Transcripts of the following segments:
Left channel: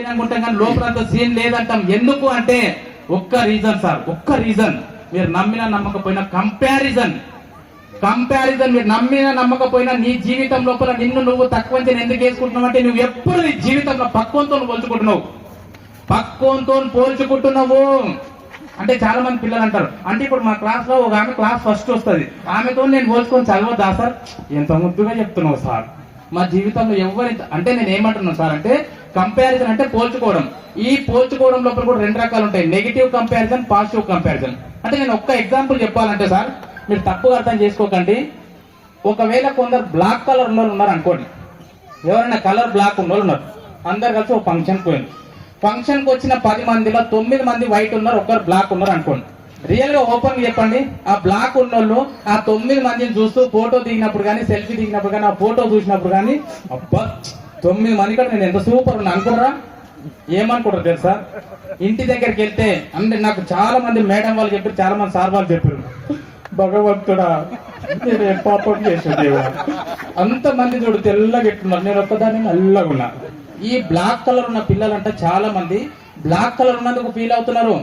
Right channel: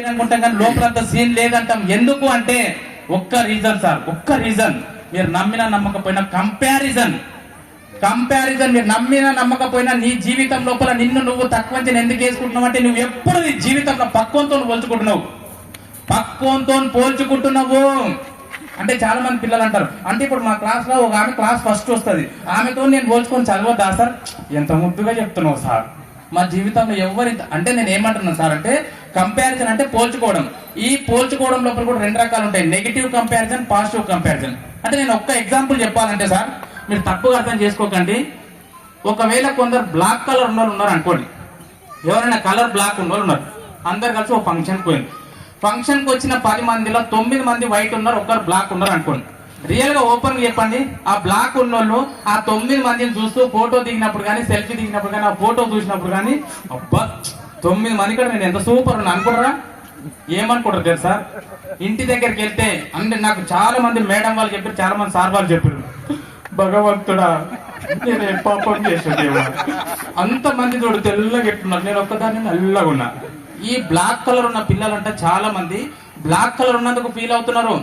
అనుకుంటాం కానీ లోపలంత సీన్ లేదంటాం. ఎందుకు అంటే ఒక్క రీజన్ సార్, ఒక్క రీజన్. మీరు నమ్మినా నమ్మకపోయినా కంపారిజన్ మీరు నమ్మినా నమ్మకపోయినా నీ జీవితం లోపల నిన్ను నువ్వు తక్కువ ఎందుకు వేసుకుంటున్నావు అంటే నువ్వు ఎప్పుడు నీ జీవితంలో పక్వంతో పోల్చుకుంటున్నావు అంటే చాలా మంది పిల్లలు అంటారు, అంటే ఇప్పుడు మా క్లాస్ లో ఒక ఆమె క్లాస్ ఫస్ట్ వస్తుంది, ఆమెతో నేను పోల్చుకొని చదవద్దా సార్? ఎంత ముద్దుగా చెప్తున్నావు సార్. మా జీవితంలో ఎవరి అంటే నేను ఏమంటున్నాను సార్ అంటే కంపారిజన్ అంటే పోల్చుకోవడం. ఈ పోల్చుకోవడం లోపల కూడా రెండు రకాలు ఉంటాయి, నెగిటివ్ కంపారిజన్, పాజిటివ్ కంపారిజన్. అంటే నేను ఒక్క ఎగ్జాంపుల్ చెప్పాలంటే సార్, మీరు తప్పుగా అర్థం చేసుకోకండి. ఒకవేళ కొందరు బ్లాక్ కలర్ ఉన్నోళ్ళు ఉన్నారు అనుకోండి, ఎవరైనా కలర్ బ్లాక్ ఉన్నోళ్ళు ఉన్నారు, అందరు కలిసి ఒక ఫంక్షన్కి పోయింది. ఫంక్షన్కి వచ్చిన 10 మందిలో 9 మంది వైట్ ఉన్నారు, ఒక్కరు బ్లాక్ ఉన్నారు అనుకోండి. రియల్ గా ఓపెన్ చెప్పండి, ఆ బ్లాక్ ఉన్నోళ్ళు ఆ 9 మందిని చూస్తూ ఫోటో దిగినప్పుడు కానీ, సెల్ఫీ దిగినప్పుడు కానీ, ఆ ఫోటో చూసినప్పుడు కానీ, అబ్బా 9 మంది కూడా నేను ఎంత సూపర్ ఉన్నా అనుకుంటారా? ఏమనుకుంటారు తెలుసా? ఇంటి దగ్గరికి వెళ్తే అంటే నాకు చాలా మంది మేడం వాళ్ళు చెప్పారు, చాలా మంది సార్ వాళ్ళు చెప్పారు, భగవంతుడా నేను ఏ పాపం చేసాడు, అంతమంది చూడు తెల్లగా ఎట్టున్నారు, నేను ఒక్కదాన్ని నల్లగా ఉన్నా. ఈ బ్లాక్ కలర్ ఉన్న పిల్లలంటే చాలా మంది బ్లాక్ కలర్ ఉన్నందుకు ఫీల్ అవుతున్నారు.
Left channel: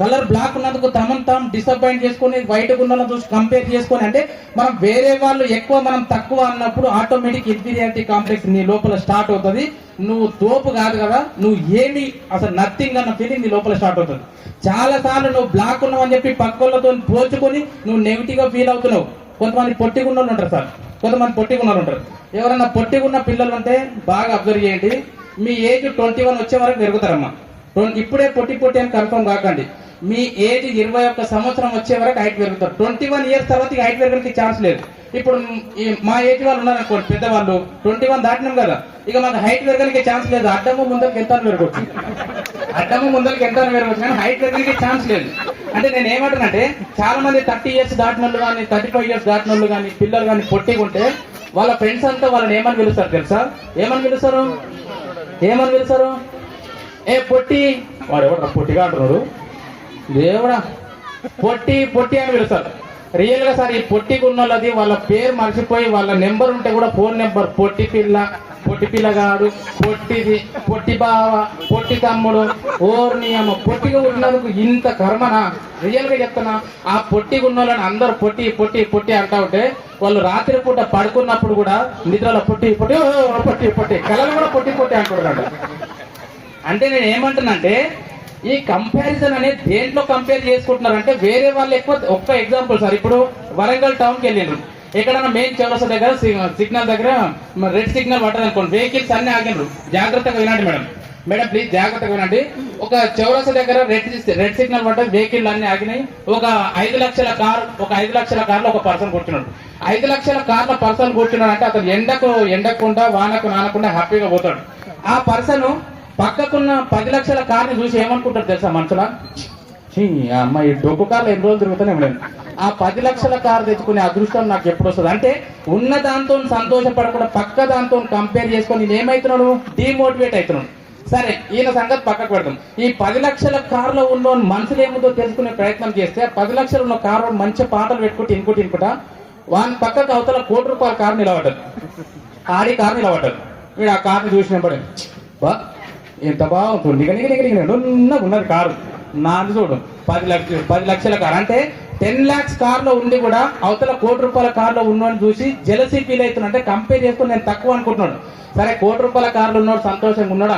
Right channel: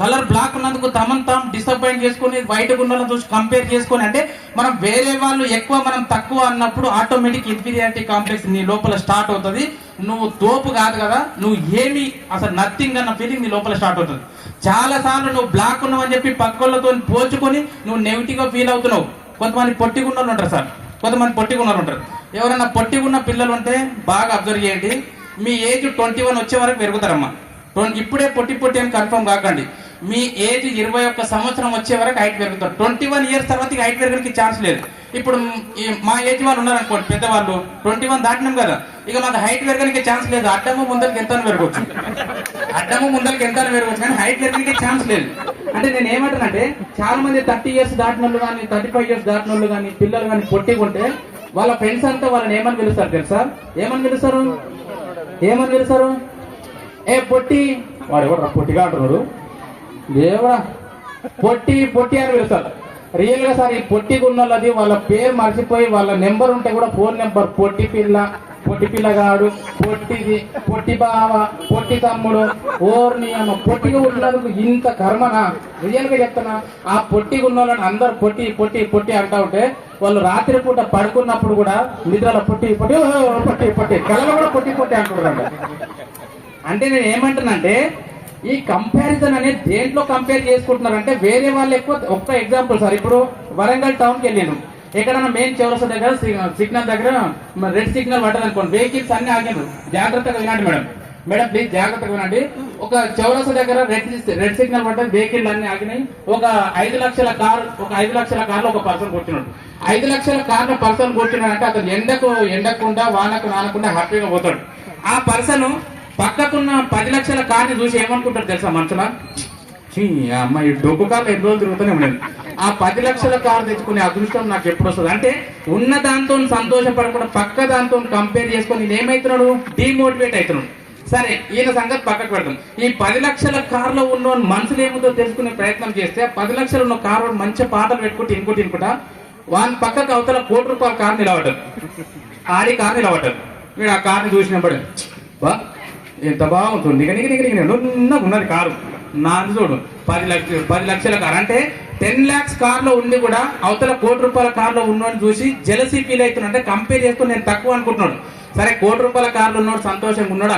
కలర్ బ్లాక్ ఉన్నందుకు తమను తాము డిసప్పాయింట్ చేసుకొని బయట ఉన్న చూసి కంపేర్ చేసుకొని, అంటే మనం వేరే వాళ్ళు ఎక్కువ మనం తక్కువ అన్నప్పుడు ఆటోమేటిక్ ఇన్ఫీరియారిటీ కాంప్లెక్స్ నీ లోపల స్టార్ట్ అవుతుంది. నువ్వు తోపు కాదు కదా, నువ్వు ఏమి అసలు నథింగ్ అన్న ఫీలింగ్ నీ లోపల స్టార్ట్ అవుతుంది. చాలా సార్లు నువ్వు బ్లాక్ ఉన్నావు అని చెప్పి పక్కలతో పోల్చుకొని నువ్వు నెగిటివ్ గా ఫీల్ అవుతున్నావు. కొంతమంది పొట్టిగున్నోళ్ళు ఉంటారు సార్, కొంతమంది పొట్టిగున్నారు ఉంటారు. ఎవరన్నా పొట్టిగున్న పిల్లలు ఉంటే బాగా అబ్జర్వ్ చేయండి, మీ ఏజ్ 21 వచ్చే వరకు పెరుగుతారమ్మా. ఇప్పుడే పొట్టి అని కన్ఫర్మ్ కాకండి. మీ ఏజ్ 21 సంవత్సరం వచ్చే వరకు హైట్ పెరుగుతారు. 21 ఇయర్స్ తర్వాత హైట్ పెరగడానికి ఛాన్స్ లేదు. ఇప్పుడు మా ఏజ్ వాళ్ళు ఉన్నారనుకోండి, పెద్దవాళ్ళు 21 దాటినాం కదా, ఇక మాకు హైట్ పెరగడానికి ఛాన్స్ లేదు. అడ్డము ముందరికి ఎంత పెరగవచ్చు, కానీ హైట్ పెరగడానికి ఛాన్స్ లేదు. అంటే నేను ఏమంటానంటే చాలా మంది 30 ఇయర్స్ దాటిన వాళ్ళు కానీ, 35 ఇయర్స్ దాటిన వాళ్ళు కానీ, పిల్లలు కానీ పొట్టిగుంటే వాళ్ళ ఫ్రెండ్స్ అంతా వాళ్ళని ఏమని పిలుస్తారు తెలుసా? ఏమని పిలుస్తారు? ఏ పొట్టి, వాడు ఎవరు పొట్టిగా అంటున్నాడు, దేవుడా పొట్టి అని పిలుస్తారు. రియల్ గా సార్ ఈ పొట్టిగా ఉన్నది వాళ్ళ పేరు మర్చిపోయి వాళ్ళ నెంబర్ ఉంటే కూడా ఫోన్ నెంబర్ పొట్టి పిల్లగాడు, పొట్టిది, పొట్టి బావ, పొట్టి తమ్ముడు, ఓర్ని అమ్మ పొట్టిగా ఉన్నందుకు ఇంత కర్మనా? రియల్ గా చెప్తున్నా, ఆ పొట్టిగా ఉన్న వాళ్ళని అందరు పొట్టి అంటా ఉంటే వాళ్ళు రాత్రి పూట పడుకున్నప్పుడు కూడా నిద్రలో పొట్టి కళలు కూడా పొట్టి అంటున్నారు. అంటే నేను ఏమంటున్నానంటే ఈ కంపారిజన్ అనేది దేంట్లో కంపేర్ చేసుకుంటున్నారంటే వేరే వాళ్ళు ఎక్కువ. ఒక్క ఎగ్జాంపుల్ సార్, ఇప్పుడు వరంగల్ టౌన్కి వెళ్ళాను, ఎక్కడన్నా మెయిన్ చౌరస్తా దగ్గర సిగ్నల్ దగ్గర రెడ్ సిగ్నల్ పడ్డది అనుకోండి, వెహికల్స్ అన్ని ఆగినారు. జాగ్రత్తగా వినండి మేడం ప్లీజ్ జాగ్రత్తగా వినండి. ఒక చౌరస్తా దగ్గర రెడ్ సిగ్నల్ పడ్డది, వెహికల్ అన్ని ఆగినాయి. ఒక 5 లక్షల కార్లో ఒక పర్సన్ కూర్చున్నాడు. 5 లక్షల కార్లో పర్సన్ కూర్చున్నాడు అంటే అతను ఎండకుండా వానకు నానకుండా హ్యాపీగా పోతాడు. ఆ పర్సన్ పక్కకున్న 10 లక్షల కార్ని చూసి ఏమనుకుంటారు తెలుసా? మనుషుల అమ్మాయి డొక్కు కార్లు ఎన్ని రోజులు తిరుగుతూనే ఉండదు. ఆ 10 లక్షల కారు తెచ్చుకునే అదృష్టం నాకు ఎప్పుడు వస్తుంది అంటే ఉన్న దాంతో సంతోషపడకుండా పక్క దాంతో కంపేర్ చేసుకొని ఏమైతున్నాడు? డిమోటివేట్ అవుతున్నాడు. సరే ఈయన సంగతి పక్కకు పెడతాం. ఈ 10 లక్షల కార్లో ఉన్న మనసులు ఏముందో తెలుసుకునే ప్రయత్నం చేస్తే 10 లక్షలు ఉన్న కారు మంచి పాటలు పెట్టుకుంటూ ఇనుకుంటా వాని పక్కకు అవతల ₹1,00,00,000 కారు నిలబడ్డాడు. ఆడి కారు నిలబడ్డాడు. వీడు ఆ కార్ని చూసినప్పుడు బా ఎంత బాగుంటుంది, ఉన్నది కారు నాది చూడు 10 లక్షల కారు అంటే 10 lakhs కార్లో ఉండి కూడా అవతల ₹1,00,00,000 కార్లో ఉన్నోని చూసి జెలసీ ఫీల్ అవుతున్నాడు. అంటే కంపేర్ చేసుకుని నేను తక్కువ అనుకుంటున్నాడు. సరే ₹1,00,00,000 కార్లో ఉన్నాడు, సంతోషంగా ఉన్నాడు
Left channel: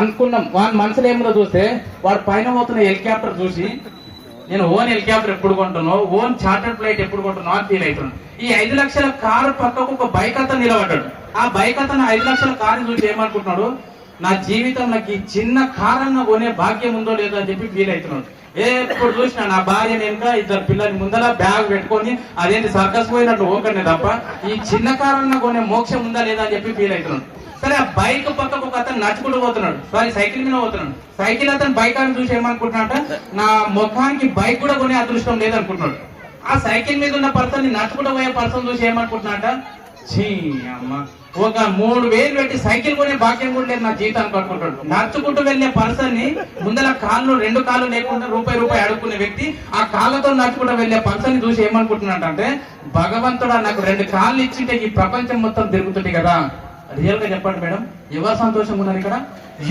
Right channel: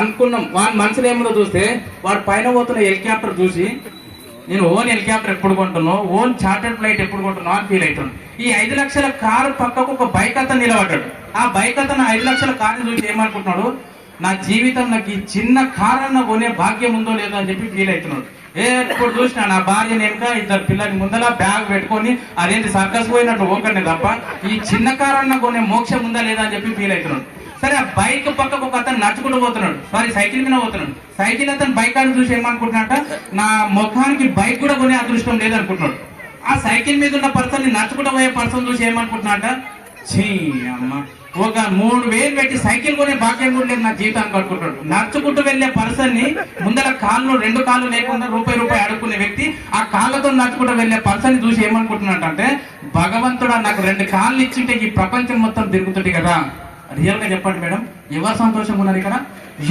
అనుకున్నాం. వాడి మనసులో ఏమో చూస్తే వాడు పైన పోతున్న హెలికాప్టర్ చూసి నేను ఓన్ హెలికాప్టర్ ఎప్పుడు కొంటున్నావు, ఓన్ చార్టర్డ్ ఫ్లైట్ ఎప్పుడు కొంటున్నావు అని ఫీల్ అవుతున్నాడు. ఈ 5 లక్షల కారు పక్కకు ఒక బైక్ అతను నిలబడ్డాడు. ఆ బైక్ అతను 5 లక్షల కారు చూసి ఏమనుకుంటున్నాడు? నా జీవితం నాకు ఈ చిన్న కారన్న కొనే భాగ్యం ఉందో లేదో అని చెప్పి ఫీల్ అవుతున్నాడు. ఎప్పుడు చూసినా నా భార్య వెనుక 2 పిల్లల ముందర బ్యాగ్ పెట్టుకొని అదేంటి సర్కస్ పోయినట్టు ఓకర్ని తప్ప ఈ చిన్న కారన్న కొనే మోక్షం ఉందా లేదా అని చెప్పి ఫీల్ అవుతున్నాడు. సరే ఆ బైక్ పక్కకు ఒక అతను నడుచుకుంటూ పోతున్నాడు, సైకిల్ మీద పోతున్నాడు. సైకిల్ అతను బైక్ అని చూసి ఏమనుకుంటున్నాట? నా ముఖానికి బైక్ కూడా కొనే అదృష్టం లేదనుకుంటున్నాడు. ఆ సైకిల్ మీద ఉన్న పర్సన్ నడుచుకుంటూ పోయే పర్సన్ చూసి ఏమనుకుంటున్నాట? ఛీ అమ్మ, ఒక 3,000 పెట్టి సైకిల్ కొనే భాగ్యం కూడా లేదు నా జీవితానికి అనుకుంటాడు. నడుచుకుంటూ వెళ్లే పర్సన్ ని ముందర రెండు కాళ్ళు లేకుండా రూపాయి అడుక్కునే వ్యక్తి ఆ కాళ్ళతో నడుచుకుంటూ వెళ్లే పర్సన్ ని చూసి ఏమనుకుంటున్నాడంటే భగవంతుడా నాకు 2 కాళ్ళు ఇచ్చింటే ఈ ప్రపంచం మొత్తం తిరుగుతుంది కదా. రియల్ గా చెప్పండి మేడం, ఎవరు సంతోషంగా ఉన్నారు ఇక్కడ?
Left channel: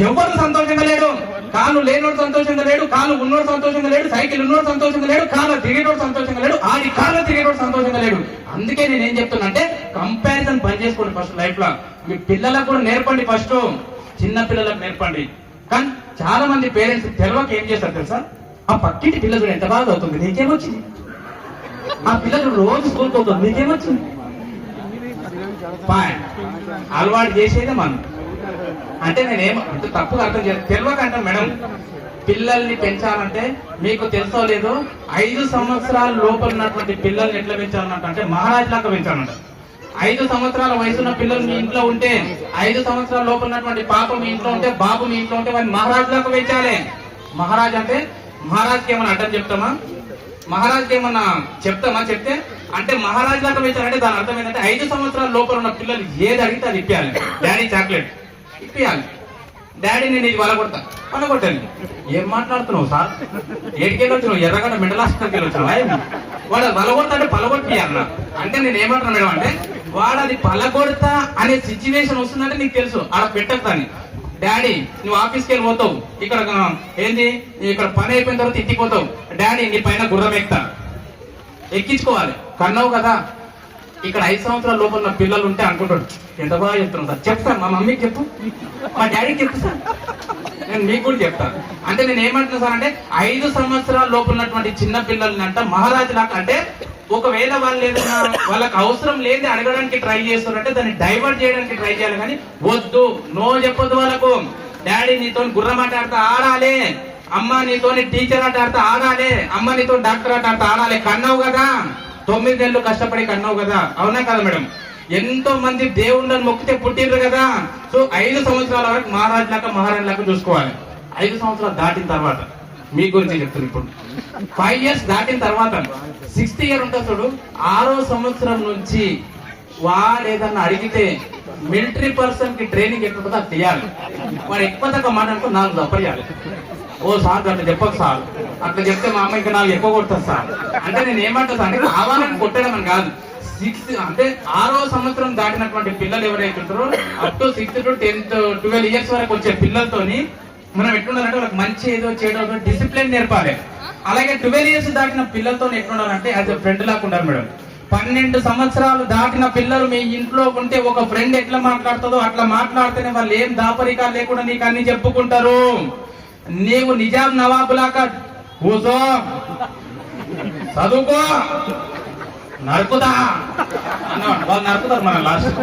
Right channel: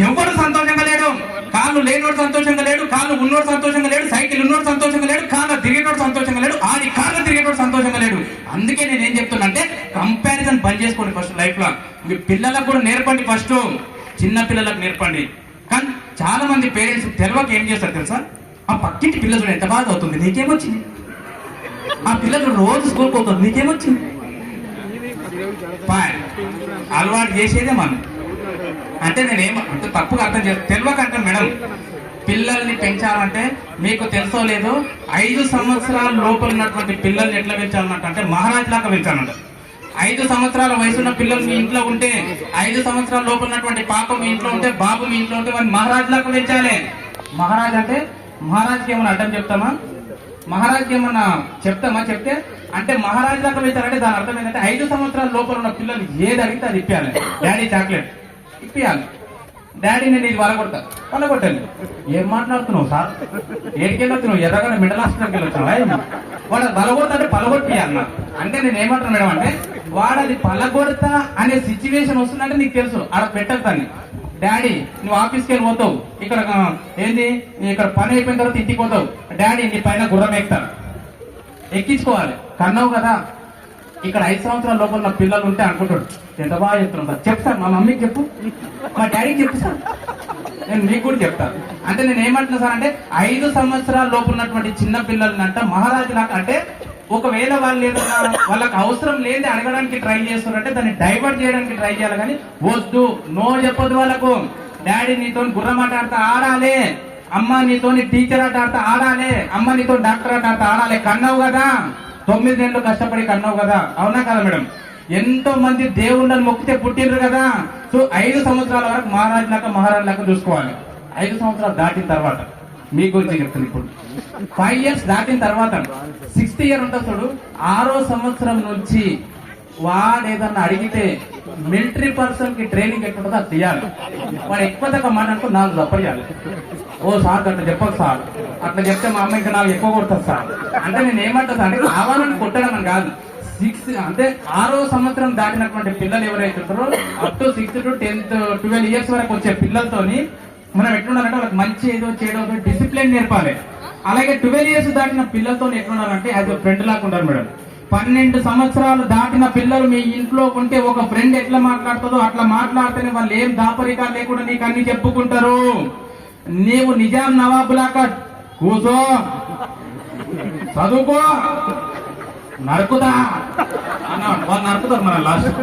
ఎవరు సంతోషంగా లేడు. కాళ్ళు లేనోడు సంతోషంగా లేడు, కాళ్ళు ఉన్నోడు సంతోషంగా లేడు, సైకిల్ ఉన్నోడు సంతోషంగా లేడు, కాళ్ళు తిరిగేటోడు సంతోషంగా లేడు, ఆడి కాళ్ళు తిరిగేటోడు సంతోషంగా లేడు. అందుకే నేను ఏం చెప్తున్నా అంటే కంపారిజన్ పని చేసుకోండి ఫస్ట్ లైఫ్ లో. మీ పిల్లలకు కూడా నేర్పండి, ఫస్ట్ చిన్న పిల్లలకు నేర్పండి. కానీ చాలా మంది పేరెంట్స్ తెలియక ఏం చేస్తారు తెలుసా? ఆ పక్కింటి పిల్లలు ఎంత బాగా అవుతుంది, నీకేమొచ్చింది? ఆ పిల్లలు రోజు స్కూల్కి అవుతుంది, నీకేమొచ్చింది? అలవాటు చేసేదే మనం. అంటే నేనేమో తప్పుగా అర్థం చేస్తాను, తెలియక అంటాను మేడం. పిల్లల్ని పెంచాలంటే మీకు తెలుసో లేదో 5 సంవత్సరాల లోపల ఉన్నటువంటి పిల్లల్ని ఎట్లా పెంచాలంటే మహారాజ్ లాగా పెంచాలంట. 5 సంవత్సరాల వయసున్న పిల్లలు మీ ఇంట్లో ఉంటే, 5 సంవత్సరాల లోపల ఉన్నటువంటి పాప మీ ఇంట్లో ఉంటే, బాబు మీ ఇంట్లో ఉంటే వాడిని మహారాజ్ లాగా పెంచాలి. మహారాజ్ అంటే మహారాజ్కి ఏమైనా అడ్డం చెప్తామా? మహారాజ్కి ఏమన్నా చెప్తామా? చెప్తే అంటే మహారాజ్ లాగా పెంచాలంటే దాని అర్థం ఏంటంటే 5 సంవత్సరాల లోపల ఉన్న పిల్లలు ఏది అడిగితే అది ఇప్పియాలి. డాడీ చాక్లెట్ ఇప్పియాలి, డాడీ నేను ఇది పలగొట్టాను. ఏం మాట్లాడుతున్నావు సార్? ఏడికెళ్ళొచ్చున్నావు? ఎర్రగడ్డ మిడల్ హాస్పిటల్కి వెళ్ళొచ్చున్నా? వాడు పలగొడతాంటే పలగొట్టియాలన్నా. అంటే నేను ఏమంటున్నా మేడం అంటే వాడు అది పలగొడతా అనే సిచ్యువేషన్ వస్తుందంటే నీకు తెలుసు అలా పెట్టని. డాడీ నువ్వు ఆఫీస్కి వెళ్ళి పోతావు, ఇక్కడ ఏంది ఇక్కడ పని అయిపోయిన తర్వాత ఇంటికి పోతావు, డాడీ నీ పైన గుర్రం ఎక్కుతా, ఎక్కించుకోవాలి. కన్నావు కదా. ఇక్కడ 5 సంవత్సరాల లోపల ఉన్న పిల్లలు ఉంటే అనుకుంటాడు ఎంత బాగా చెప్తున్నాం సార్. చెప్తాను, మా మమ్మీకి చెప్పు, మా డాడీకి చెప్పు సార్, నేను మీకు కూడా చెప్తాను. అంటే నేను ఏమంటున్నా సార్ అంటే 5 సంవత్సరాల లోపల ఉన్నటువంటి చిన్న పిల్లల్ని అంట మహారాజు లాగా. అంటే ఒకవేళ వాళ్ళు ఏదైనా వాళ్ళకి అవసరం లేదు అడగడానికి ట్రై చేస్తారంటే దాన్ని డైవర్ట్ చేయడానికి ట్రై చేయాలి. కానీ వద్దు, నో చెప్పొద్దు వాళ్ళకు. డాడీ నీతో గుర్రం ఆట ఆడితే ఆడాలి, అమ్మ నీతో టీచర్ ఆట ఆడితే ఆడాలి, అమ్మ నీతో డాక్టర్ ఆట ఆడితే ఆడాలి. కన్నావు కదా, 9 నెలలు కష్టపడి కన్నావు కదా, అవునా కదా మేడం? ఎంతో మంది దేవుళ్ళని మొక్కితే పుట్టిర్రు కదా. సో 5 సంవత్సరాల వరకు మహారాజు లాగా చూసుకోవాలి. 5 సంవత్సరాలు దాటిన తర్వాత మీ గురించి చెప్తాను. ఇప్పుడు 5 years దాటిన తర్వాత 6th year ఉంటుంది చూడు, 6వ సంవత్సరం నుంచి వాడు ఏదన్నా అడిగితే మిలిటరీ పర్సన్ కి ట్రైనింగ్ ఎట్లుంటుందో అది తీయాలి. వాడు ఎక్కువ తగ్గ మాట్లాడుతూ 4 దప్పరియాలి. ఓ సార్ అట్లా చెప్పదు సార్, అట్లా చెప్తే మా అమ్మ ఇంకా 4 ఎక్కువ కొడతారు సార్. అంటే నేను ఏమంటా అంటే కావాలని కొట్టడం అని కాదు. 6 అంటే 6వ సంవత్సరం దాటినటువంటి పిల్లలు ఎవరైతే ఉంటారో up to 6th to 10th 12 years వరకు వచ్చే పిల్లలతోని మనం ఎట్లుండాలంటే వాళ్ళకి మంచి ఏదో చేయడం డిసిప్లిన్ నేర్పాలి. అలాగే 12 years దాటిన పిల్లలతో ఎట్లుండాలంటే యాజ్ ఎ ఫ్రెండ్ లాగా ఉండాలి మేడం. 12 సంవత్సరాలు దాటిన పిల్లలు మీ ఇంట్లో ఉంటే ఒక ఫ్రెండ్ ఎట్లా మాట్లాడుతుందో అట్లా మాట్లాడితేనే వాళ్ళు ఏం దాపరికాలు లేకుండా నీకు అన్ని చెప్పుకుంటారు. నీవు నిజాం నవాబులాగా కూర్చో, చదువుకో, నరుకుదా అన్నమాట. వాళ్ళు నరుకుతారు మన లాస్ట్,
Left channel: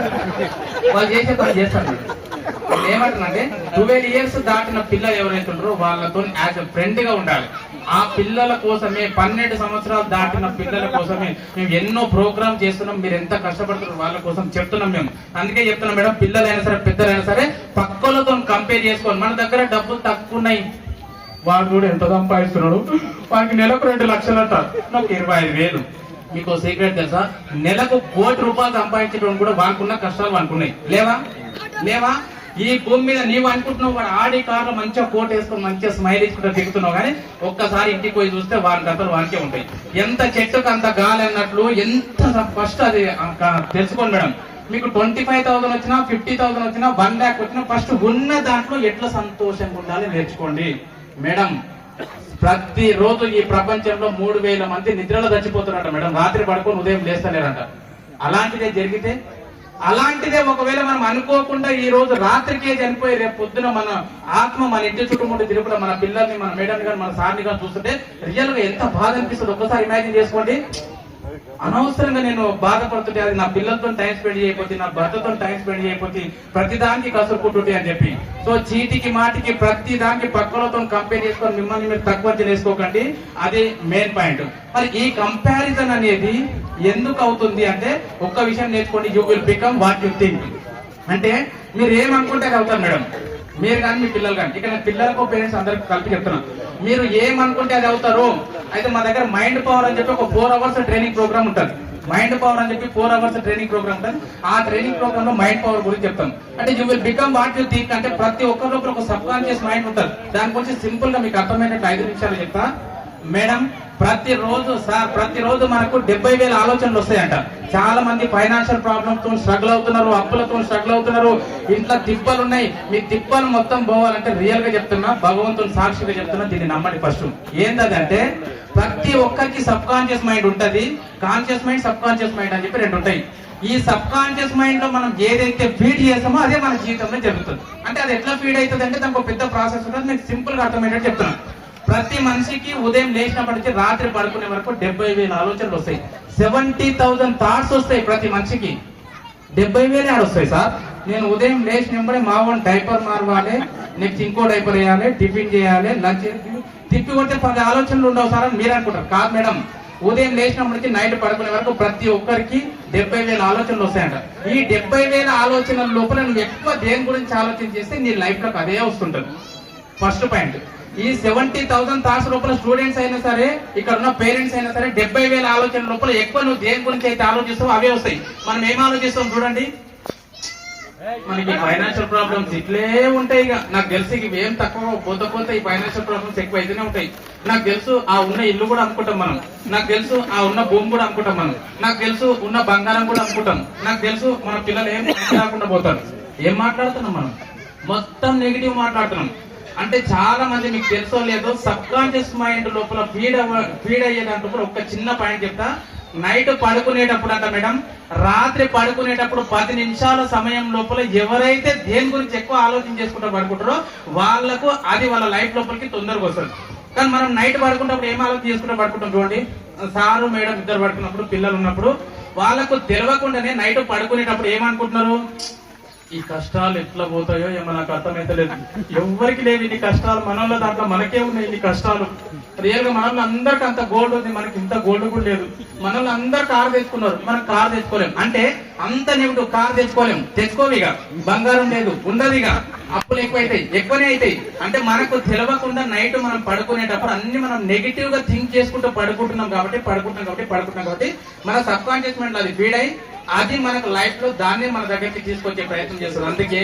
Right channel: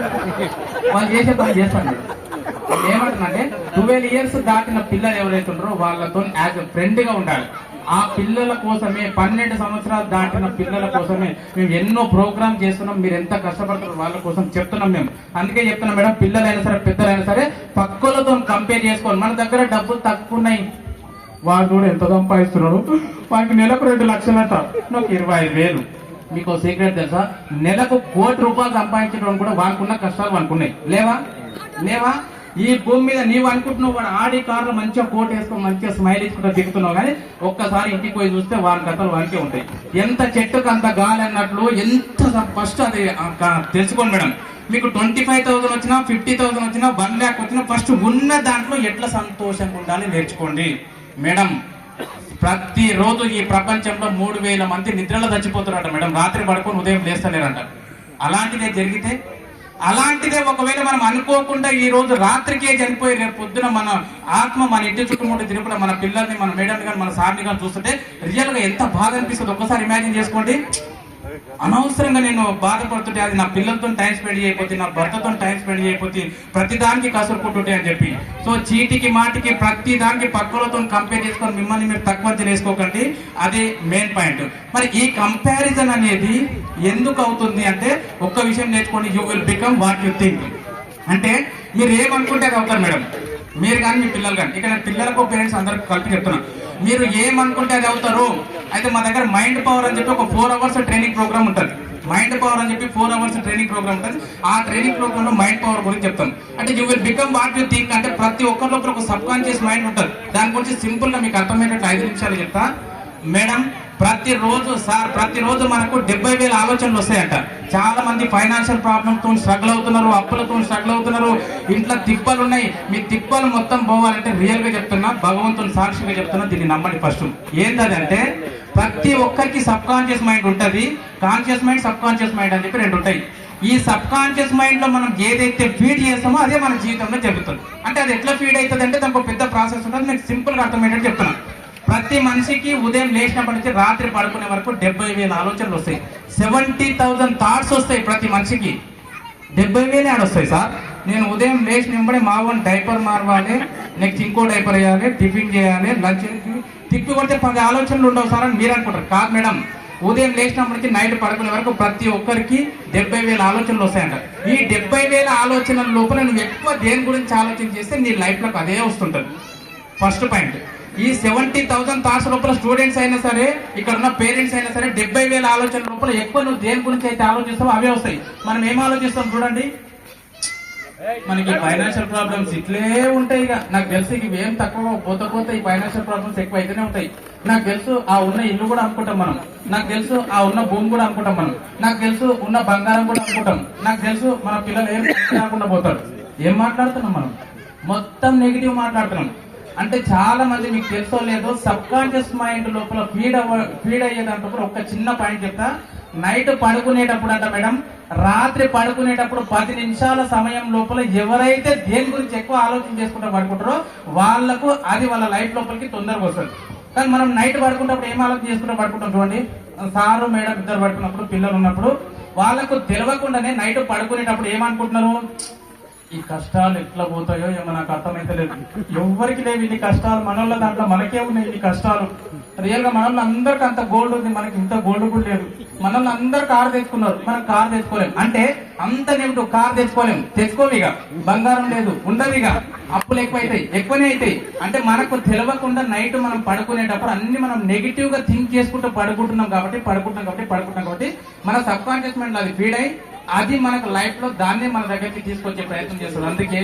వాళ్ళు చేసే పని చేస్తాను. ఏమంటున్నాంటే 12 years దాటిన పిల్లలు ఎవరైతే ఉంటారో వాళ్ళతో యాజ్ ఎ ఫ్రెండ్ గా ఉండాలి. ఆ పిల్లల కోసమే 12 సంవత్సరాలు దాటిన పిల్లల కోసమే మేము ఎన్నో ప్రోగ్రామ్ చేస్తున్నాం. మీరు ఎంత కష్టపడుతున్నారు వాళ్ళ కోసం చెప్తున్నాం మేము. అందుకే చెప్తున్నాం మేడం, పిల్లలైనా సరే పెద్దలైనా సరే పక్కలతో కంపేర్ చేసుకోవాలి. మన దగ్గర డబ్బులు తక్కువ ఉన్నాయి, వాడు కూడా ఎంత సంపాదిస్తున్నాడు, వానికి నెలకు 2 లక్షలట, నాకు 25,000. మీకు సీక్రెట్ తెలుసా? నెలకు 1 కోటి రూపాయలు సంపాదించడం కూడా వానుకున్న కష్టాలు అనుకున్నాయి. లేవా? ఈ భూమి మీద నీవు అనుకుంటున్నావు వాడు ఆడి కార్లో మంచిగా కోట్ వేసుకొని మంచిగా స్మైల్ ఇచ్చుకుంటూ దిగుతున్నావు. కానీ ఒక్కసారి ఇంటికి పోయి చూస్తే వాని కథలు వానికే ఉంటాయి. ఎంత చెట్టుకు అంత గాలి అన్నట్లు ఎంత ఫస్ట్ అది తెలుసుకోండి మేడం. మీకు 25,000 వచ్చినా 50,000 వచ్చినా 1 lakh వచ్చినా ఫస్ట్ ఉన్న దాంట్లో ఎట్లా సంతోషంగా ఉండాలి నేర్చుకోండి మేడం. ప్రతి రోజు ఈ ప్రపంచంలో 3,000 మంది నిద్రలో చచ్చిపోతున్నారంట మేడం. రాత్రి పడుకొని ఉదయం లేస్తలేరంట. అలాంటిదే జరిగితే, అలాంటిదే ఒకవేళ మనం అనుకోకుండా ఈ రోజు రాత్రికే చనిపోయి రేపు పొద్దున మన ఆత్మ మన ఇంటి చుట్టుముట్టు తిరుగులో మన పిల్లల్ని మన మేడం గారు మన సార్ని గారు చూస్తుంటే రియల్ గా ఎంత బాధ అనిపిస్తుంది ఒక్కసారి ఇమాజిన్ చేసుకోండి. అనవసరంగా నేను బాధపడుతుంటే అది నా పిల్లలతో టైం స్పెండ్ చేయకపోతే, నా భర్తతో టైం స్పెండ్ చేయకపోతే, ప్రతి దానికి కసురుకుంటుంటే అని చెప్పి. సో చీటికి మాటికి ప్రతి దానికి పక్కలతో కంపేర్ చేసుకొని మిమ్మల్ని మీరు తక్కువ చేసుకోకండి. అది మెయిన్ పాయింట్. మరి ఈ కంపారిజన్ అనేది ఎందుకు అవుతుంది అంటే ఒక్క విషయం నేర్చుకోండి, you will become what you think. అంటే మీరు ఏమనుకుంటే అది అవుతారు మేడం. మీరు కానీ మీ పిల్లలు కానీ, ఇక్కడ పిల్లలకు పేరెంట్స్ అందరికి కలిపి చెప్తున్నాను, మీరు ఏమనుకుంటే అది అవుతారు. అయితే మా దగ్గర మైండ్ పవర్ అని చెప్పి ఒక 4 hours ట్రైనింగ్ ప్రోగ్రామ్ ఉంటుంది. మైండ్ పవర్ అని చెప్పి 4 hours ట్రైనింగ్ ప్రోగ్రామ్ ఉంటుంది. ఆ ట్రైనింగ్ ప్రోగ్రామ్ లో మైండ్ పవర్ గురించి చెప్తాం. అంటే you will become what you think. అంటే ప్రతి ఒక్కరిలో ఒక సబ్ కాన్షియస్ మైండ్ ఉంటుంది. దాని గురించి సింపుల్ గా మీకు అర్థమైనట్టు 5 నిమిషాలు చెప్తా మేడం. ప్రతిరోజు మనకు 70,000 ఆలోచనలు వస్తాయంట. చాలా మంది ఫైనాన్షియల్ ప్రాబ్లమ్ తో స్ట్రగుల్ అవుతున్నారు, అప్పులతో స్ట్రగుల్ అవుతున్నారు, ఇంట్లో తిప్పలు ఉన్నాయి. మీ తిప్పలు మొత్తం పోవాలంటే రియల్ గా చెప్తున్నా, భగవంతుని సాక్షిగా చెప్తున్నా, దీన్ని నమ్మండి. ఫస్ట్ ఏంటంటే ప్రతి ఒక్కరికి సబ్ కాన్షియస్ మైండ్ ఉంటది, conscious mind, sub conscious mind అని చెప్పి రెండు ఉంటాయి. ఈ సబ్ కాన్షియస్ మైండ్ లో మనం ఏదైతే ఫీడ్ చేస్తామో అదే మన జీవితంలో జరుగుతుంది. అంటే అది ఎట్లా ఫీడ్ అవుతుంది అంటే దానికి ఒక పెద్ద ప్రాసెస్ ఉంటుంది. మీకు సింపుల్ గా అర్థమయ్యేటట్టు చెప్తున్నాను. ప్రతి మనిషికి ఉదయం లేచినప్పటి నుంచి రాత్రి పడుకునే వరకు 70,000 ఆలోచనలు వస్తాయి. 70,000 థాట్స్ వస్తాయి ప్రతి మనిషికి. 70,000 ఆడొస్తాయి సార్. నేను ఉదయం లేచిన వెంబడే మా వాడిని డైపర్ మారవాలి, నెక్స్ట్ ఇంకో డైపర్ వేయాలి, టిఫిన్ చేయాలి, లంచ్ తిప్పి కొడితే 10 ఆలోచనలు ఉండవు సార్ అని మీరు అనుకుంటారు. కాదు మేడం, ఉదయం లేచినప్పటి నుంచి నైట్ పడుకునే వరకు ప్రతి ఒక్కరికి 70,000 ఆలోచనలు వస్తాయంట. ఈ 70,000 ఆలోచనల లోపల నువ్వు ఎక్కువ దేని గురించి ఆలోచన చేస్తే నీ లైఫ్ లోకి అదే వస్తుంటది. First point. ఈ 70,000 థాట్స్ లోపల స్టూడెంట్స్ అయినా సరే, ఇక్కడ ఉన్న పేరెంట్స్ అయినా సరే, 70,000 ఆలోచనల లోపల ఎక్కువ నువ్వు దేని గురించి అయితే ఆలోచిస్తావో అవే వస్తాయి. మనం ఏం ఆలోచిస్తాం చూడండి, మనకి ఫైనాన్షియల్ ప్రాబ్లమ్స్ ఇట్లే ఉంటాయి. ఇక నాకు తెలుసు ఇవి ఏం తక్కువ పోతే ఈ ఫైనాన్షియల్ ప్రాబ్లమ్స్ ఎక్కువ అయితేనే ఉంటాయి. నాకు తెలుసు ఆ ఉన్న ఇల్లు కూడా అమ్ముకుంటాం మనం, నాకు తెలుసు ఆ ఉన్న భూమి కూడా అమ్ముకుంటాం మనం, నాకు తెలుసు ఉన్న బంగారం కూడా అమ్ముకుంటాం, నాకు తెలుసు మన పిల్లలు ఏం కాకుండా పోతారు. ఏం మాట్లాడుతున్నాం మనం? మొత్తం నెగిటివ్ మాట్లాడుతున్నాం. అంటే చాలా మంది మీకు తెలుసో లేదో సబ్ కాన్షియస్ మైండ్ లోపల ఫీడ్ అయ్యేటప్పుడు ఒక చిన్న పాయింట్ చెప్తా. నైట్ పడుకునేటప్పుడు అంట మేడం, రాత్రి పడుకునేటప్పుడు 10 నిమిషాల సమయం లోపల ఎవరైతే దేని గురించి ఎక్కువ ఆలోచన చేసుకుంటూ పడుకుంటారో వాళ్ళకు అది వాళ్ళ లైఫ్ లోపలికి తొందరగా వస్తుంది. కానీ మనం నైట్ పడుకున్నప్పుడు ఏం ఆలోచన చేసుకుంటూ పడుకుంటాం చూడండి. సారు మేడం ఇద్దరు పడుకున్నప్పుడు, పిల్లలు ఉన్నప్పుడు వాళ్ళకు తెలియకుండానే నైట్ పడుకునేటప్పుడు ఏమనుకుంటున్నారు, ఈ కష్టాలు ఎట్లా పోతాయో ఏమో నాకు అర్థమైతే లేదు. ఎవరికి లేవు ఇన్ని కష్టాలు, మనలో దాంట్లో మనకే ఉన్నాయి ఇన్ని కష్టాలు. రియల్ గా మనలో అందరికి అంత గోల్డ్ ఉంది, మనకి ఇంత గోల్డ్ కూడా లేదు. మనలో అందరు కారు తెచ్చుకున్నారు, మనం కారు తెచ్చుకోలేము. అంటే అంత నెగిటివ్, కారు తెచ్చుకోము, ఇక బంగారం లేదు, ఉండదు, ఇక అప్పులు ఎక్కువనే అవుతాయి. అంటే మనకు తెలియకుండా నైట్ మనం పడుకునేటప్పుడు అన్ని మనం నెగిటివ్ గా థింక్ చేసుకుంటూ పడుకుంటున్నాం కాబట్టి మన సబ్ కాన్షియస్ మైండ్ అది ఫీడ్ అయ్యి అది మనకు లైఫ్ లో దాన్ని మన దగ్గరికి తీసుకొచ్చే ప్రయత్నం చేస్తుంది. అందుకే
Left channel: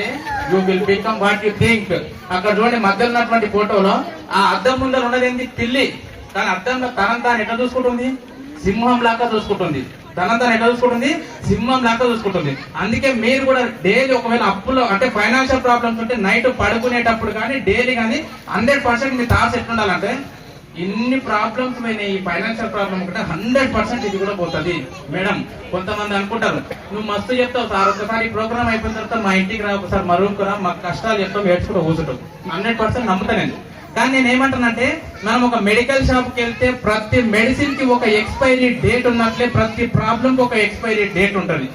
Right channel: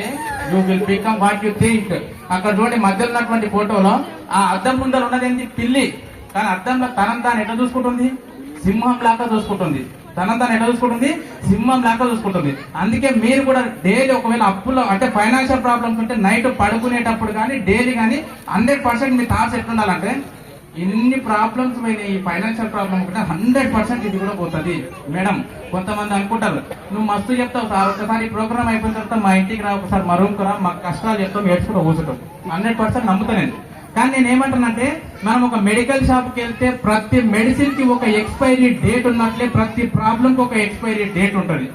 you will become what you think. అక్కడ చూడండి మధ్యలో ఉన్నటువంటి ఫోటోలో ఆ అద్దం ముందర ఉన్నదేంటి, పిల్లి. కానీ అద్దంలో తనంతా ఎట్లా చూసుకుంటుంది, సింహం లాగా చూసుకుంటుంది. తనంతా ఎట్లా చూసుకుంటుంది, సింహం లాగా చూసుకుంటుంది. అందుకే మీరు కూడా డైలీ ఒకవేళ అప్పులో అంటే ఫైనాన్షియల్ ప్రాబ్లమ్స్ ఉంటే నైట్ పడుకునేటప్పుడు కానీ డైలీ కానీ 100% మీ థాట్స్ ఎట్లుండాలంటే, ఇన్ని ప్రాబ్లమ్స్ పోయినాయి, ఈ ఫైనాన్షియల్ ప్రాబ్లమ్ కూడా 100% ఇది కూడా పోతుంది. మేడం కొంతమంది అనుకుంటారు నువ్వు మస్తు చెప్తావు సార్, ఒకసారి ప్రోగ్రామ్ అయిపోయిన తర్వాత మా ఇంటికి రా, ఒకసారి మా రూమ్కి రా, మాకు కష్టాలు చెప్తావు, ఏడ్చుకుంటూ కూర్చుంటాం. 100% నమ్ముతానండి. కానీ నేను ఏమంటానంటే, మనం ఒక మెడికల్ షాప్కి వెళ్తే ప్రతి మెడిసిన్ కి ఒక ఎక్స్పైరీ డేట్ ఉన్నట్లే ప్రతి ప్రాబ్లమ్ కి ఒక ఎక్స్పైరీ డేట్ ఉంటుంది.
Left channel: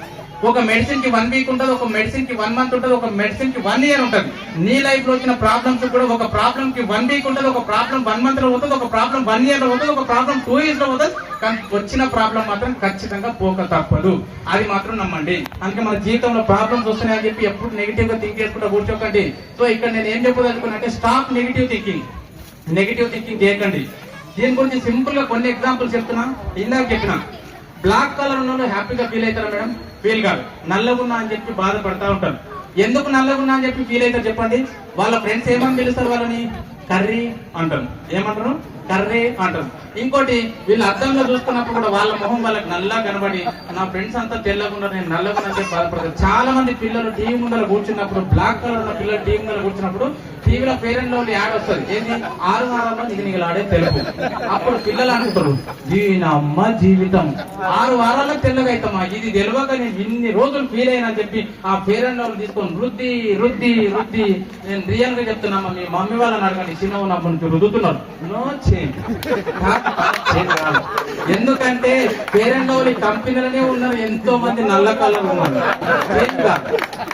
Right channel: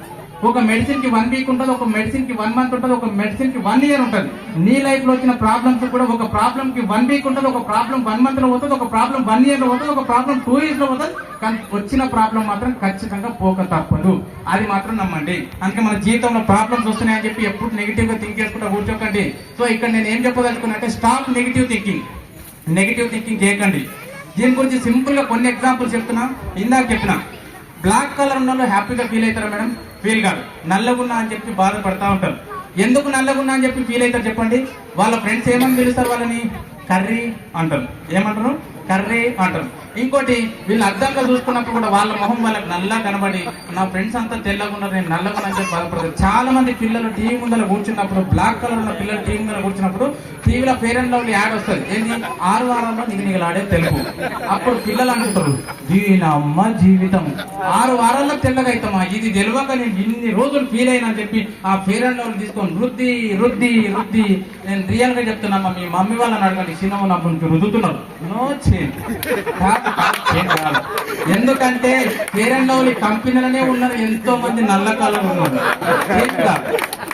ఒక మెడిసిన్ కి 1 వీక్ ఉంటుంది, ఒక మెడిసిన్ కి 1 మంత్ ఉంటుంది, ఒక మెడిసిన్ కి 1 ఇయర్ ఉంటుంది. నీ లైఫ్ లో వచ్చిన ప్రాబ్లమ్స్ కూడా ఒక ప్రాబ్లమ్ కి 1 వీక్ ఉంటుంది, ఒక ప్రాబ్లం 1 మంత్ లో పోతుంది, ఒక ప్రాబ్లం 1 ఇయర్ లో పోతుంది, ఒక ప్రాబ్లం 2 ఇయర్స్ లో పోతుంది. కానీ వచ్చిన ప్రాబ్లం మాత్రం ఖచ్చితంగా పోక తప్పదు, అది మాత్రం నమ్మండి. అందుకే మన జీవితంలో ప్రాబ్లమ్స్ వస్తున్నాయని చెప్పి ఎప్పుడు నెగిటివ్ గా థింక్ చేసుకుంటూ కూర్చోకండి. సో ఇక్కడ నేను ఏం చెప్పదలుచుకున్నా, స్టాప్ నెగిటివ్ థింకింగ్ చేయకండి. దీని గురించి సింపుల్ గా కొన్ని ఎగ్జాంపుల్స్ చెప్తున్నా. ఇందాక చెప్పిన బ్లాక్ కలర్ ఉన్న హ్యాపీగా ఫీల్ అవుతారా మేడం? ఫీల్ కాదు. నల్లగున్నా అని చెప్పి బాధపడతా ఉంటారు. ఎందుకు నల్లగున్నా అని చెప్పి ఫీల్ అవుతారు చెప్పండి? వాళ్ళ ఫ్రెండ్స్ ఏమని పిలుస్తారు వాళ్ళని? కర్రీ అంటారు. ఏమంటారు? కర్రీ అంటారు. ఇంకోటి వీళ్ళు అద్దంలో చూసుకున్నప్పుడు కూడా వాళ్ళ మొహం వాళ్ళకి నల్లగా కనబడి, నా ఫ్రెండ్స్ అంతా తెల్లగా నేను నల్లగా అని చెప్పి బాధపడతారు. చాలా మంది పిల్లలు టీవీ ముందర కూర్చున్నప్పుడు, బ్లాక్ కలర్ ఉన్న పిల్లలు టీవీ ముందర కూర్చున్నప్పుడు టీవీలో ఫెయిర్ అండ్ లవ్లీ యాడ్ వస్తుంది. ఏంటి? 6 వారాల్లో నిగనిగలాడే తెలుగు. అప్పుడు పిల్లలు అనుకుంటారు దీనమ్మ జీవితం 6 వారాల్లో తెల్లగా అవుతామా, ఇది తెలియక నేను ఇన్ని రోజులు ఫీల్ అయినా అని చెప్పి ఆ ఫెయిర్ అండ్ లవ్లీ తీసుకొని రుద్ది నేను రియల్ గా చెప్తున్నా, మీ మమ్మీ వాళ్ళని అడగండి, చిన్న ఉన్నప్పుడు నుంచి రుద్దుతున్నారు. No change. ఎందుకంటే ఫెయిర్ అండ్ లవ్లీ కంపెనీలనే ఉన్నారు ఎంతో మంది నల్ల కలర్ ఉన్నారు.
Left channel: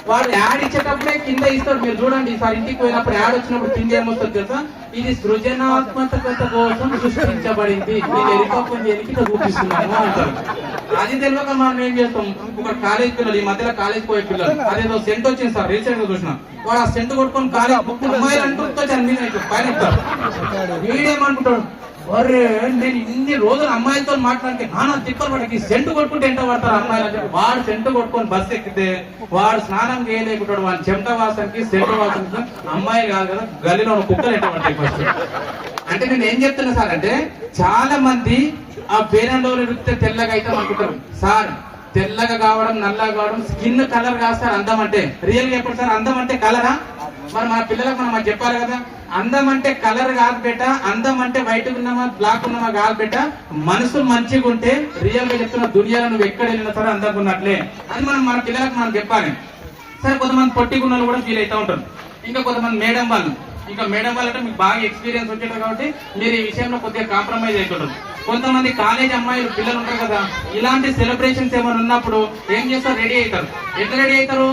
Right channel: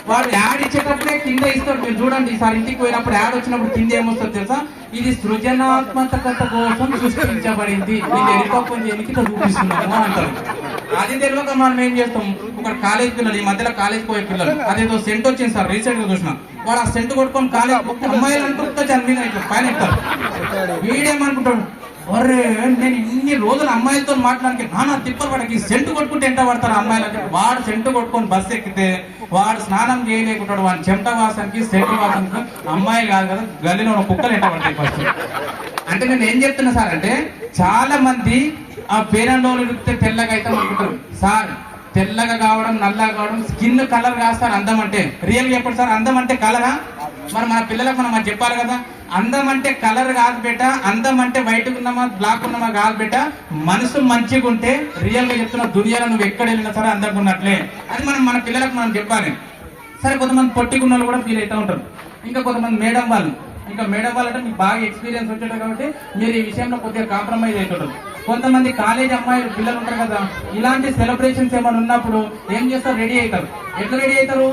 వాడు యాడ్ ఇచ్చేటప్పుడే కింద ఇస్తారు. మీరు చూడండి, ఈసారి ఇంటికి పోయినప్పుడు యాడ్ వచ్చినప్పుడు కింద ఏమొస్తుంది తెలుసా? ఇది సృజనాత్మకత కోసం సృష్టించబడింది, నీకు ఎరికప్పని ఎలికితే చూపిస్తున్నాను అంటారు. అది తెలియక మనం ఏం చేస్తాం, ఒక కాలేజ్ పిల్లలు, ఈ మధ్యలో కాలేజ్ పోయే పిల్లలు, అదేదో సెంట్ వచ్చింది సార్ రీసెంట్ గా చూసిన, వాడు ఆ సెంట్ కొట్టుకొని కాలేజ్ అమ్మాయిలు అనుకుంటూ చనిపోయిన కానీ వీడేమనుకుంటాడు, ఒరే నేను ఇన్ని రోజులు అమ్మాయిలతో మాట్లాడితే నాన్న తిప్పలు పడకి సెంటు కొట్టుకుంటే ఎంత పడతారు అమ్మాయిలు అంటే వాడు సెంటు కొట్టుకొని బస్సు ఎక్కితే వాడు స్నానం చేయలేకుంటాడు వాడి చెమట వాసనకి సెంటు వాసనకి అమ్మాయి కాదు కదా గల్లీలో కుక్కలు ఎంత పడతాయి ఫస్ట్. అంటే నేను ఏం చెప్తున్నా సార్ అంటే చాలా మంది ఆ పేరంలో నృత్య తెల్లగా అయితే అనుకుంటారు సార్. తెల్లగా కావడం నల్లగా కావడం స్కిన్ కలర్ కాదు సార్ అందం అంటే. రియల్ గా చెప్పండి సార్, అందం అంటే కలరా? మరి మన పిల్లలకు మనం చెప్పాలి కదా, అందం అంటే కలర్ కాదు బేట, అందం అంటే వైట్ ఉన్నామా బ్లాక్ ఉన్నామా కాదు బేట, మనసు మంచిగా ఉంటే రియల్ గా చెప్తున్న దునియాలో నువ్వు ఎక్కడ వెళ్ళినా సరే అందంగా ఉన్నట్లే. అది మనం మన పిల్లలకు మనం చెప్పాలి. సరే కొంతమంది పొట్టిగున్న వాళ్ళు కూడా ఫీల్ అవుతూ ఉంటారు. ఇంకా కొంతమంది మేడం వాళ్ళు, ఇంకా మేడం వాళ్ళంటే మీకు బాగా ఎక్స్పీరియన్స్ వచ్చేటారు కాబట్టి మీరు ఈ విషయంలో కొద్దిగా కాంప్రమైజ్ అవుతుంటారు. కొంతమంది కాలేజ్ అమ్మాయిలు పిల్లలు ఉంటారు కదా, ఇలాంటి సెలబ్రేషన్స్ ఏమైనా ఉన్నప్పుడు ఏం చేస్తారు, రెడీ అవుతారు. ఎట్లా రెడీ అవుతారు?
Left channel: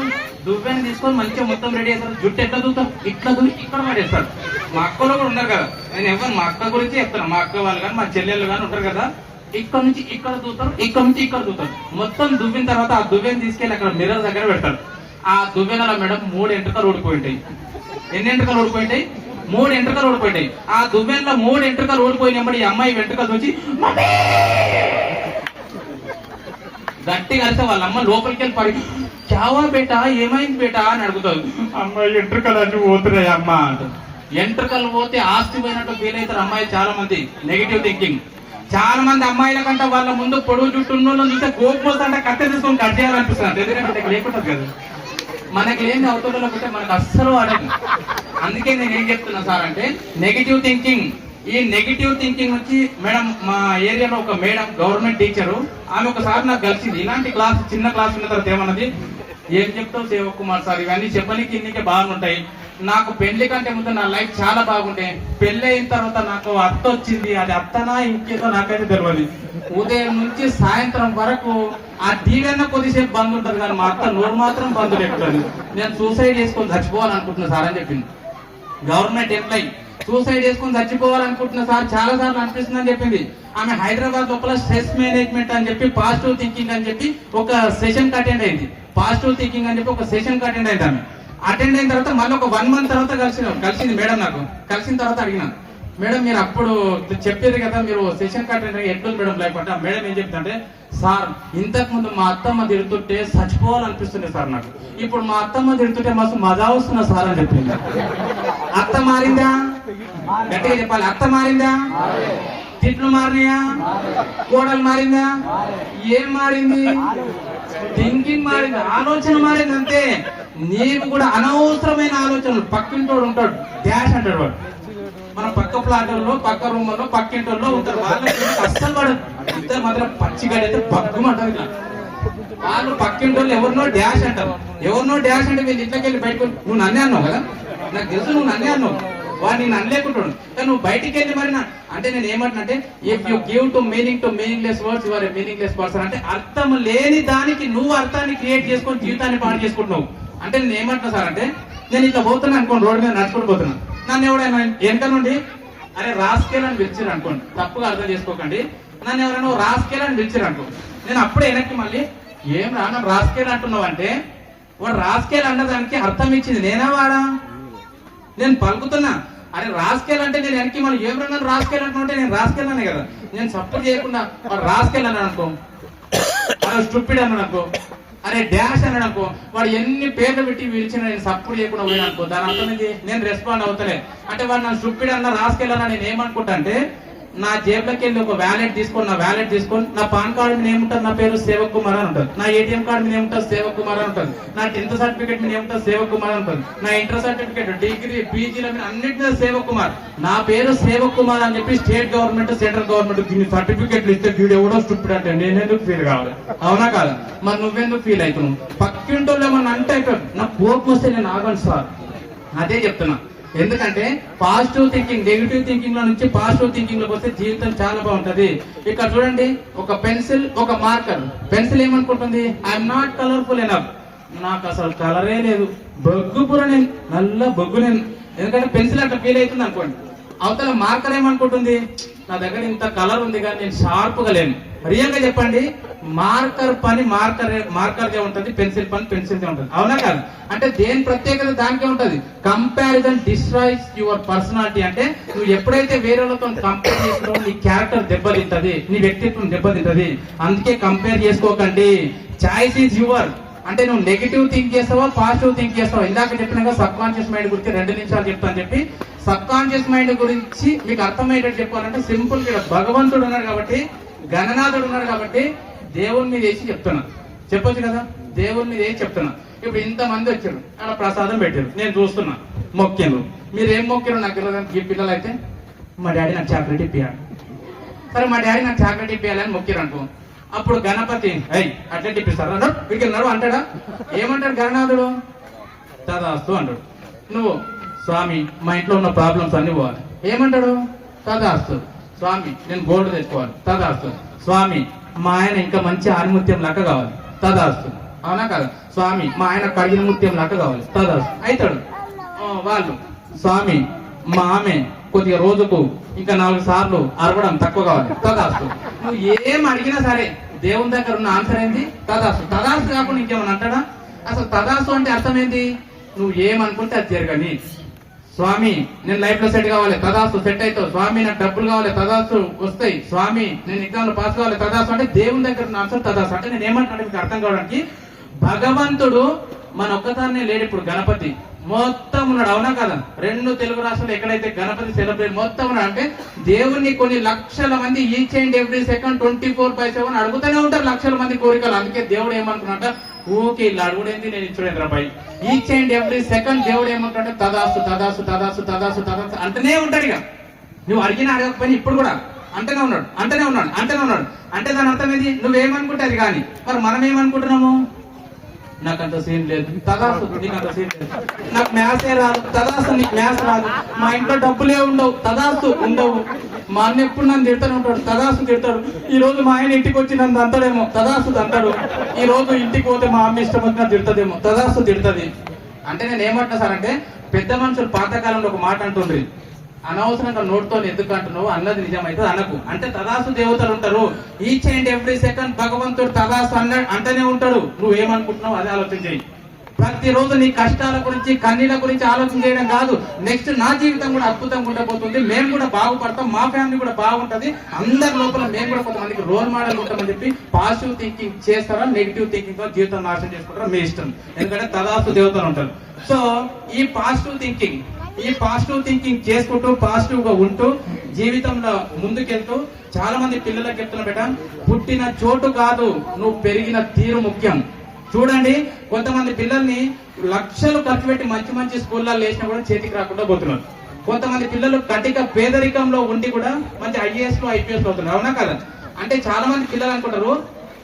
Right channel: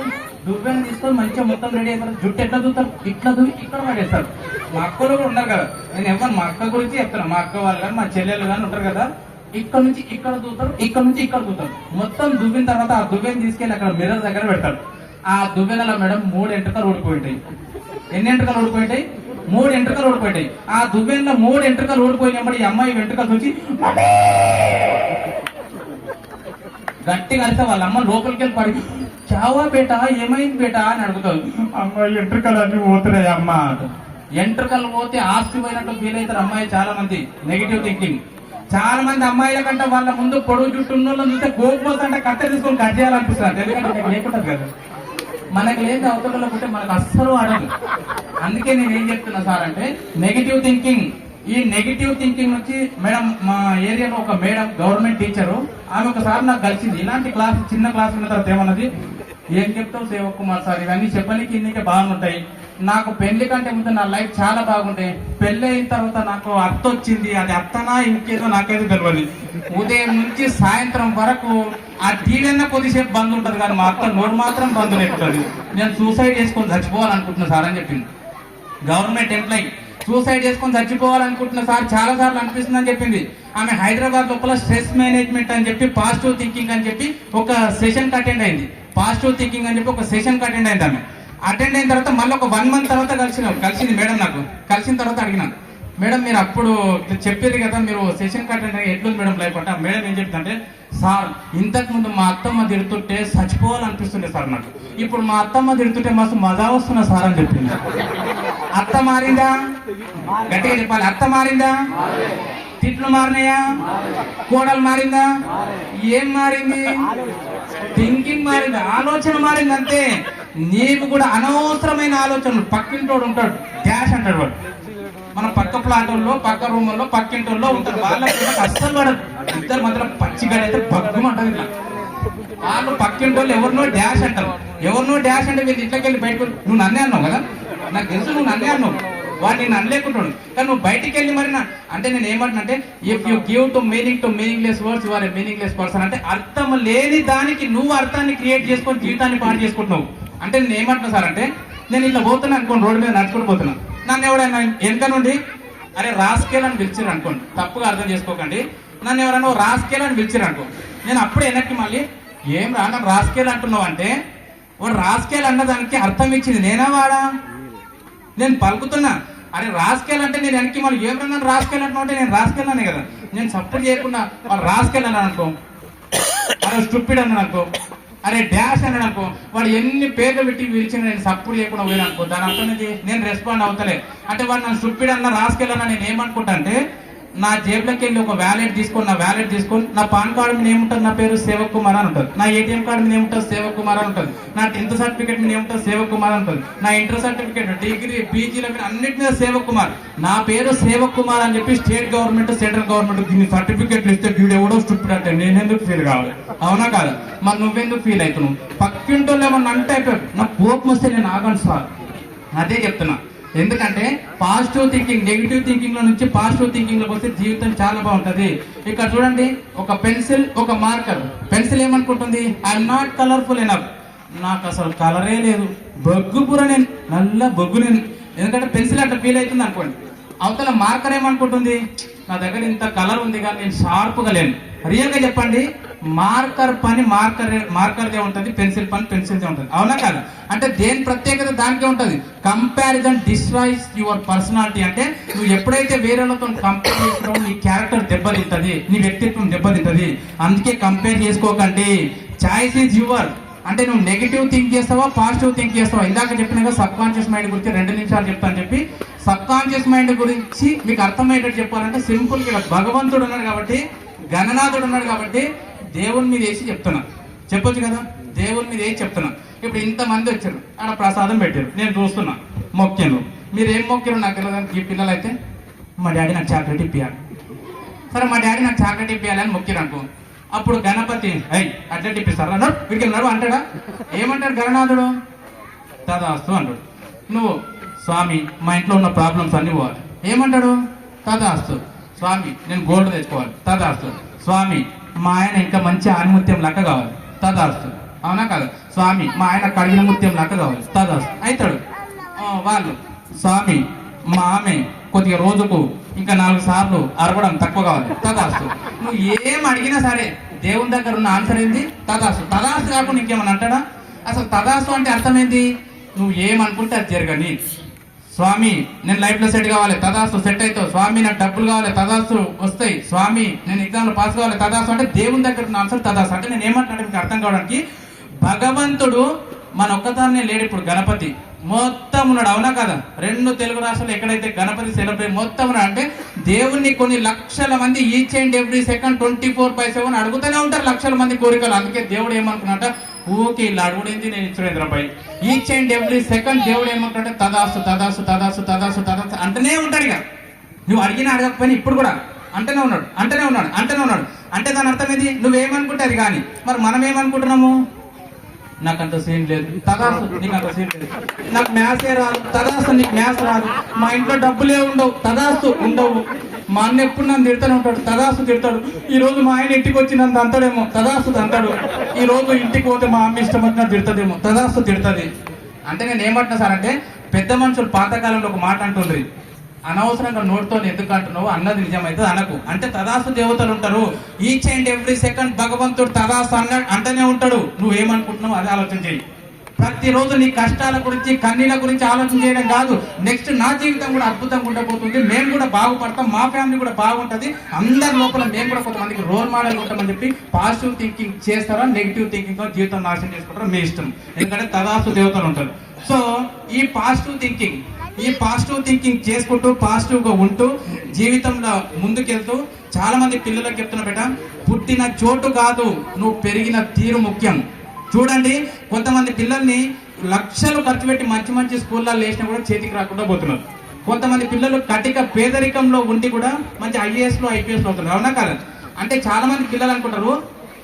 దువ్వెని తీసుకొని మంచిగా మొత్తం రెడీ అవుతారు. జుట్టు ఎట్లా దూతారు? ఇట్లా దూవి ఇక్కడ పడేస్తారు. మా అక్కలు కూడా ఉన్నారు కదా, నేను ఎవరు మా అక్క గురించి చెప్తాను. మా అక్క వాళ్ళు కానీ మా చెల్లెళ్ళు కానీ ఉంటారు కదా, ఇక్కడ నుంచి ఇక్కడ దూతారు, ఇక్కడ నుంచి ఇక్కడ దూతారు. మొత్తం దువ్విన తర్వాత ఆ దువ్వెని తీసుకెళ్ళి అక్కడ మిర్రర్ దగ్గర పెడతారు. ఆ దువ్వెనలో మేడం 3 ఎంట్రుకలు ఊడిపోయింటాయి. ఎన్ని ఎంట్రుకలు ఊడిపోయింటాయి? 3 ఎంట్రుకలు ఊడిపోయింటాయి. ఆ దువ్వెనలో 3 ఎంట్రుకలు ఊడిపోయినప్పుడు ఈ అమ్మాయి వెంట్రుకలు చూసి గట్టిగా కలిసి వాళ్ళ అమ్మ లోపలికి వెళ్ళి పడి చావా బేటా ఏమైంది బేటా అని అడుగుతారు. అమ్మాయి ఎంట్రుకలు అన్ని పోతున్నాయి అమ్మ. ఎంట్రుకలు పోతే ఆస్తి పోయినట్టు ఫీల్ అవుతారు అమ్మాయిలు చాలా మంది. Negative thinking. చాలా మంది అమ్మాయిల కంటే వాళ్ళ ముందు పొడుగు జుట్టు ఉన్న చూస్తే కోపం వస్తుంటే కట్టె తీసుకొని కట్ చేయాలనిపిస్తుంది. ఎందుకంటే లేకుంటారు కదా, మనకి లేని అవతలలో ఉంటే మనకు అస్సలు ఆడదు. అందుకే నేను ఏం చెప్తున్నా సార్ అంటే నెగిటివ్ థింకింగ్. ఈ నెగిటివ్ థింకింగ్ నుంచి మేడం మా ఏరియాలో ఒక మేడం గవర్నమెంట్ టీచరు, ఆమె ఒకసారి నాకు కలిసింది. ఇలాంటి క్లాస్ చిన్న క్లాస్ ఉన్న తర్వాత ఏమన్నది, ఏం చెప్తావు సేవక్ కుమార్ సార్, ఇవన్నీ చెప్పడానికి ఇన్నికే బాగుంటాయి. నాకు పెళ్లి కంటే ముందు నా లైఫ్ చాలా బాగుంటాయి. పెళ్లి అయిన తర్వాత నాకు అత్త వచ్చింది, అది అత్తనా ఇంకేదో నాకైతే తెలియదు. ఉదయం నుంచి సాయంత్రం వరకు ఆ టీవీ కొద్దిసేపు బంద్ ఉంటది కానీ మా అత్త నోరు మాత్రం బంద్ లేకపోతుంది. నేను సూసైడ్ చేసుకొని చచ్చిపోవాలనుకుంటున్నా సార్ అని చెప్పింది. గవర్నమెంట్ ఎంప్లాయీ సూసైడ్ చేసుకొని చచ్చిపోవాలనుకుంటున్నా సార్ చాలా సార్లు అనిపిస్తుందని చెప్పింది. ఆమె హైదరాబాద్ లోపల స్ట్రెస్ మేనేజ్మెంట్ అని చెప్పి పాజిటివ్ థింకింగ్ అని చెప్పి ఒక సెషన్ అటెండ్ అయింది. పాజిటివ్ థింకింగ్ అని చెప్పి ఒక సెషన్ అటెండ్ అయింది. ఆమె అటెండ్ అయిన తర్వాత మళ్ళీ ఒక 1 month తర్వాత కలిసింది మేడం. నాకు కలిసిన తర్వాత అడిగినాను, మేడం మీరు అప్పుడు చెప్పేది కదా మీరు సెషన్ అటెండ్ అయ్యి ఎట్లుంది మేడం లేకుండా. మేడం ఏం చెప్తుంటే, సార్ ఇంతకు ముందు మా అత్తమ్మ తిడుతుంటే చచ్చిపోవాలనిపిస్తుండే సార్ నాకు, ఇప్పుడు మా అత్తమ్మ తిడుతుంటే మస్తు మజా వస్తున్నా సార్ అని చెప్పింది. అత్త మారిందా? గట్టిగా చెప్పాలి. అత్త మారిందా? తిట్లు మారినాయా? కోడలు మారిందా? ఏం మారింది? థింకింగ్ మారింది, ఆలోచన మారింది అంతే. నీకు కూడా అనవసరమైన ఆలోచనలు. పక్కింటోడు ఉంటాడు డాష్ అంటాడు, వాడు మన పక్క ప్లాట్లో పక్క రూముల్లో పక్కింటోళ్ళలో ఉంటారు. వాళ్ళకి అస్సలు పడదు. ఇద్దరు మాత్రం పచ్చిగడైతే బగ్గుమంటారు. వాళ్ళు పక్కింటోళ్ళు ఎవరినో డాష్ అంటారు. ఎవరినో డాష్ అంటే వీళ్ళు ఇంట్లోకి వెళ్ళి బయటకు, నువ్వు నన్నే అన్నావు కదా, నాకు తెలుసు నువ్వు నన్నే అన్నావు, వాడు నేను అనలేకుంటాడు. కానీ నువ్వు బయటికి వెళ్ళి మరి అంటే నేను ఏమంటున్నా, if you give to meaningless words you are a meaningless person. అంటే అర్థం లేని దానికి నువ్వు అర్థాన్ని క్రియేట్ చేసుకొని జీవితాన్ని పాడు చేసుకుంటున్నావు. అంటే నేను ఏమంటున్నా సార్ అంటే, నేను ఇట్లా పోతున్నా అనుకోండి, రోడ్డు మీద నడుచుకుంటూ పోతున్నా, నన్ను ఎవరైనా వెనక నుండి అరే రాస్కేల్ అని పిలిచిరు అనుకోండి, తప్పుగా అర్థం చేసుకోకండి, నన్ను ఎవరైనా రాస్కేల్ అని పిలిచిరు అనుకో, నేను అప్పుడే వెనక్కి మళ్ళీ ఏం రానా రాస్కేల్ అంటున్నావు అంటే, వాడు రాస్కేల్ అన్నదానికి అర్థం ఇచ్చింది నేనా వాడా? నేను పలుకుతున్నా అరే రాస్కేల్ అంటే నేను వెనక్కి మళ్ళీ ఏం రంగా రాస్కేల్ అంటున్నా అంటే నేను రాస్కేల్ అనే కదా, నేను సపోర్ట్ చేయకుండా వాడు రాస్కేల్ అన్నాడు అనుకో, అరే స్టూపిడ్ అన్నాడు అనుకో, అరే డాష్ అన్నాడు అనుకో, వాడు ఎన్ని పేర్లు పెట్టి పిలిచిన నేను సపోర్ట్ చేయకుండా పోయినా అనుకో, దాని అర్థం నేను రెస్పాండ్ అవుతలేదు. అంటే వాడు నన్ను స్టూపిడ్ అన్న రాస్కేల్ అన్నా నేను ఏమనుకుంటా అంటే, నా జేబులోకి వెళ్ళి ఒక వ్యాలెట్ తీసుకొని, నా వ్యాలెట్ తీసుకొని నా పాన్ కార్డు మీద ఏముంటుంది, నా పేరు సేవక్ కుమార్ అని ఉంటుంది, నా ఏటీఎం కార్డు మీద ఏముంటుంది సేవక్ కుమార్ అని ఉంటుంది, నా 10th సర్టిఫికేట్ మీద ఏముంటుంది సేవక్ కుమార్ ఉంటుంది, నా ఇంటర్ సర్టిఫికేట్ డిగ్రీ పీజీల మీద అన్నింటి మీద సేవక్ కుమార్, నా పేరు సేవక్ కుమార్ అని చెప్పి స్టేట్ గవర్నమెంట్ సెంట్రల్ గవర్నమెంట్ దీన్ని సర్టిఫికేట్లు ఇస్తే వీడు ఎవడో స్టూపిడ్ అంటే నేనెందుకు ఫీల్ కావాలి? అవునా కాదు? మరి నువ్వెందుకు ఫీల్ అవుతున్నావు? పక్కింటోళ్ళు ఏమన్నా అంటే నా కోపం వస్తే నేను ఆగను సార్. అదే చెప్తున్నా. ఎందుకంటే పాజిటివ్ థింకింగ్, నెగిటివ్ థింకింగ్ లో నుంచి పాజిటివ్ థింకింగ్ లోకి వస్తే జీవితం చాలా బాగుంటది. ఇక్కడ చూడండి, ఒక పెన్సిల్, ఒక మార్కర్. పెన్సిల్ ఏమనుకుంటుంది, ఐఎమ్ నాట్ కలర్ఫుల్ ఎనఫ్, నాకు అసలు కలరే లేదు, బొగ్గు కూడా నేను నల్ల బొగ్గు నేను, ఎందుకంటే పెన్సిల్ అట్లా ఫీల్ అవుతుంది అనుకోండి. అవతల మార్కర్ ఏమనుకుంటుంది, నా దగ్గర ఇంత కలర్ ఉంది కానీ నేను షార్ప్ గా లేను. రియల్ గా చెప్పండి, మార్కర్ పని మార్కర్దే ఉంటది, పెన్సిల్ పని పెన్సిల్దే ఉంటది, అవునా కాదు? అంటే దేని ప్రత్యేకత దానికే ఉంటది. Comparison destroys your personality. అంటే నువ్వు ఎప్పుడైతే వేరేలతో కంపేర్ చేసుకుంటావో నీ క్యారెక్టర్ దెబ్బతింటది, నీ వ్యక్తిత్వం దెబ్బతింటది. అందుకే కంపేర్ చేసుకోకండి. Choice is your. అంటే నువ్వు నెగిటివ్ థింక్ చేస్తావా, పాజిటివ్ థింక్ చేస్తావా? ఇందాక చెప్పినాక సబ్ కాన్షియస్ మైండ్ గురించి 2 నిమిషాలు చెప్తాను చెప్పి, సబ్ కాన్షియస్ మైండ్ గురించి మీకు అర్థమయ్యేటట్టు చెప్పాలంటే సింపుల్ గా భగవంతుడు ఉన్నాడు కాబట్టి, గణనాథుడు ఉన్నాడు కాబట్టి దేవుని మీద వేసి చెప్తున్నా. చెప్పొచ్చు కదా, దేవుని మీద వేసి చెప్తున్నా. ఇప్పుడు ఇంతమంది వచ్చారు, అక్కడ ప్రసాదం పెట్టారు, నేను చూస్తున్నా, మొక్కాను. మీరు ఏం మొక్కారు నాకు తెలియదు. ఈ పిల్లలు అయితే మా డాడీ నాకు చాక్లెట్ ఇప్పియాలి, సరే మా డాడీ నాకు చాక్లెట్ ఇప్పియాలని మొక్కిరు అనుకో. అప్పుడు గణపతి అట్లా ఇప్పిస్తారు అన్నాడు, వీడికి నడు అంటాడా? ఏమంటాడు గణనాథుడు? తదాస్తు అంటాడు. నువ్వు స్వామి మా ఇంట్లో ఉన్న ప్రాబ్లమ్స్ అన్ని పోవాలి, ఏమంటాడు? తదాస్తు. స్వామి నేను గోల్డ్ తెచ్చుకోవాలి, తదాస్తు. స్వామి మా ఆయన ఇంకా మంచి ఆనిముత్యం లాగా కావాలి, తదాస్తు. అవునా కదా? స్వామి మా ఆయన కడిగిన ముత్యం లాగా కావాలి, తదాస్తు. అవుతాడు. వాళ్ళు స్వామి మా ఆమె కొద్దిగా రోజుకు ఇంకా 4 సార్లు అరవడం తక్కువ కావాలి, తదాస్తు. నువ్వు ఏం అడిగినా సరే దేవుని దగ్గర ఉన్న ఆన్సర్ ఏంది? తదాస్తు. తదాస్తు కాకుండా ఇంకేమన్నా అంటాడా? అసలు తదాస్తు అంటే అర్థం ఏంది? నువ్వు ఏమనుకుంటే అది జరగని. స్వామి నేను లైఫ్ లో సెట్ కావాలి, తదాస్తు, సెట్ అవుతావు. స్వామి నాకు డబ్బులు కావాలి, తదాస్తు, వస్తాయి. స్వామి నేను ఎగ్జామ్ లో పాస్ కావాలి, తదాస్తు. అంటే దేవుని దగ్గర ఉన్న ఆన్సర్ తదాస్తు. అంటే నేను ఏమంటాను మీకు అర్థం కావడానికి, భగవంతుడు మన ఒక్కదాన్నే లేడు. ఇప్పుడు గణపతి మొత్తం ఉన్నాడు, అవునా కదా? 2 తెలుగు రాష్ట్రాలు ఎక్కడైతే గణపతి సెలబ్రేట్ మొత్తం ఉన్నాడు. అంటే దేవుణ్ణి కొన్ని లక్షల మంది ఈచ్ అండ్ ఎవ్రీ సెకండ్ 24/7 అడుగుతూనే ఉంటారు, లక్షల మంది కోరికలు. అందుకే దేవుడు ఏమనుకున్నట్ట, ఊకి ఇలా అడుగుడేంది నేను ఇచ్చుడేంద్రపై. ఈచ్ అండ్ ఎవ్రీ సెకండ్ దేవుడు ఏమంటాడంటే తదాసు తదాసు తదాసు తదాసు తదాసు అంటనే ఉంటాడు. ఇక నువ్వు అడిగినా అడగకపోయినా ఇప్పుడు కూడా అంటనే ఉన్నాడు, అంటనే ఉన్నాడు, అంటనే ఉన్నాడు. అంటే దాని అర్థం ఏంది? నువ్వేమనుకుంటే అది కానీ. మరి మనం ఏమనుకుంటున్నాము? నాకు అంత సీన్ లేదు, తదాసు. నీకు అంత సీన్ లేదు, నాకు మ్యాథ్సే రాదు, తదాసు. నీకు మ్యాథ్స్ రాదు. మా ఇంట్లో డబ్బులే ఉండవు, తదాసు ఉండవు. మా అన్న ఎప్పుడు నన్ను తిడతాను ఉంటాడు, తదాసు తిడతాడు. ఈ రోజు మా ఆయన ఇంటికి వచ్చి నన్ను తంతాడేమో, తదాసు తంతాడు. ఈ రోజు ఇంటికి పోతే మా అమ్మ ఇష్టం వచ్చినా తిడతదేమో, తదాసు తిడతది. అంటే నేను ఏమంటున్నా సార్ అంటే, పెద్ద మనుషులు పాతకాలంలో ఒక మాట అంటుంది, అనవసరంగా నోటితో ఎందుకు అంటున్నావు, అన్నది నిజమైతే అనకు. అంటే తదాసు దేవతలు ఉంటారు, ఈచ్ అండ్ ఎవ్రీ సెకండ్ భగవంతుడు తదాసు అంటనే ఉంటాడు. నువ్వేమనుకుంటున్నావు అదే ఆలోచన చేయి. ప్రతిరోజు నీ కష్టాల గురించి, కన్నీళ్ళ గురించి ఆలోచన చేయడం కాదు. నెక్స్ట్ నా జీవితం కూడా అద్భుతంగా ఉండబోతుంది, మేము కూడా బాగుపడతాం, మా ఫ్యామిలీ కూడా బాగుంటది, అందరి లోపల మేము కూడా కొంతమందికి రోల్ మోడల్ ఉంటామని చెప్పి పాజిటివ్ థింకింగ్ చేస్తారా, నెగిటివ్ థింకింగ్ తో జీవితం నాశనం చేసుకుంటారా మీ ఇష్టం. ఎందుకంటే తదాసు దేవతలు ఉంటారు. సో ఈ పాజిటివ్ థింకింగ్ చేసుకుంటూ పాజిటివ్ గా ఉంటూ జీవితంలో ముందుకెళ్తూ, చాలా మంది పిల్లలకు చెప్తున్నా బేట, పుట్టిన చోటు కాదు నువ్వు పెరిగిన తీరు ముఖ్యం. చూడండి, కొంతమంది పిల్లల్ని లక్షలు ఖర్చు పెట్టి మంచి మంచి స్కూల్లో వేసినా కూడా చేతికి రాకుండా పోతున్నారు. కొంతమంది పిల్లలు కటిక పేదరికంలో ఉండి కూడా మంచి IAS లో IPS అవుతున్నారు, అవునా కదా? అంటే చాలా మంది పిల్లలు అనుకుంటారు,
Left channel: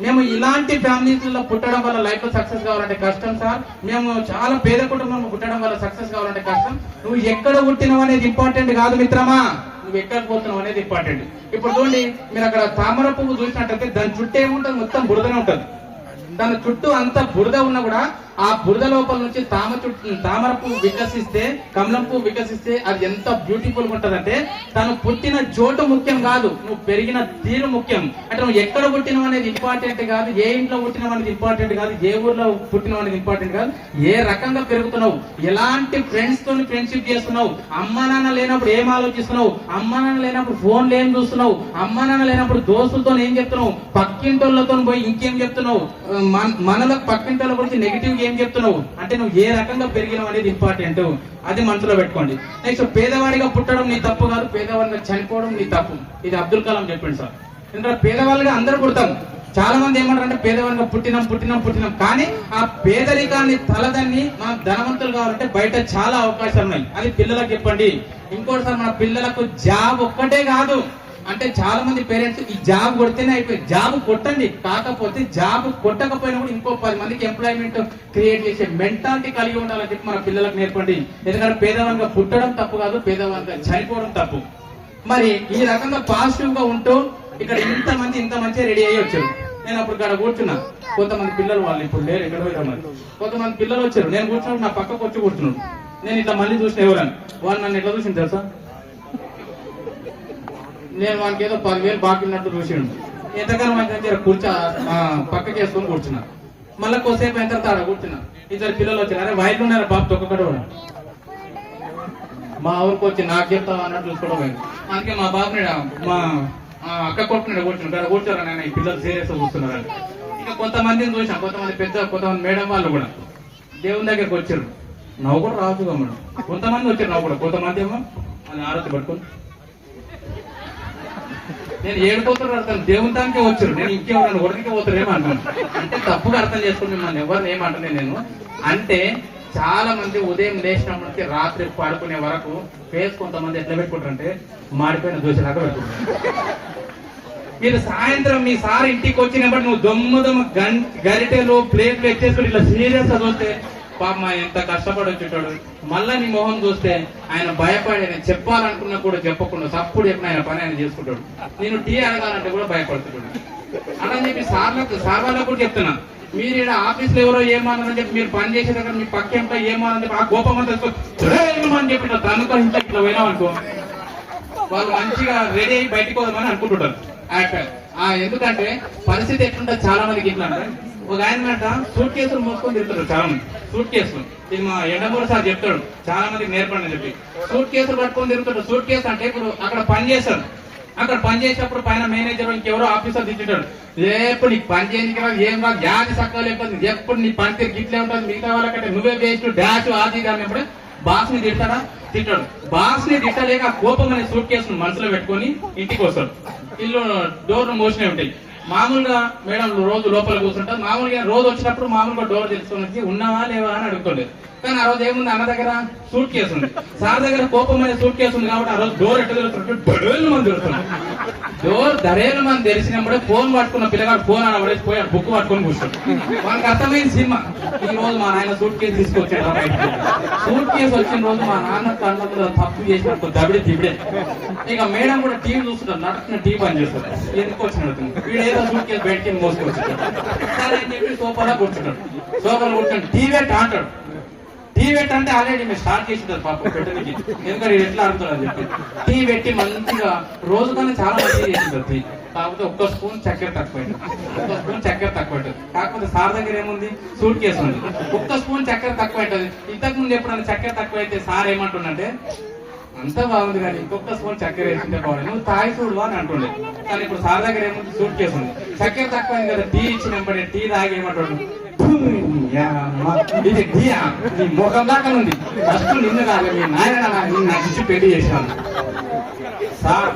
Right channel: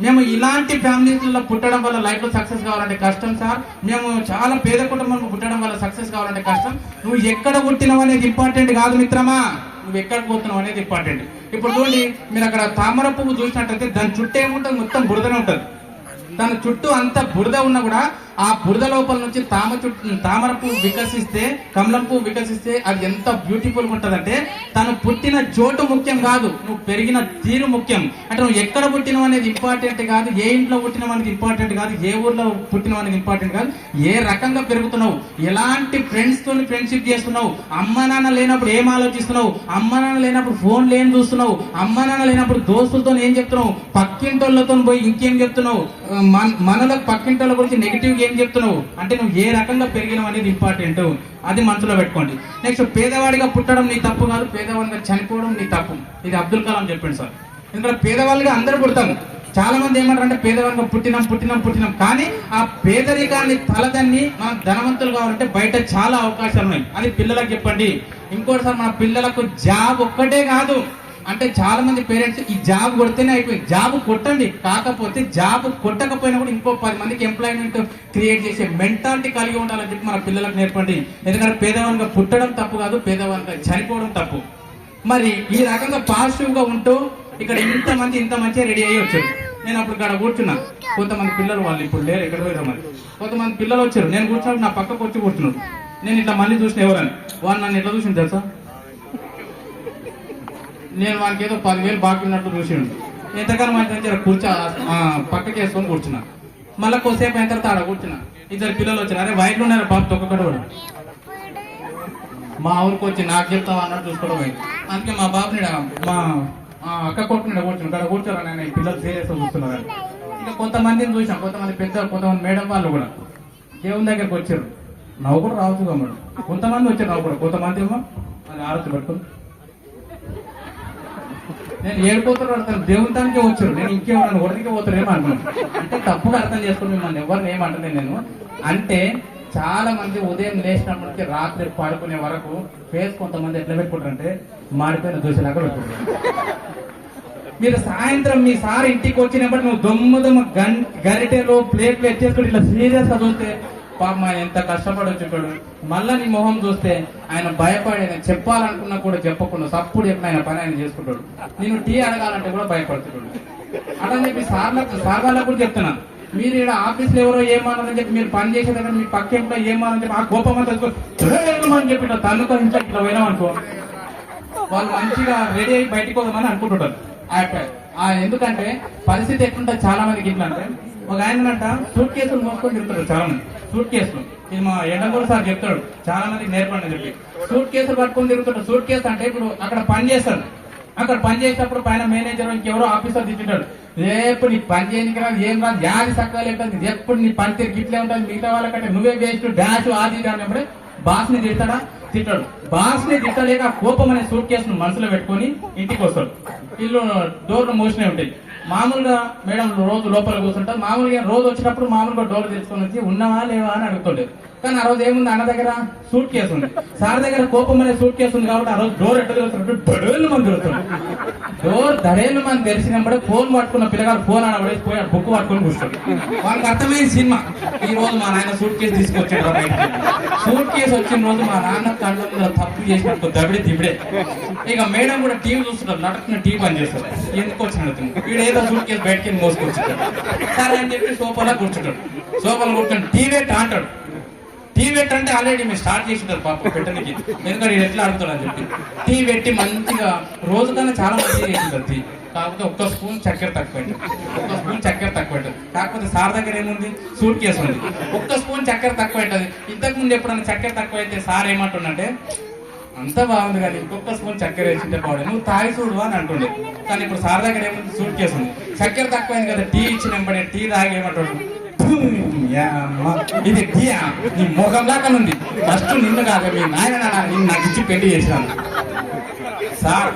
మేము ఇలాంటి ఫ్యామిలీస్లో పుట్టడం వల్ల లైఫ్ లో సక్సెస్ కావాలంటే కష్టం సార్, మేము చాలా పేద కుటుంబంలో పుట్టడం వల్ల సక్సెస్ కావాలంటే కష్టం. నువ్వు ఎక్కడ పుట్టినావు అనేది ఇంపార్టెంట్ కాదు మిత్రమా, నువ్వు ఎక్కడ పోతున్నావు అనేది ఇంపార్టెంట్. ఇప్పుడు చూడండి, మీరు అక్కడ తామర పువ్వు చూసినట్టయితే దాని చుట్టూ ఏముంటుంది? మొత్తం బురదనే ఉంటుంది. దాని చుట్టూ అంత బురద ఉన్నా కూడా ఆ బురద లోపల నుంచి తామర పువ్వు వికసిస్తే, కమలం పువ్వు వికసిస్తే అది ఎంత బ్యూటిఫుల్ గా ఉంటదంటే, తను పుట్టిన చోటు ముఖ్యం కాదు, నువ్వు పెరిగిన తీరు ముఖ్యం. అంటే నువ్వు ఎక్కడ పుట్టినావు అనేది ఇంపార్టెంట్ కాదు, ఏ ఇంట్లో పుట్టినావు అనేది ఇంపార్టెంట్ కాదు, ఏ ఊర్లో పుట్టినావు అనేది ఇంపార్టెంట్ కాదు, ఏ రకంగా పెరుగుతున్నావు, ఎలాంటి ఫ్రెండ్స్ తో ఫ్రెండ్షిప్ చేస్తున్నావు, అమ్మ నాన్న లేనప్పుడు ఏం ఆలోచిస్తున్నావు, అమ్మ నాన్న లేనప్పుడు ఫోన్లు ఏం చూస్తున్నావు, అమ్మ నాన్న లేనప్పుడు దోస్తులతో ఏం చెప్తున్నావు, పక్కింటోళ్ళతో పోయి ఇంకేం చెప్తున్నావు, మనలో పక్కింటోళ్ళ గురించి నెగిటివ్ ఏం చెప్తున్నావు. అంటే నువ్వు ఏ రకంగా పెరిగినావు అనేది ఇంపార్టెంట్, అది మనసులో పెట్టుకోండి. నెక్స్ట్, పేదవాడిగా పుట్టడం నీ తప్పు కాదు, పేదవాడిగా చనిపోవడం నీ తప్పు. ఇది అబ్దుల్ కలాం చెప్పిండు సార్. ఎందుకంటే పేదవాళ్ళుగా అందరూ పుడతాం. చాలా మంది ఏమంటారంటే పేదవాళ్ళగా పుట్టినాం కానీ ఆ పేదరికాన్ని తలదన్ని మనం ధనవంతులు కావాలంటే బయట చాలా అవకాశాలు ఉన్నాయి. అది పిల్లలకు చెప్పండి. ఇంకోటిసారి మన పిల్లలకు జాబ్ ఒక్కటే కాదు, అంటే చాలా మంది పేరెంట్స్ ఈ జాబ్ కొడితేనే అయిపోయింది, జాబ్ కొట్టండి, కాకపోతే జాబ్ కొట్టకపోయినా కూడా ఇంకో 10 మందికి ఎంప్లాయ్మెంట్ క్రియేట్ చేసే మెంటాలిటీ కలిగి ఉండాలని చెప్పి మన పిల్లలకు నేర్పండి. ఎందుకంటే పేదవాళ్ళగా పుట్టడం తప్పు కాదు, పేదవాళ్ళగా చనిపోవడం తప్పు. మరి ఈ రకంగా పాజిటివ్ గా ఉంటూ ఇక్కడ ఇంత మంచిగా రెడీ అయ్యి వచ్చారు. నేను అప్పుడు ఇక్కడ కూర్చున్నా, కొంతమంది పిల్లలు వాళ్ళు ఇప్పుడు లేరు, ఎక్కడ పోయినా మరి కొంతమంది పిల్లలు వచ్చారు. నేను కూర్చున్నప్పుడు నా పక్కకు వచ్చి కూర్చున్నాడు. నేను ఇట్లా మళ్ళీ చూసిన ఎవరని, వాళ్ళు నన్ను ఎట్లా చూసింది తెలుసా? నేను వానికి ఏదో 10,000 బాకీ ఉన్నట్టు చూసిండు. ఎంతకాలం మంచి కూర్చో పక్కకి వేసుకొని కూర్చున్నా. మళ్ళీ కొద్దిసేపు అయిన తర్వాత ఆడ కూర్చున్నా. ఇద్దరు పిల్లలు వచ్చారు. అరే వైర్లు ఉన్నారు బాబు తొక్కడు కూడా. మా ఊరికి వచ్చి నాకు చెప్తావా అన్నట్టు చూసుకోవడం పోయింది. అందుకే మా బాబుని మా అక్క కొట్టుకుని కూర్చున్నాడు. ఇక్కడ కూర్చోరా నేను ఈ పిల్లలు సీరియస్ కూర్చున్నారు. ఇంకా కొంతమందిని చూసాం, కొంతమంది కొంతమంది మేడం వాళ్ళు కూడా దేవుని దగ్గరికి వచ్చారు. నవ్వు కూడా రావచ్చు మనం. కొంతమంది వచ్చారు నవ్వు కూడా, కొంతమంది ఏమో మన ఆరోగ్య పట్టుకుని నేను ఏడుపోతున్నా అర్థం దేవుని దానికే వచ్చారు. నేను ఇంకేమన్నా ఒకరికి పోతారేమో అంటాను. అంటే తప్పుగా అర్థం చేసుకుని మిమ్మల్ని ఎవరిని ఏమంటున్నాను నేను అంటే, చాలా మంది ఉదయం లేచినప్పటికీ రాత్రి పడుకునే వరకు ఫేస్ కొంతమంది ఎట్లా పెట్టుకుంటారంటే మాడిపోయిన దోశలాగా పెట్టుకుంటారు. మీరు సాయంత్రం మీ సార్ ఇంటికి వచ్చినప్పుడు నువ్వు దొమ్మ గరిటెలు ప్లేట్లు ఎచ్చేసుకుని ఇట్లా సీరియస్ గా చూస్తే పాప ఎంత కష్టపడి వచ్చేటాడు. మళ్ళా నీ మొహం చూస్తే ఆయన భయపడి ఆయన చెప్పాలనుకున్నా కూడా చెప్పకుండా సప్పుడు చెప్పిన ఆయన పని ఆయన చేసుకుంటాడు. నేను టీ అడగాలంటే కూడా భయపడుతున్నాడు. అలా చెప్పి సార్ వాళ్ళకు కూడా చెప్తున్నా, మీరు ఇక్కడ ఆఫీస్ లో ఎవరో ఏమన్నారని చెప్పి మీరు పని చేసే దగ్గర మీ పక్క ఎంట్లో ఏమని చెప్పి ఆ కోపం అంతా అని చెప్పి తనుకో ఇంట్లో ఇట్లా పోయినామనుకో వాళ్ళు మంచిగా రెడీ అయ్యి బయటకు పోదామని అనుకుంటుంటారు. ఎందుకంటే పరిస్థితి ఎట్లుంటుంది చాలా మందికి ఇట్లా అంటే, ఒక ఆయన అంట సూట్ కేసులు మోసుకొని తిరుగుతారు చాలా మంది. సూట్ కేసులు ఇది మా ఎండగూడ సార్ చెప్తాడు, చాలా మందికి నేర్పండి చెప్పి సూట్ కేసులు పట్టుకొని తిరుగుతాడు. సూట్ కేసు అంటే ఇప్పుడు అక్కడ పని చేస్తాడు. అక్కడ పని చేసేటప్పుడు పైన మేనేజర్ ఇంకెవరో ఆఫీసర్ తిట్టాడు, ఎప్పుడు నీకు పని చేయడానికి రా, ఏం రా గ్యాది సక్కలు ఉంటుంది, ఎప్పుడు నీ పని తీరు గిట్లే ఉంటుంది, మిగతా వాళ్ళకంటే నువ్వే వేస్ట్ డాష్ ఆది అన్నప్పుడు బాస్ ని తిడతాడా? తిట్టాడు. బాస్ ని తిట్టలేక కోపం అనే సూట్ కేసును మనసులో పెట్టుకొని ఇంటికి వస్తాడు. ఇల్లు డోర్లు మూసినే ఉంటాయి. మామూలుగా మేడం రోజు లోపల కూర్చుంటారు. మామూలుగా రోజు వచ్చినప్పుడు మామూలుగా డోర్ తెలుసుకొని వచ్చి ఉన్నావా లేవా అని అడుగుతుండేది. కానీ ఆ రోజు ఏముంది, అన్న దగ్గర సూట్ కేసు ఉంది, సార్ దగ్గర కోపం అనే సూట్ కేసు ఉంది కాబట్టి ఆ రోజు డోర్ ఎట్లా తెలుస్తుంటే దడేళ్ళు మంది తెలుస్తుంది. డోర్ దడేళ్ళు మంది తెలిసినప్పుడే ఫోన్ పట్టుకున్న పిల్లగాడు ఫోన్ ఆడబడేసి బుక్ పట్టుకొని కూర్చోండి. వాళ్ళకి అర్థమైంది సినిమా. ఈ రోజు మా నాయన సూట్ కేసు తీసుకొచ్చాడు. సూట్ కేసు వచ్చిన రోజు మా నాన్న కళ్ళ తప్పు చేసినట్టు దబిడి తిబిడే. ఇక మేడం కూడా టీవీ చూస్తున్నారు, నడుస్తున్న టీవీ పని చేస్తారు. ఎందుకు వచ్చినట్టు వీడు ఏదో సూట్ కేసు బయటకి మోసుకొచ్చాడు. సరే అని చెప్పి సోఫాలో కూర్చుంటాడు. సోఫాలో కూర్చుంటాడు. టీవీ అంటాడు. టీవీ పెట్టంటే ఆల్రెడీ మీరు స్టార్ట్ చేసింటారు పాప పెట్టడానికి, ఎందుకంటే ఇది ఎట్లా ఆడుతాడు అని చెప్పి టీవీ పెట్టి మంచిగా రోజు కన్నా చాలా మంచిగా చేసింటారు టీ. కాకపోతే ఒక్క స్పూన్ చక్కెర తక్కువ కాకపోతే సార్ దగ్గర ఏముంది, సూట్ కేసు ఉంది, ఒక్క స్పూన్ చక్కెర తక్కువ అవుతుంది. ఇంతకు ముందు ఎప్పుడన్నా చక్కెర తక్కువ అయితే సార్ ఏమంటుండే, అంతా బాగుంది కానీ ఇంకొక స్పూన్ చక్కెర వేసింటే బాగుంది, నువ్వు తాగి చూడు అని అంటుండే. కానీ ఇప్పుడు సార్ దగ్గర ఏముంది, సూట్ కేసు ఉంది, చక్కెర తక్కువైంది కదా, టీ ఇచ్చిన టీ తాగి ఏమంటాడు, ఇది టీయా నీ ముఖం దాకా ఉంది, ఫస్ట్ నిన్ను కాదు మీ నాయన నిన్ను నడిచి పెళ్లి చేసినాను. సార్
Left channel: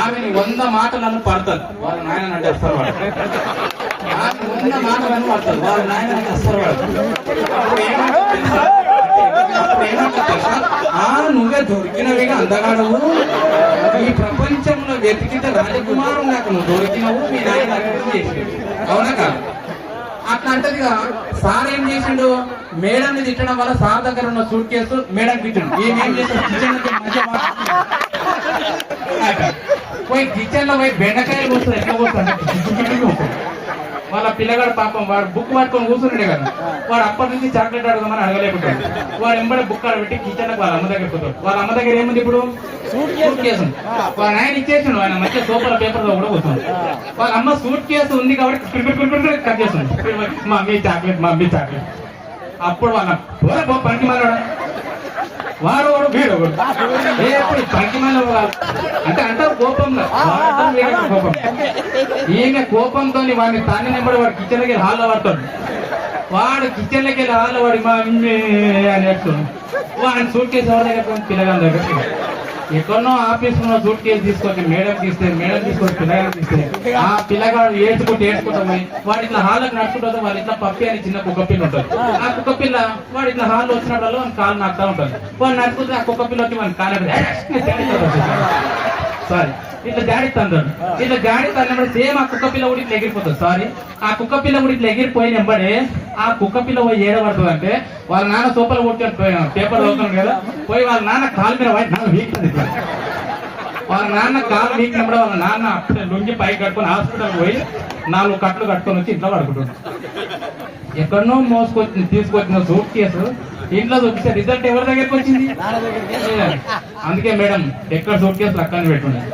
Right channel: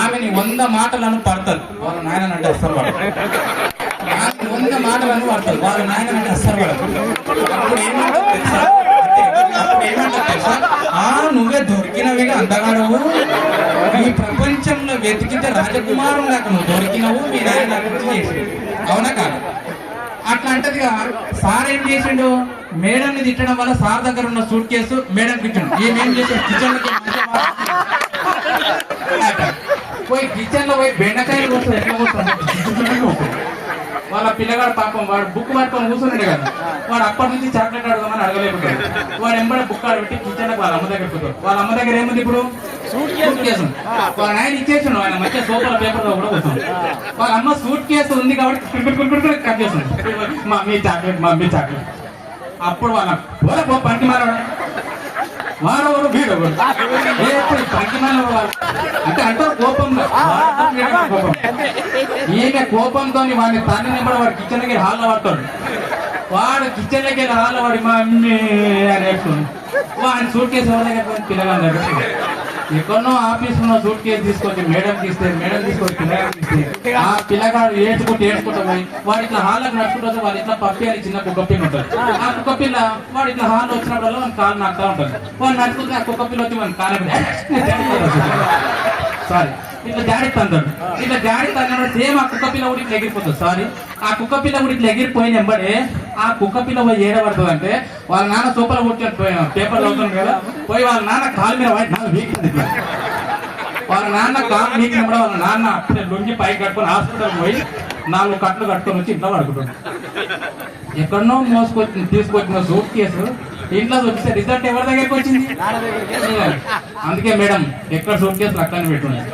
ఆమెని 100 మాటలను పడతారు, వాళ్ళ నాయన అంటే అస్సలు వాడు. 100 మాటలను పడతారు, వాళ్ళ నాయన అంటే అస్సలు వాడు. నువ్వే దొరికినవే అందగాడవు, ఈ ప్రపంచంలో వెతికితే రాజకుమారులు లాగా నువ్వు దొరికినవు, మీ నాయన అవునా కాదు? అట్లా అంటదిగా. సార్ ఏం చేసిండు, మేడం ని తిట్టడం వల్ల సార్ దగ్గర ఉన్న సూట్ కేసు మేడం తిట్టిండు. ఏమేం చేసాడు, కిచెన్ లో పోయి కిచెన్ లో పోయి బెండకాయలు వస్తుంది, ఎట్లా వస్తుంది వాళ్ళ పిల్లగాడు పాపం వాడు బుక్ పట్టుకొని కూర్చుండే కదా, వాడు అప్పటి నుంచి చాక్లెట్ అడగమని అడగలేకుంటాడు. వాడు ఎంబడే బుక్ ఆడబెట్టి కిచెన్ లో వాళ్ళ అమ్మ దగ్గర పోతాడు. వాళ్ళ అమ్మ దగ్గర ఏముంది ఇప్పుడు, సూట్ కేసు. వాళ్ళ ఆయన ఇచ్చేసాడు, ఆయన మధ్య సోఫా పేపర్ లో కూడా వస్తుంది. వాళ్ళ అమ్మ సూట్ కేసు ఉంది కాబట్టి కట్ చేస్తుంది, మమ్మీ చాక్లెట్. అప్పుడు వాళ్ళ పండి మారాడు, వాడవాడు వీడవాడు అంటే అంటారు కోపంగా, కోపం. ఈమె కోపంతో వాడిని తన్ని నెంబర్ వాడు కిచెన్ లకి హాల్లో పడతాడు. వాడు కిచెన్ లకి హాల్లో వాడి మమ్మీ అని చెప్తుంది. ఆయన సూట్ కేసు ఎవరైనా పిల్లగా ఎక్కడో ఆఫీస్ లో సూట్ కేసు తీసుకొచ్చి మేడం తీస్తే, మేడం తీసుకొచ్చి పిల్లగాడు తీస్తే, ఆ పిల్లగాడు ఏడ్చుకుంటా పోయి వాడు ఇట్లా హాల్లోకి నడుచుకుంటే వాళ్ళు ఇట్లా పప్పి అని చిన్న కుక్క పిల్ల ఉంటారు. ఆ కుక్క పిల్ల వాడు ఇట్లా హాల్లో వచ్చినప్పుడు మన కాలు నడుతూ ఉంటారు. వాడు నడుచుకుంటే ఆ కుక్క పిల్ల వచ్చి మన కాలు సారీ ఇట్లా జాడి తంటాడు. ఇట్లా జాడి తన్నాడు, సేమ్ ఆ కుక్క పిల్ల కూడా ఇట్లా ఎగిరిపోతుంది. సారీ ఆ కుక్క పిల్ల కూడా ఇట్లా ఎగిరిపోయినప్పుడే ఆ కుక్క పిల్ల పోయి ఏడబడుతుంది అంటే, వాళ్ళ నాన్న సూపర్ కొట్టాడు పేపర్ అవుతుంది కదా, పోయి వాళ్ళ నాన్న కాలు మీద వీక్తుంది. వాళ్ళ నాన్న కాలు వీకినప్పుడు వాళ్ళ నాన్న అప్పుడే లొంగి పైకి కట్టుకొని హాస్పిటల్ పోయి 4 కట్లు కట్టుకొని వచ్చి ఇంట్లో పడుకుంటాడు. ఎక్కడో తీసుకొచ్చిన సూట్ కేసు ఇంట్లో వచ్చేసే రిజల్ట్ ఎవరి దగ్గరికి వచ్చింది. అందుకే మేడం ఎక్కడ సూట్ కేసులు అక్కడనే పెట్టున్నాయి.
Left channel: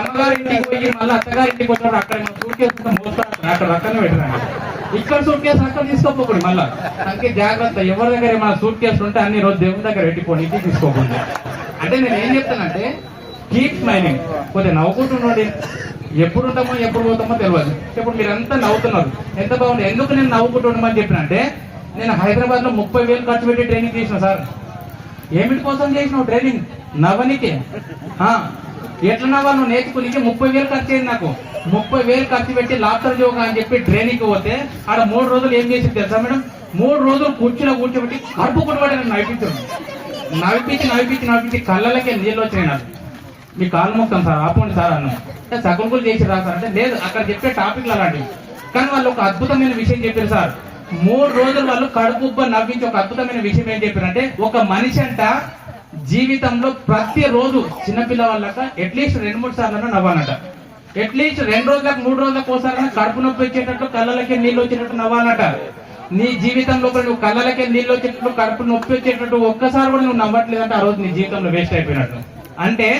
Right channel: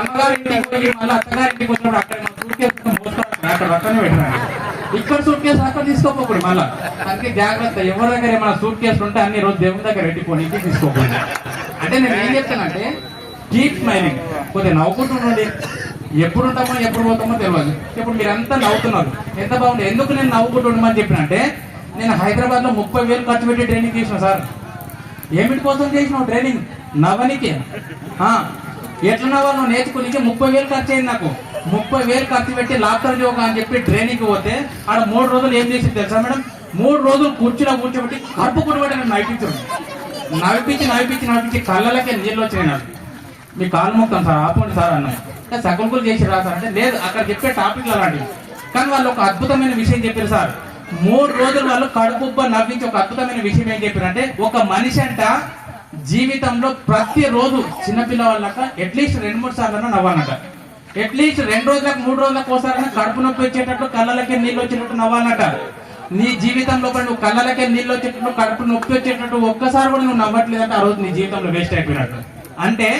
అమ్మగారి ఇంటికి పోయి మళ్ళీ అత్తగారి ఇంటికి వస్తాడు, అక్కడ సూట్ కేసు మోస్తాడు, అక్కడ రక్కనే పెట్టినాడు. ఇక్కడ సూట్ కేసు అక్కడ తీసుకోకపోయి మళ్ళా. అందుకే జాగ్రత్త, ఎవరి దగ్గర ఏమైనా సూట్ కేసులు ఉంటే అన్ని రోజు దేవుని దగ్గర పెట్టిపోయి తీసుకోకండి. అంటే నేను ఏం చెప్తానంటే కీప్ స్మైలింగ్, కొద్దిగా నవ్వుకుంటున్నాడు. ఎప్పుడు ఉంటామో ఎప్పుడు పోతామో తెలియదు. ఇప్పుడు మీరంతా నవ్వుతున్నారు, ఎంత బాగుంది. ఎందుకు నేను నవ్వుకుంటున్నామని చెప్పినంటే, నేను హైదరాబాద్ లో 30,000 ఖర్చు పెట్టి ట్రైనింగ్ చేసిన సార్. ఏమిటి కోసం చేసినావు ట్రైనింగ్? నవ్వనికి. ఎట్లా నవ్వాలి నేర్చుకుని 30,000 ఖర్చు అయింది నాకు. 30,000 ఖర్చు పెట్టి లాఫ్టర్ యోగా అని చెప్పి ట్రైనింగ్ పోతే ఆడ 3 రోజులు ఏం చేసింది తెలుసా మేడం? 3 రోజులు కూర్చోబెట్టి కడుపు కొట్టుబడి నన్ను నవ్విపించి కళ్ళలకే నీళ్ళు వచ్చినాయి నాకు. మీ కాళ్ళు మొక్కాను సార్, ఆపండి సార్ అన్న. సగంకులు చేసి రాసారు అంటే లేదు, అక్కడ చెప్పే టాపిక్లు అలాంటి. కానీ వాళ్ళు ఒక అద్భుతమైన విషయం చెప్పారు సార్. 3 రోజులు వాళ్ళు కడుపుబ్బ నవ్వించి ఒక అద్భుతమైన విషయం ఏం చెప్పారంటే, ఒక మనిషి అంట జీవితంలో ప్రతిరోజు చిన్నపిల్లవాళ్ళక అట్లీస్ట్ 2-3 సార్లు నవ్వాలట. అట్లీస్ట్ 2 రోజులకు 3 రోజులకు ఒకసారి కడుపు నొప్పి వచ్చేటట్టు, కళ్ళలకే నీళ్ళు వచ్చేటట్టు నవ్వాలట. నీ జీవితంలో నువ్వు కళ్ళలకే నీళ్ళు వచ్చేటట్టు, కడుపు నొప్పి వచ్చేటట్టు ఒక్కసారి కూడా నువ్వు నవ్వట్లేదంటే ఆ రోజు నీ జీవితంలో వేస్ట్ అయిపోయినట్టు. అంటే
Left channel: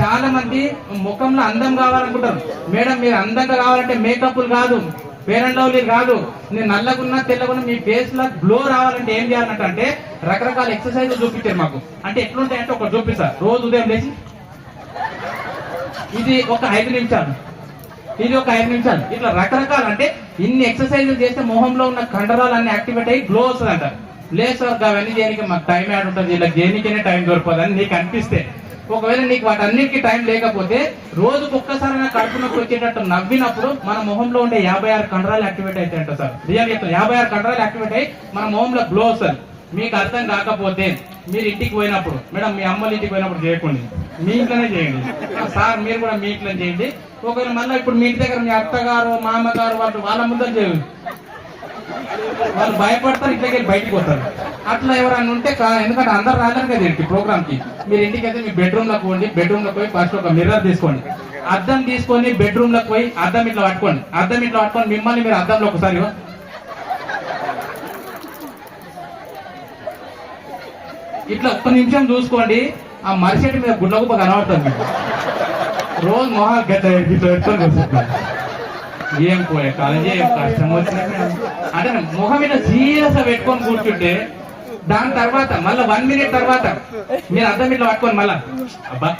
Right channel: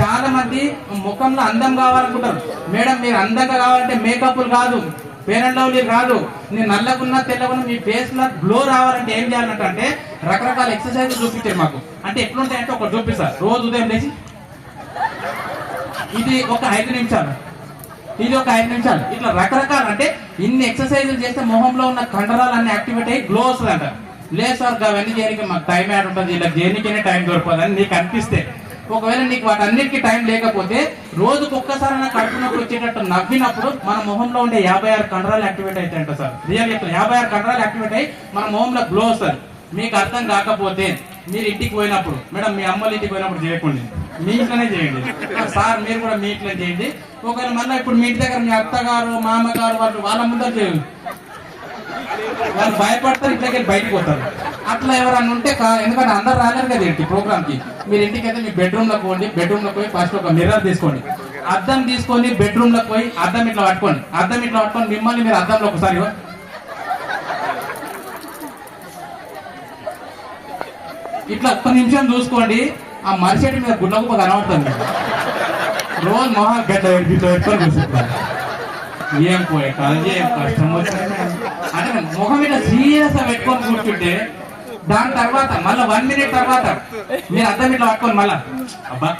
చాలా మంది ముఖంలో అందం కావాలనుకుంటారు. మేడం మీరు అందంగా కావాలంటే మేకప్లు కాదు, ఫెయిర్ అండ్ లవ్లీ కాదు, నేను నల్లగున్నా తెల్లగున్నా మీ ఫేస్ లో గ్లో రావాలంటే ఏం చేయాలంటే రకరకాల ఎక్సర్సైజ్ చూపించారు మాకు. అంటే ఎట్లుంటాయంటే ఒకటి చూపిస్తారు. రోజు ఉదయం లేచి ఇది ఒక 5 నిమిషాలు, ఇది ఒక 5 నిమిషాలు, ఇట్లా రకరకాల. అంటే ఇన్ని ఎక్సర్సైజులు చేస్తే మొహంలో ఉన్న కండరాలు అన్ని యాక్టివేట్ అయ్యి గ్లో వస్తుంది అంట. లేదు సార్ అవన్నీ చేయడానికి మాకు టైం యాడ్ ఉంటుంది, ఇలా దేనికైనా టైం దొరకదని నీకు అనిపిస్తే, ఒకవేళ నీకు వాటన్నిటికీ టైం లేకపోతే రోజుకు ఒక్కసారి కడుపు నొప్పి వచ్చేటట్టు నవ్వినప్పుడు మన మొహంలో ఉండే 56 కండరాలు యాక్టివేట్ అవుతాయంట సార్. రియల్ 56 కండరాలు యాక్టివేట్ అయ్యి మన మొహంలో గ్లో వస్తుంది. మీకు అర్థం కాకపోతే మీరు ఇంటికి పోయినప్పుడు, మేడం మీ అమ్మల ఇంటికి పోయినప్పుడు చేయకండి, మీ ఇంట్లోనే చేయండి. సార్ మీరు కూడా మీ ఇంట్లో చేయండి. ఒకవేళ మళ్ళీ ఇప్పుడు మీ ఇంటి దగ్గర మీ అత్తగారు మామగారు వాళ్ళ ముందర చేయండి, వాళ్ళు భయపడతారు, ఇంట్లోకి బయటకు పోతారు. అట్లా ఎవరన్నా ఉంటే ఎందుకంటే అందరు రాలేరు కదా ఇంటి ప్రోగ్రామ్ కి, మీరు ఇంటికి అయితే మీ బెడ్రూమ్ లో పోండి. బెడ్రూమ్ లో పోయి ఫస్ట్ ఒక మిర్రర్ తీసుకోండి, అద్దం తీసుకొని బెడ్రూమ్ లో పోయి అద్దం ఇట్లా పట్టుకోండి. అద్దం ఇట్లా పట్టుకొని మిమ్మల్ని మీరు అద్దంలో ఒకసారి ఇట్లా ఒక్క నిమిషం చూసుకోండి. ఆ మరిచెట్టు మీద గుడ్లగుప్ప కనబడుతుంది. రోజు మొహం గడ్డ ఎత్తుకొని చూసుకుంటాను. ఏం పోయే కాలేజీ ఏం కష్టం వచ్చినా అంటే ముఖం మీద సీరియస్ గా పెట్టుకొని కూర్చుంటే దాని తర్వాత మళ్ళీ 1 మినిట్ తర్వాత మీరు అద్దం ఇట్లా పట్టుకొని మళ్ళా అబ్బా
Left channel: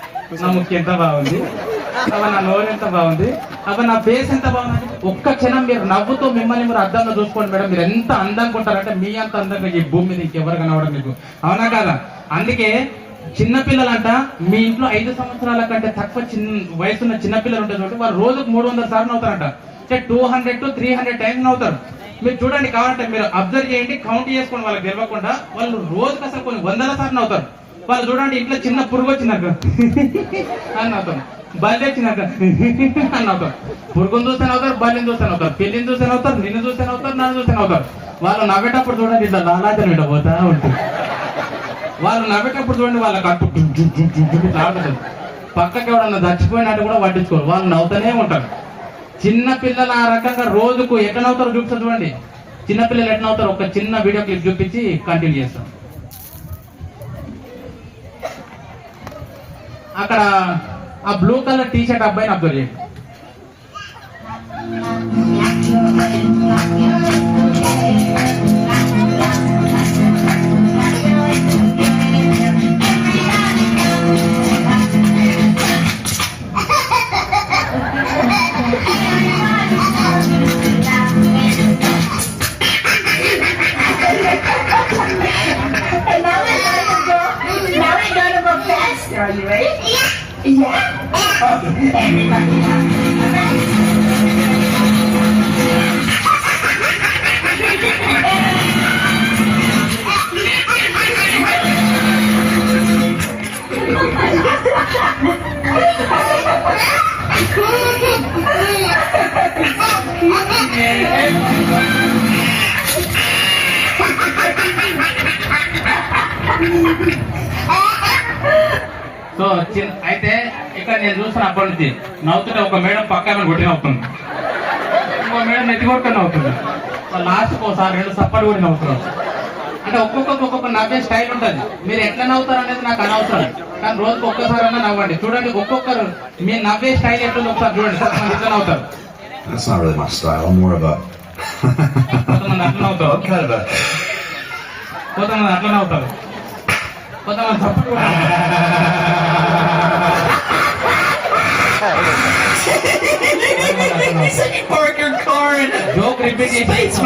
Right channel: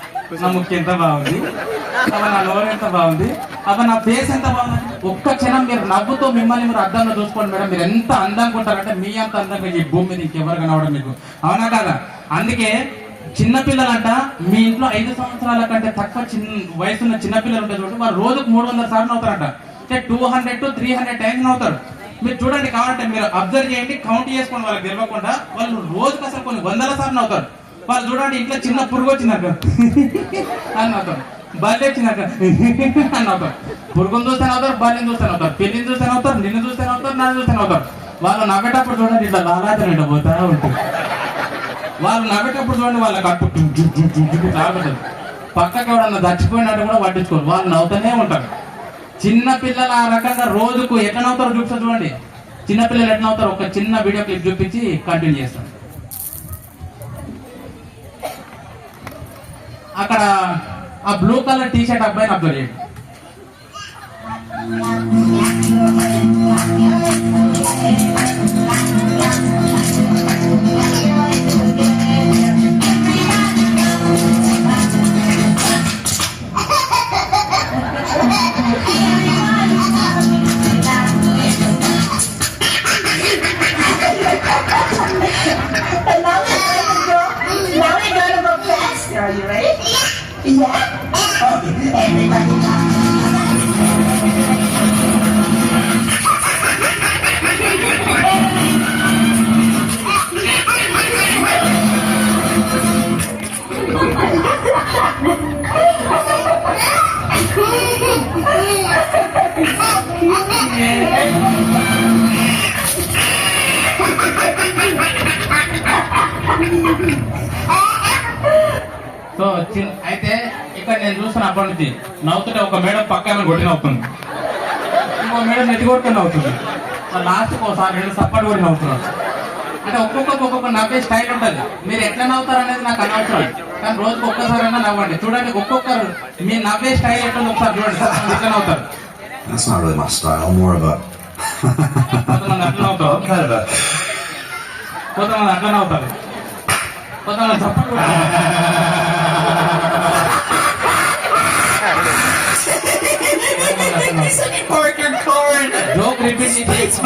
నా ముక్కు ఎంత బాగుంది, అబ్బా నా నోరు ఎంత బాగుంది, అబ్బా నా ఫేస్ ఎంత బాగుంది. ఒక్క క్షణం మీరు నవ్వుతో మిమ్మల్ని మీరు అద్దంలో చూసుకోండి మేడం. మీరు ఎంత అందంగా ఉంటారంటే మీ అంత అందంగా ఈ భూమి మీద ఇంకెవరు కనవడం మీకు, అవునా కదా? అందుకే చిన్నపిల్లలంట మీ ఇంట్లో 5 సంవత్సరాల కంటే తక్కువ వయసున్న చిన్నపిల్లలు ఉంటే చూడండి, వాళ్ళు రోజుకు 300 సార్లు అవుతారంట. అంటే 200 to 300 టైమ్స్ అవుతారు. మీరు చూడండి, కావాలంటే మీరు అబ్జర్వ్ చేయండి, కౌంట్ చేసుకోండి. వాళ్ళకి తెలియకుండా వాళ్ళు రోజుకి అసలు కొన్ని 100 సార్లు అవుతారు. వాళ్ళు చూడండి, ఇంట్లో చిన్న పురుగు వచ్చినాక అని అవుతాం, బల్లి వచ్చినాక అని అవుతాం. పురుగును చూస్తే అవుతారు, బల్లిని చూస్తే అవుతారు, పెళ్లిని చూస్తే అవుతారు, నిన్ను చూస్తే అవుతారు, నన్ను చూస్తే అవుతారు. వాళ్ళు నవ్వేటప్పుడు చూడండి ఇట్లా లాలాజన ఇట్లా పోతా ఉంటుంది. వాళ్ళు నవ్వేటప్పుడు చూడండి వాళ్ళకి అప్పుడు లాగుతుంది. పక్కకి ఎవడన్నా చచ్చిపోయినట్టు కూడా పట్టించుకోరు, వాళ్ళు నవ్వుతూనే ఉంటారు. చిన్న పిల్లలు ఆ రకంగా రోజుకు ఎట్లా నవ్వుతారో చూపిస్తారు చూడండి. చిన్నపిల్లలు ఎట్లా నవ్వుతారు ఒక చిన్న వీడియో క్లిప్ చూపించి కంటిన్యూ చేస్తాం. అక్కడ ఆ బ్లూ కలర్ టీ షర్ట్ అబ్బాయిని అబ్జర్వ్ చేయండి. Are you ready? Yeah. Everybody. So అయితే ఇక్కడ నేను చూసిన అప్పటి నుంచి నవ్వుతుంటే ఒక మేడం పక్కన కొట్టి నవ్వుతుంది, ఇంకో మేడం ఎత్తి కొట్టుకొని నవ్వుతుంది, లాస్ట్ ఒకసారి 2 సప్పటి కూడా నవ్వుతున్నారు. అంటే ఒక్కొక్కరికి ఒక్కొక్క నవ్వే స్టైల్ ఉంటుంది. మీరు ఎట్లా నవ్వుతారు అనేది నాకు అనవసరం, కానీ రోజుకి ఒక్కసారైనా నవ్వండి. చూడండి ఒక్కొక్కరు మీ నవ్వే స్టైల్ ఎట్లా ఒకసారి చూడండి. కొంతమంది ఇట్లా నవ్వుతారు, That's not really my style. I'm more of a. కొంతమంది అట్లా నవ్వుతారు, I'm kind of a. కొంతమంది అట్లా నవ్వుతారు, కొంతమంది చప్పుడు Parker corn. జోక్ రిపీట్ చేసి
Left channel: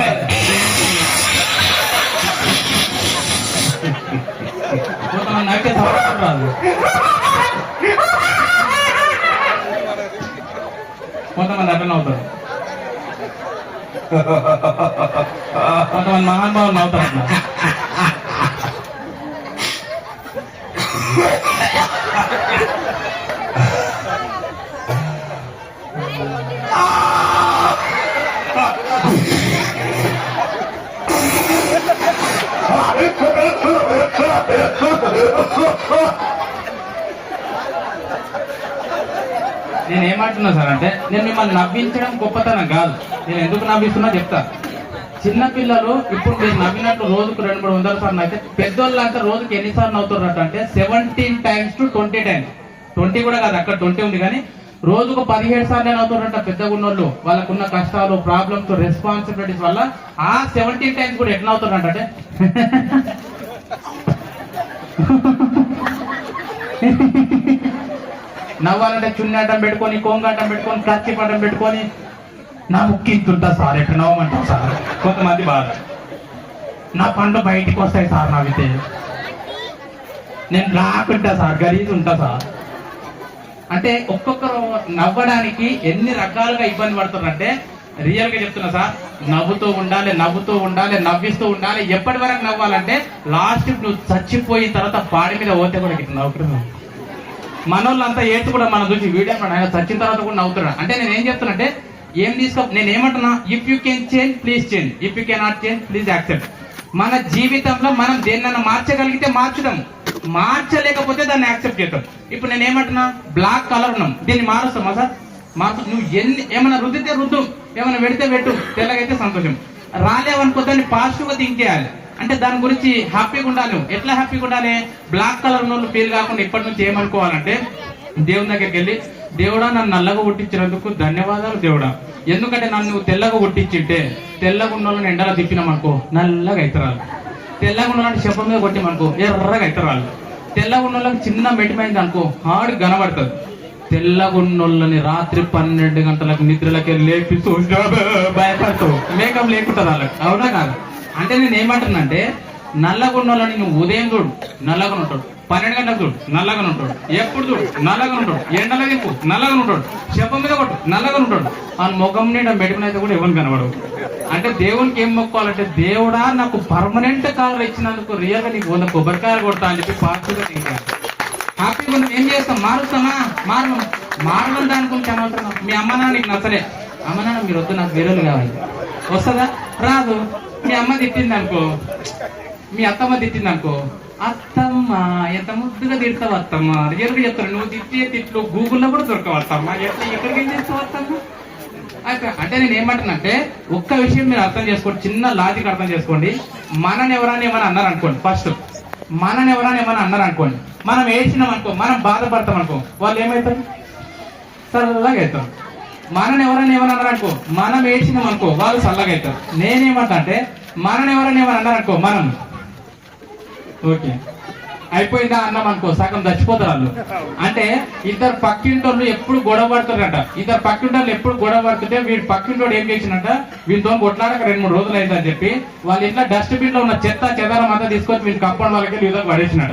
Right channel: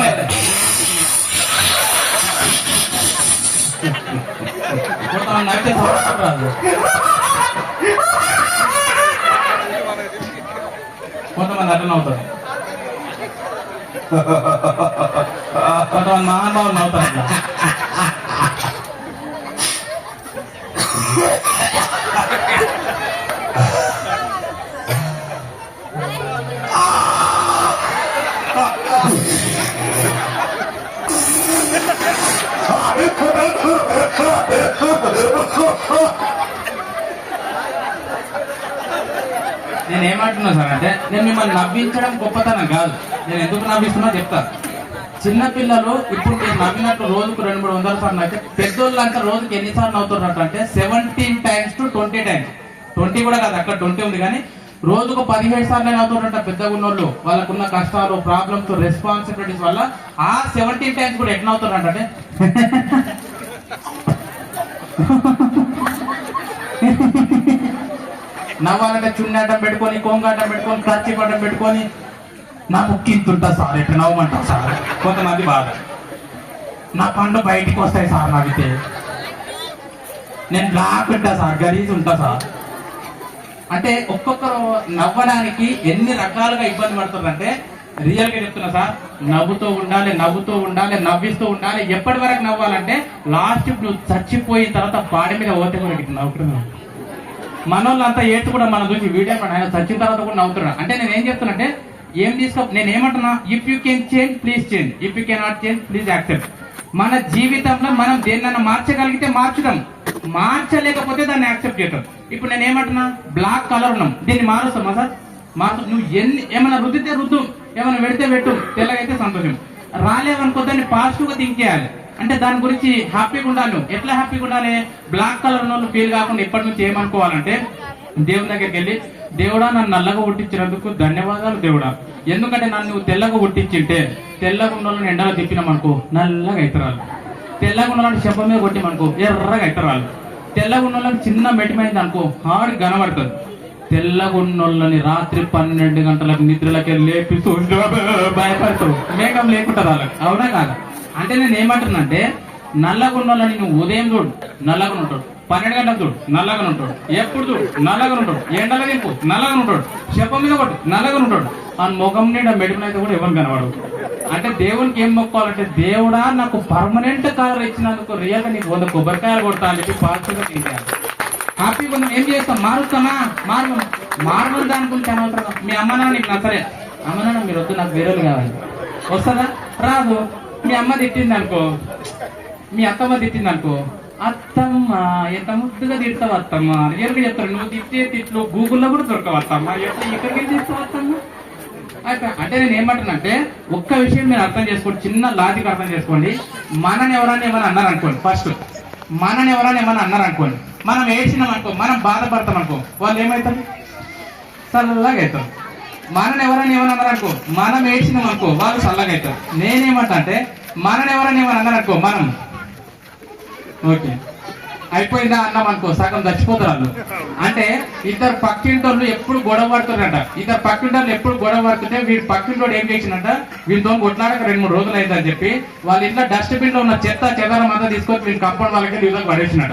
కొంతమంది నవ్వితే చప్పుడు రాదు, కొంతమంది అట్లా నవ్వుతారు, కొంతమంది మహానుభావులు నవ్వుతారు అట్లా. నేను ఏమంటున్నా సార్ అంటే, నేను మిమ్మల్ని నవ్వించడం గొప్పతనం కాదు. నేను ఎందుకు నవ్విస్తున్నా చెప్తా. చిన్నపిల్లలు ఇప్పుడు మీరు నవ్వినట్టు రోజుకు 200-300 సార్లు అయితే, పెద్దోళ్ళు అంటే రోజుకి ఎన్నిసార్లు నవ్వుతున్నట్టు అంటే 17 times to 20 times. 20 కూడా కాదు, అక్కడ 20 ఉంది, కానీ రోజుకు 17 సార్లు నవ్వుతున్నట్ట పెద్దగా ఉన్నోళ్ళు. వాళ్ళకున్న కష్టాలు, ప్రాబ్లమ్స్, రెస్పాన్సిబిలిటీస్ వల్ల ఆ 17 times కూడా ఎట్లా అవుతున్నట్టే నవ్వాలంటే చున్ని అడ్డం పెట్టుకొని, కొంగు అడ్డం పెట్టుకొని, కత్తి అడ్డం పెట్టుకొని, నా ముక్కింతుంటా సార్, ఎక్కడ నవ్వమంటా సార్. కొంతమంది బాధ, నా పండ్లు బయటికి వస్తాయి సార్ నవ్వితే, నేను రాకుంటా సార్, గలీజ్ ఉంటా సార్. అంటే ఒక్కొక్కరు నవ్వడానికి ఎన్ని రకాలుగా ఇబ్బంది పడుతున్నారంటే, రియల్ గా చెప్తున్నా సార్, నవ్వుతూ ఉండాలి, నవ్వుతూ ఉండాలి, నవ్విస్తూ ఉండాలి. ఎప్పటి వరకు నవ్వాలంటే లాస్ట్ నువ్వు చచ్చిపోయిన తర్వాత పాడి మీద పోతే కూడా ఇట్లా నవ్వుతున్నావు. మనోళ్ళంతా ఏడ్చి కూడా మనం చూసి వీడియో ఆయన చచ్చిన తర్వాత కూడా నవ్వుతున్నాడు. అంటే నేను ఏం చెప్తున్నా అంటే, ఏం తీసుకో, నేను ఏమంటున్నా, if you can change please change, if you can not change please accept. మన జీవితంలో మనం దేన్నైనా మార్చగలిగితే మార్చడం, మార్చలేకపోతే దాన్ని యాక్సెప్ట్ చేయటం. ఇప్పుడు నేను ఏమంటున్నా, బ్లాక్ కలర్ ఉన్నాం, దీన్ని మారుస్తామా సార్? మార్చు. నువ్వు ఏమైనా రుద్దితే రుద్దు, ఏమైనా పెడితే పెట్టు, తెల్లగైతే సంతోషం. రాలేవనుకో దాన్ని పాజిటివ్ గా థింక్ చేయాలి. అంటే దాని గురించి హ్యాపీగా ఉండాలి. ఎట్లా హ్యాపీగా ఉండాలి? బ్లాక్ కలర్ ఉన్న వాళ్ళు ఫీల్ కాకుండా ఇప్పటి నుంచి ఏమనుకోవాలంటే, దేవుని దగ్గరికి వెళ్ళి, దేవుడా నన్ను నల్లగా పుట్టించినందుకు ధన్యవాదాలు దేవుడా, ఎందుకంటే నన్ను తెల్లగా పుట్టించింటే, తెల్లగా ఉన్న వాళ్ళని ఎండలో తిప్పినామనుకో నల్లగా అవుతారు, తెల్లగా ఉన్న వాళ్ళని శపం మీద కొట్టిమనుకో ఎర్రగా అవుతారు, తెల్లగా ఉన్న వాళ్ళకి చిన్న మెటిమైంది అనుకో హార్డ్ కనబడుతుంది. తెల్లగా ఉన్నోళ్ళని రాత్రి 12 గంటలకు నిద్రలకి లేపి భయపడుతూ మేకం లేకుంటారు వాళ్ళకి, అవునా కాదు? అంటే నేను ఏమంటున్నా అంటే, నల్లగా ఉన్నోళ్ళని నువ్వు ఉదయం చూడు నల్లగా ఉంటాడు, 12 గంటలకు చూడు నల్లగా ఉంటాడు, ఎప్పుడు చూడు నల్లగా ఉంటాడు, ఎండల వైపు నల్లగా ఉంటాడు, శపం మీద కొట్టు నల్లగా ఉంటాడు, ఆ ముఖం నిండా మెడికనైతే కూడా ఎవరు కనబడవు. అంటే దేవునికి ఏం మొక్కాలంటే, దేవుడా నాకు పర్మనెంట్ కలర్ ఇచ్చినందుకు రియల్ గా నీకు 100 కొబ్బరికాయలు కొడతా అని చెప్పి పాజిటివ్గా తింటాను. హ్యాపీగా మనం ఏం చేస్తాం? మారుస్తామా? మారడం దాని గురించి అనవసరం. మీ అమ్మ నాన్న నీకు నచ్చలే, అమ్మ నాన్న మీరు వద్దు, నాకు వేరేలు కావాలి, వస్తుందా? రాదు. మీ అమ్మ తిట్టింది అనుకో, మీ అత్తమ్మ తిట్టింది అనుకో, అత్తమ్మ ఎంత ముద్దుగా తిడతావు అత్తమ్మ, రియల్గా చెప్తారు. నువ్వు తిట్టే తిట్లు గూగుల్లో కూడా దొరకవు అత్తమ్మ, ఎట్లా ఇక్కడికి తిడతావు అత్తమ్మ. అంటే నేను ఏమంటున్నా అంటే, ఒక్క విషయం మీరు అర్థం చేసుకోండి, చిన్న లాజిక్ అర్థం చేసుకోండి. మనని ఎవరైనా ఏమైనా అన్నారు అనుకోండి, ఫస్ట్ మనని ఎవరైనా ఏమైనా అన్నారు అనుకోండి, మనం ఏడ్చినాం అనుకో, మనం బాధపడతాం అనుకో, వాళ్ళు ఏమవుతారు? చల్లగా అవుతారు. మనని ఎవరైనా ఏమైనా అన్నారు అనుకో, మనం ఏడ్చినాం అనుకో, వాళ్ళు చల్లగా అవుతారు. నేనేమంటా అంటే, మనని ఎవరైనా ఏమైనా అన్నారు అనుకో, మనం ఓకే అయిపోయిందా అన్నాం అనుకో, సగం చచ్చిపోతారు వాళ్ళు. అంటే ఇద్దరు పక్కింటోళ్ళు ఎప్పుడు గొడవ పడుతుందంట, ఇద్దరు పక్కింటోళ్ళు ఎప్పుడు గొడవ పడుతుంటే, వీడు పక్కింటోడు ఏం చేసిందంట, వీళ్ళతో కొట్లాడక 2-3 రోజులు అయిందని చెప్పి వాళ్ళ ఇంట్లో డస్ట్బిన్ లో ఉన్న చెత్త చెదారం అంతా తీసుకొని వీళ్ళు కంపౌండ్ వాళ్ళకి విధంగా పడేసినట.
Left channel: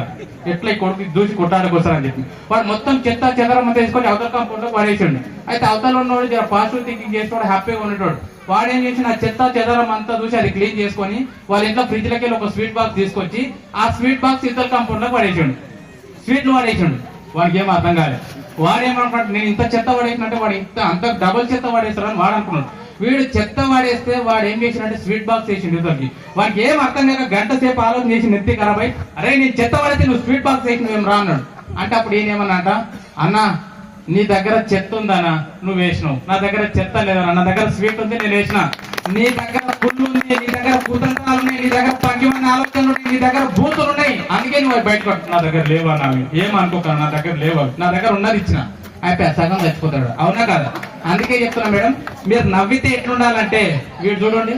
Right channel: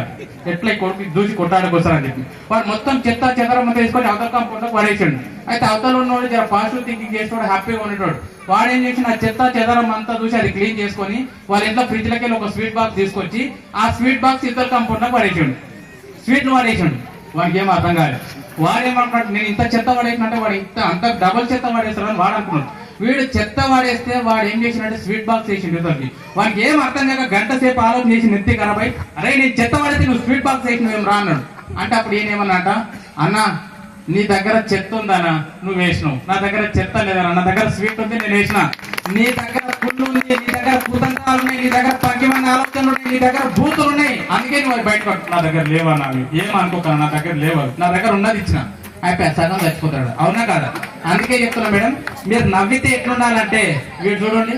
ఎట్లా కొడుకు దూసి కొట్టాడకొస్తారని చెప్పి వాడు మొత్తం చెత్త చెదారం అంతా తీసుకొని అవతల కంపౌండ్ లో పడేసాడు. అయితే అవతల ఉన్నవాడు జర పాజిటివ్ థింకింగ్ చేసుకోవడం, హ్యాపీగా ఉండేటోడు. వాడు ఏం చేసిన, ఆ చెత్త చెదరం అంతా చూసి అది క్లీన్ చేసుకొని వాళ్ళ ఇంట్లో ఫ్రిడ్జ్ లకి ఒక స్వీట్ బాక్స్ తీసుకొచ్చి ఆ స్వీట్ బాక్స్ ఇద్దరు కంపౌండ్ లో పడేసాడు, స్వీట్లు పడేసాడు. వాడికి ఏం అర్థం కాలేదు. వాడు ఏమనుకున్నాడు, నేను ఇంత చెత్త పడేసినట్టే వాడు ఇంత అంత డబుల్ చెత్త పడేస్తాడని వాడు అనుకున్నాడు. వీడు చెత్త వాడేస్తే వాడు ఏం చేసినట్టే స్వీట్ బాక్స్ వేసిండు ఇద్దరికి. వాడికి ఏం అర్థం కాక గంట సేపు ఆలోచన చేసి నెత్తి ఖరాబ్ అయి, అరే నేను చెత్త పడితే నువ్వు స్వీట్ బాక్స్ వేసిన ఏం రా అన్నాడు. అంటే అప్పుడు ఏమన్నాట, అన్నా నీ దగ్గర చెత్త ఉందనా, నువ్వు వేసినావు, నా దగ్గర చెత్త లేదన్నా, నా దగ్గర స్వీట్ ఉంది నేను వేసిన, నీ దగ్గర పుల్లు ఉంది, నీ దగ్గర కూతంకాలు ఉన్నాయి, నీ దగ్గర పగ్గిమన్న ఆలోచనలు ఉన్నాయి, నీ దగ్గర బూతులు ఉన్నాయి, అందుకే నువ్వు బయటకు నా దగ్గర లేవా నావి ఏమనుకోక నా దగ్గర లేవా, నా దగ్గర ఉన్నది ఇచ్చిన అయిపోయా సగం చచ్చిపోతాడు, అవునా కాదా? అందుకే చెప్తున్నా మేడం, మీరు నవ్వితే ఎట్లుండాలంటే వీడు చూడండి,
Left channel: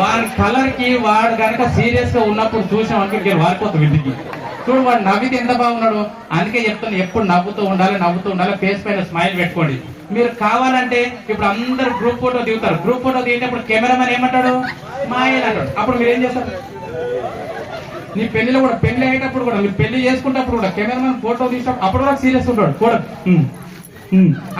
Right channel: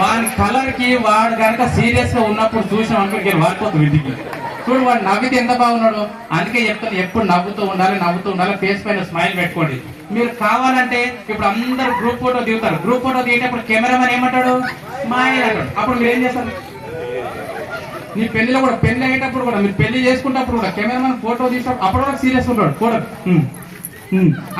వాడి కలర్ కి వాడు కనుక సీరియస్ గా ఉన్నప్పుడు చూసిన అనుకుంటే వాడిపోతుంది విధికి. చూడు వాడు నవ్వితే ఎంత బాగున్నాడు. అందుకే చెప్తాను ఎప్పుడు నవ్వుతూ ఉండాలి, ఫేస్ పైన స్మైల్ పెట్టుకోండి. మీరు కావాలంటే ఇప్పుడు అందరు గ్రూప్ ఫోటో దిగుతారు, గ్రూప్ ఫోటో దిగేటప్పుడు కెమెరామెన్ ఏమంటాడు, స్మైల్ అంటాడు. అప్పుడు మీరు ఏం చేస్తారు? నీ పెళ్లిలో కూడా, పెళ్లి అయ్యేటప్పుడు కూడా, మీరు పెళ్లి చేసుకున్నప్పుడు కూడా కెమెరామెన్ ఫోటో తీసినప్పుడు అప్పుడు కూడా సీరియస్ ఉంటాడు కూడా.